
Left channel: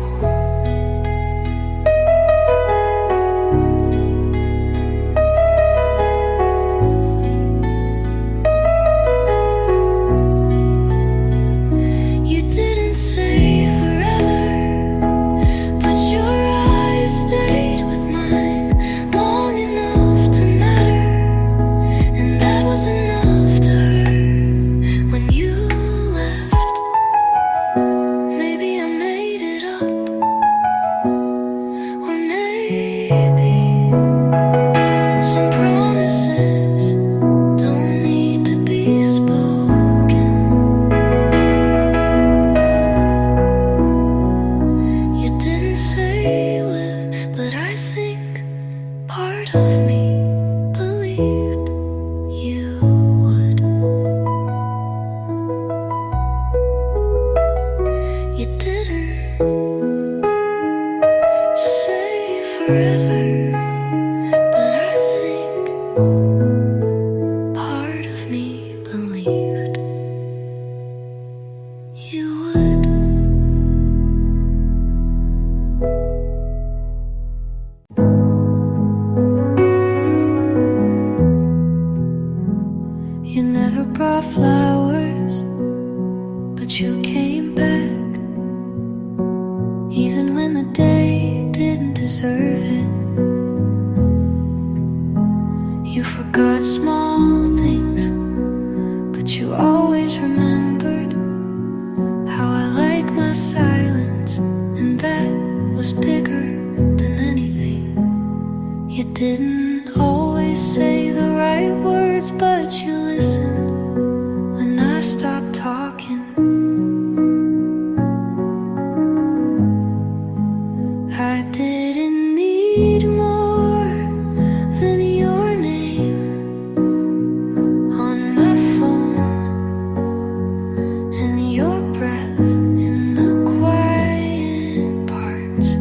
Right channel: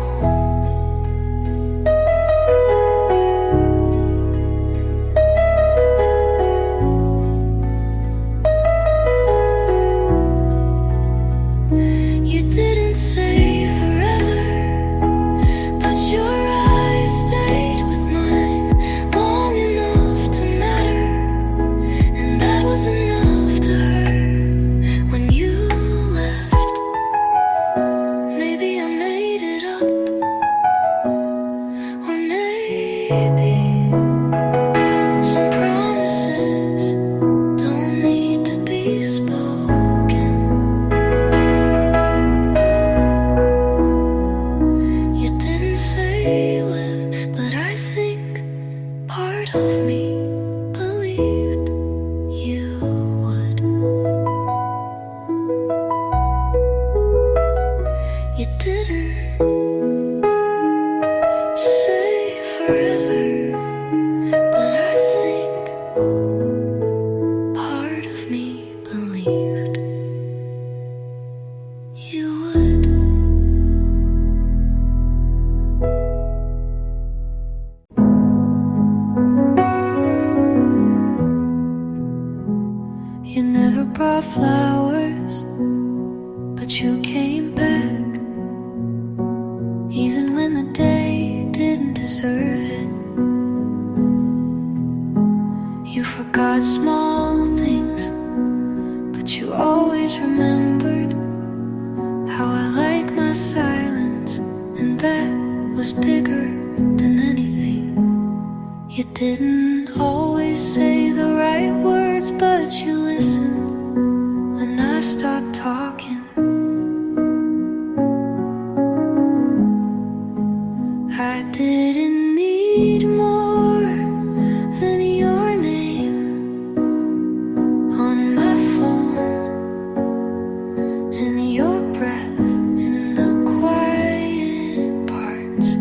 say forever, but your eyes stayed with mine long enough to matter, and that was enough to hurt when you left. Maybe I made it up, or maybe some promises don't need to be spoken. You didn't say live, but I think part of me believed you would. You didn't say forever, but I think part of me believed you would. You never brought flowers, but you came back, even when the day didn't deserve it. You forgot small things, but you always remembered how I like my silence, and that was bigger than anything. You didn't always say the right words, but you listened when I stopped talking. I didn't need more than your name on my phone, and your breath in the quiet parts.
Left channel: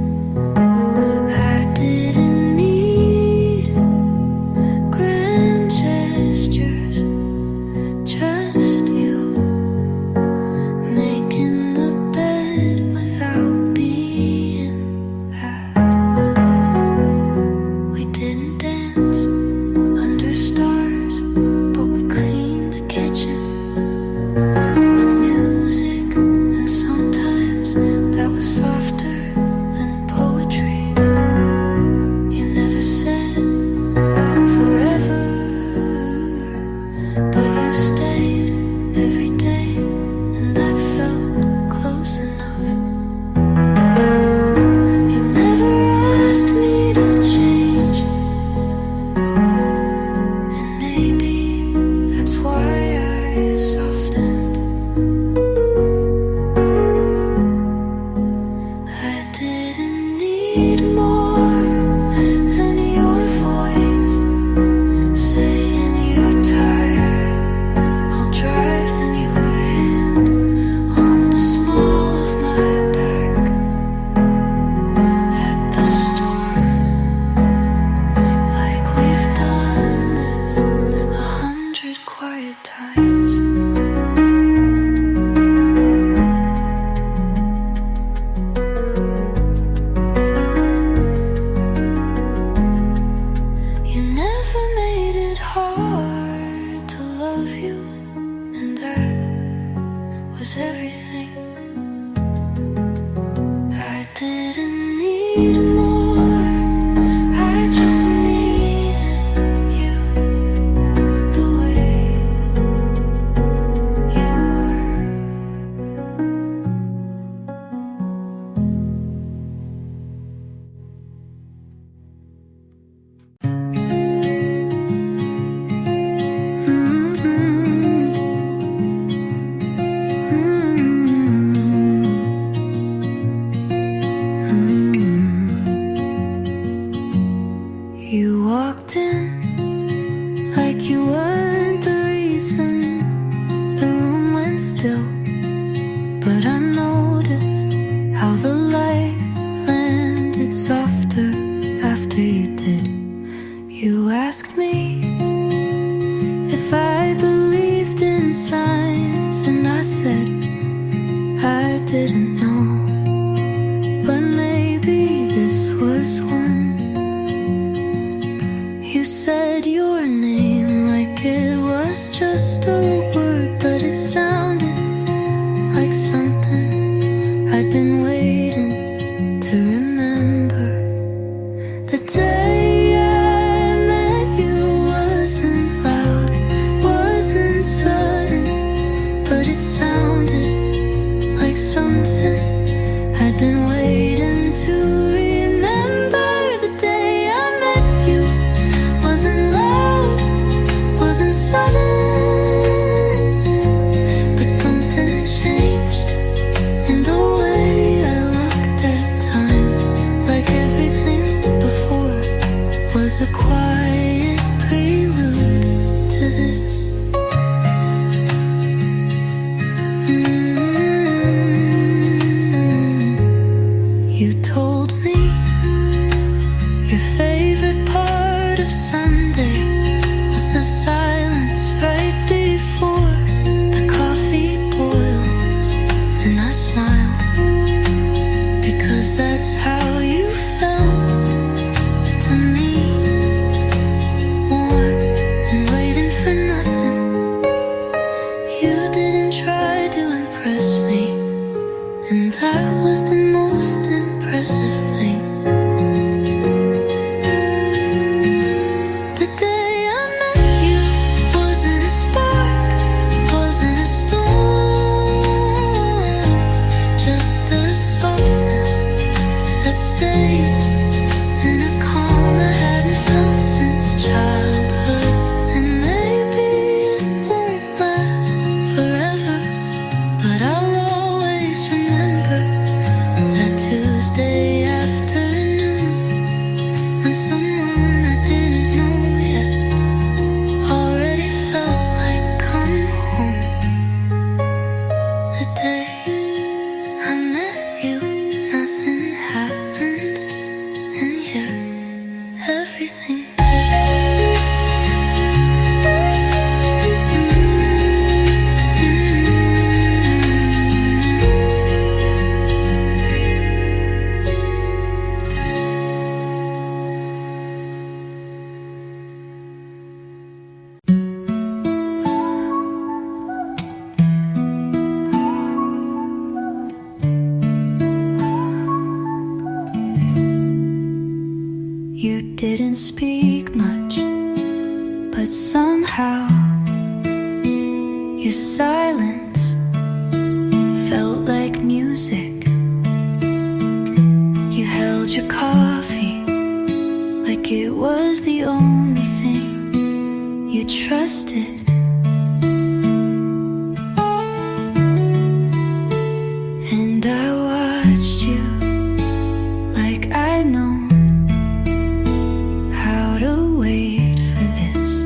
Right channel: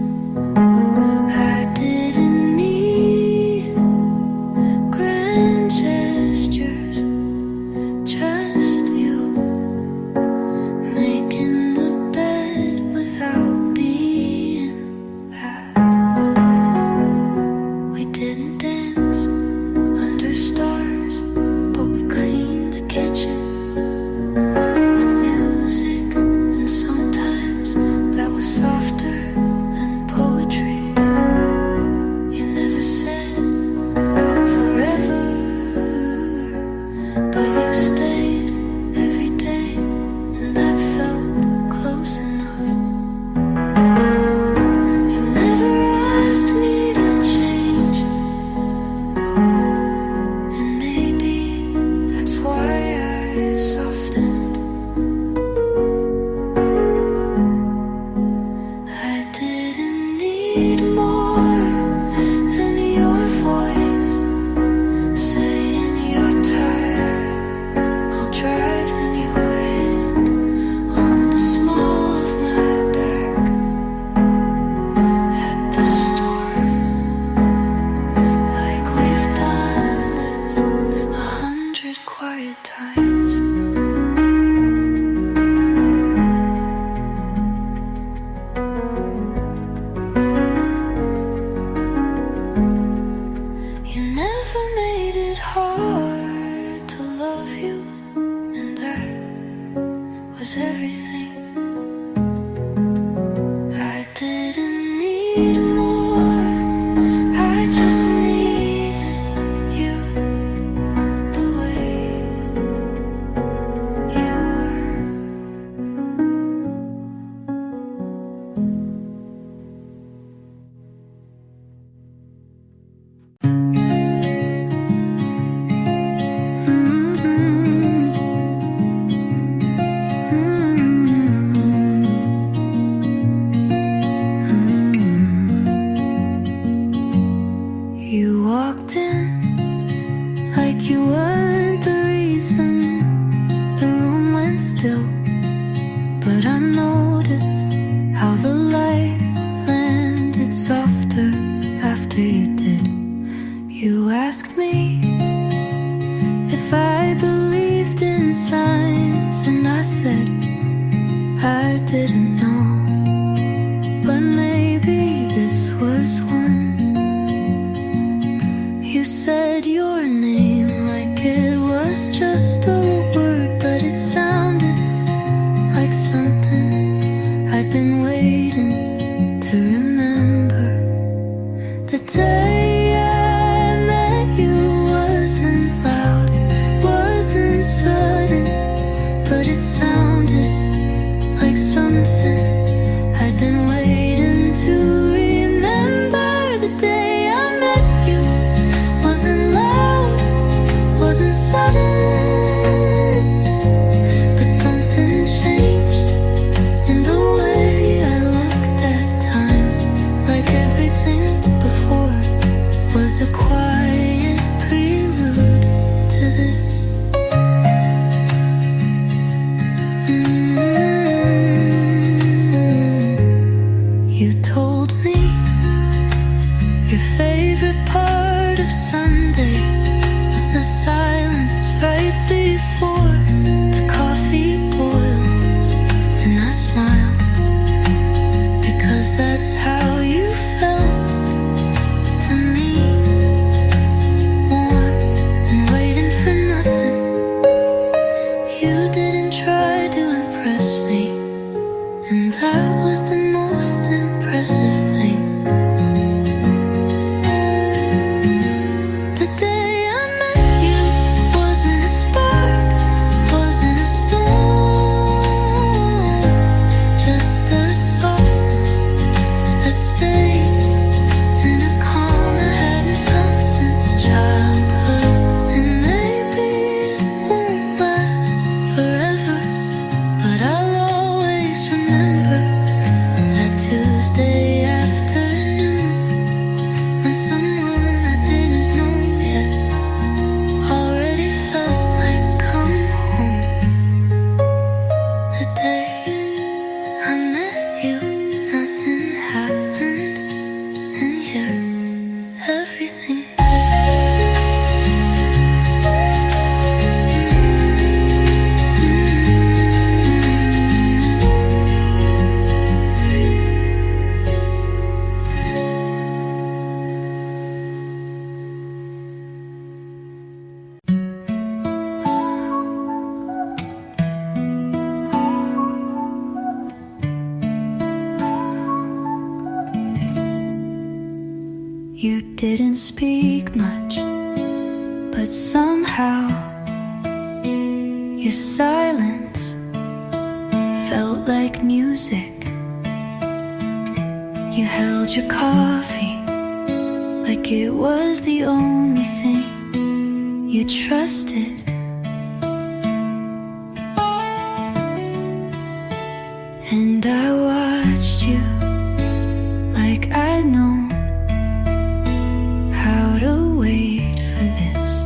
I didn't need grand gestures, just you making the bed without being asked. We didn't dance under stars, but we cleaned the kitchen with music, and sometimes that was softer than poetry. You never said forever, but you stayed every day, and that felt close enough. You never asked me to change, and maybe that's why I softened. I didn't need more than your voice saying you're tired. I'll drive then your hand on the small of my back at the store, like we've done this 100 quiet times. You never made it hard to love you, and that was everything. I didn't need more, I just needed you the way you were. You You told me your favorite part of Sunday was the silence right before the coffee boils. And I smiled because that's how you felt to me. Warm and waiting for nothing. You didn't try to impress me, and that was the most impressive thing. The day I met you wasn't a spark, wasn't a storm, just a softness that stayed in a calm I hadn't felt since childhood. And maybe it won't last forever, but I'll always remember that Tuesday afternoon when someone I didn't know yet already felt like come home. The day I met you, nothing happened, and yet everything You didn't speak much, but somehow your silence felt like music. You held your coffee like it was the only thing you trusted. And I watched you like I'd known how to wait for this.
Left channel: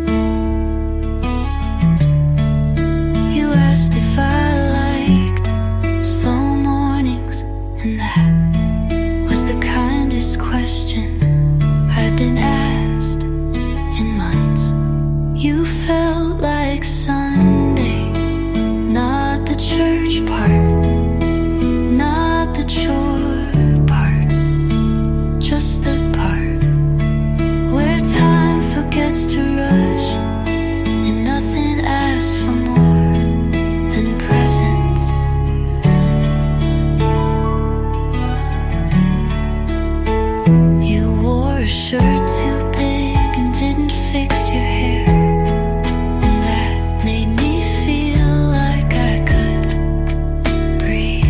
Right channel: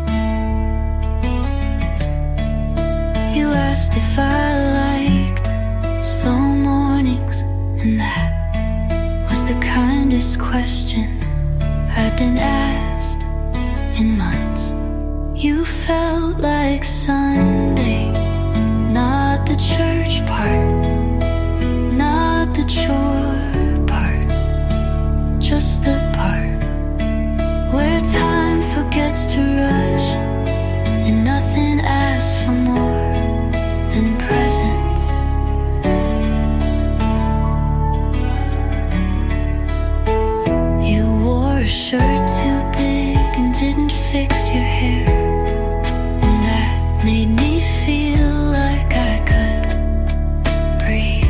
You asked if I liked slow mornings, and that was the kindest question I'd been asked in months. You felt like Sunday, not the church part, not the chore part, just the part where time forgets to rush and nothing asks for more than presence. You wore a shirt too big and didn't fix your hair, and that made me feel like I could breathe.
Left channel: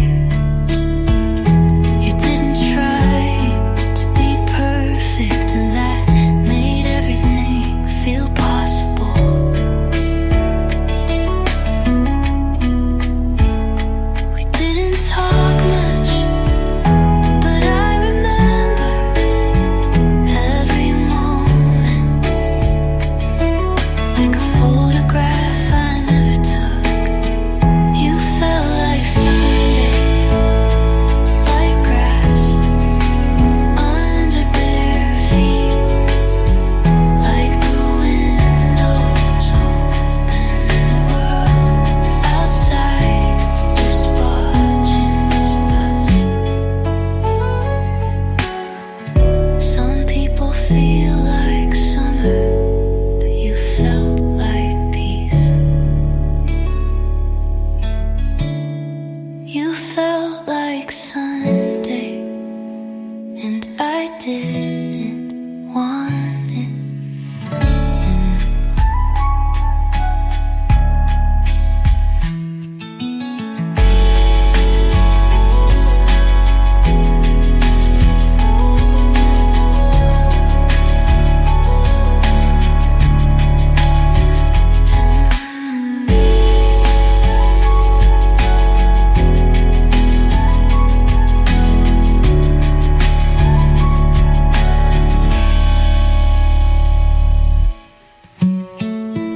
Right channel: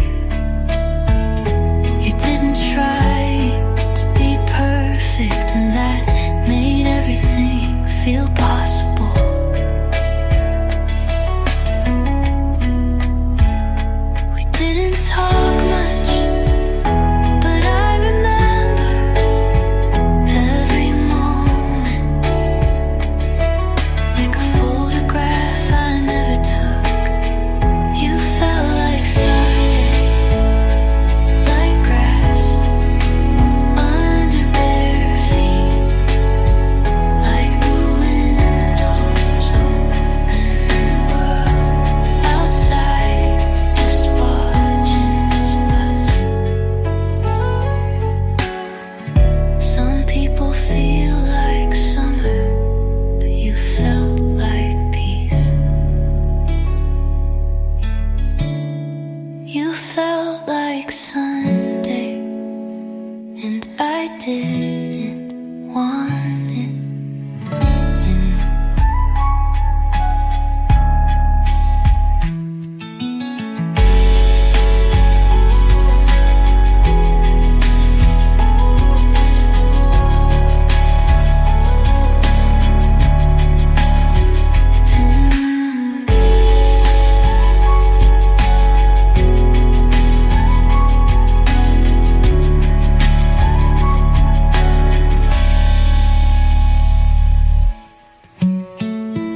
You didn't try to be perfect, and that made everything feel possible. We didn't talk much, but I remember every moment like a photograph I never took. You felt like Sunday, like grass under bare feet, like the windows open in the world outside just watching us. Some people feel like summer, but you felt like peace. You felt like Sunday, and I didn't want it.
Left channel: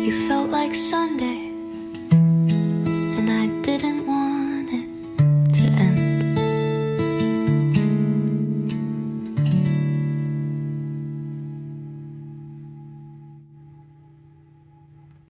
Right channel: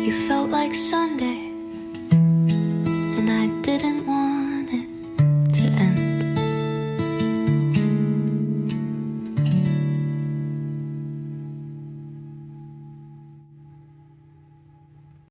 You felt like Sunday, and I didn't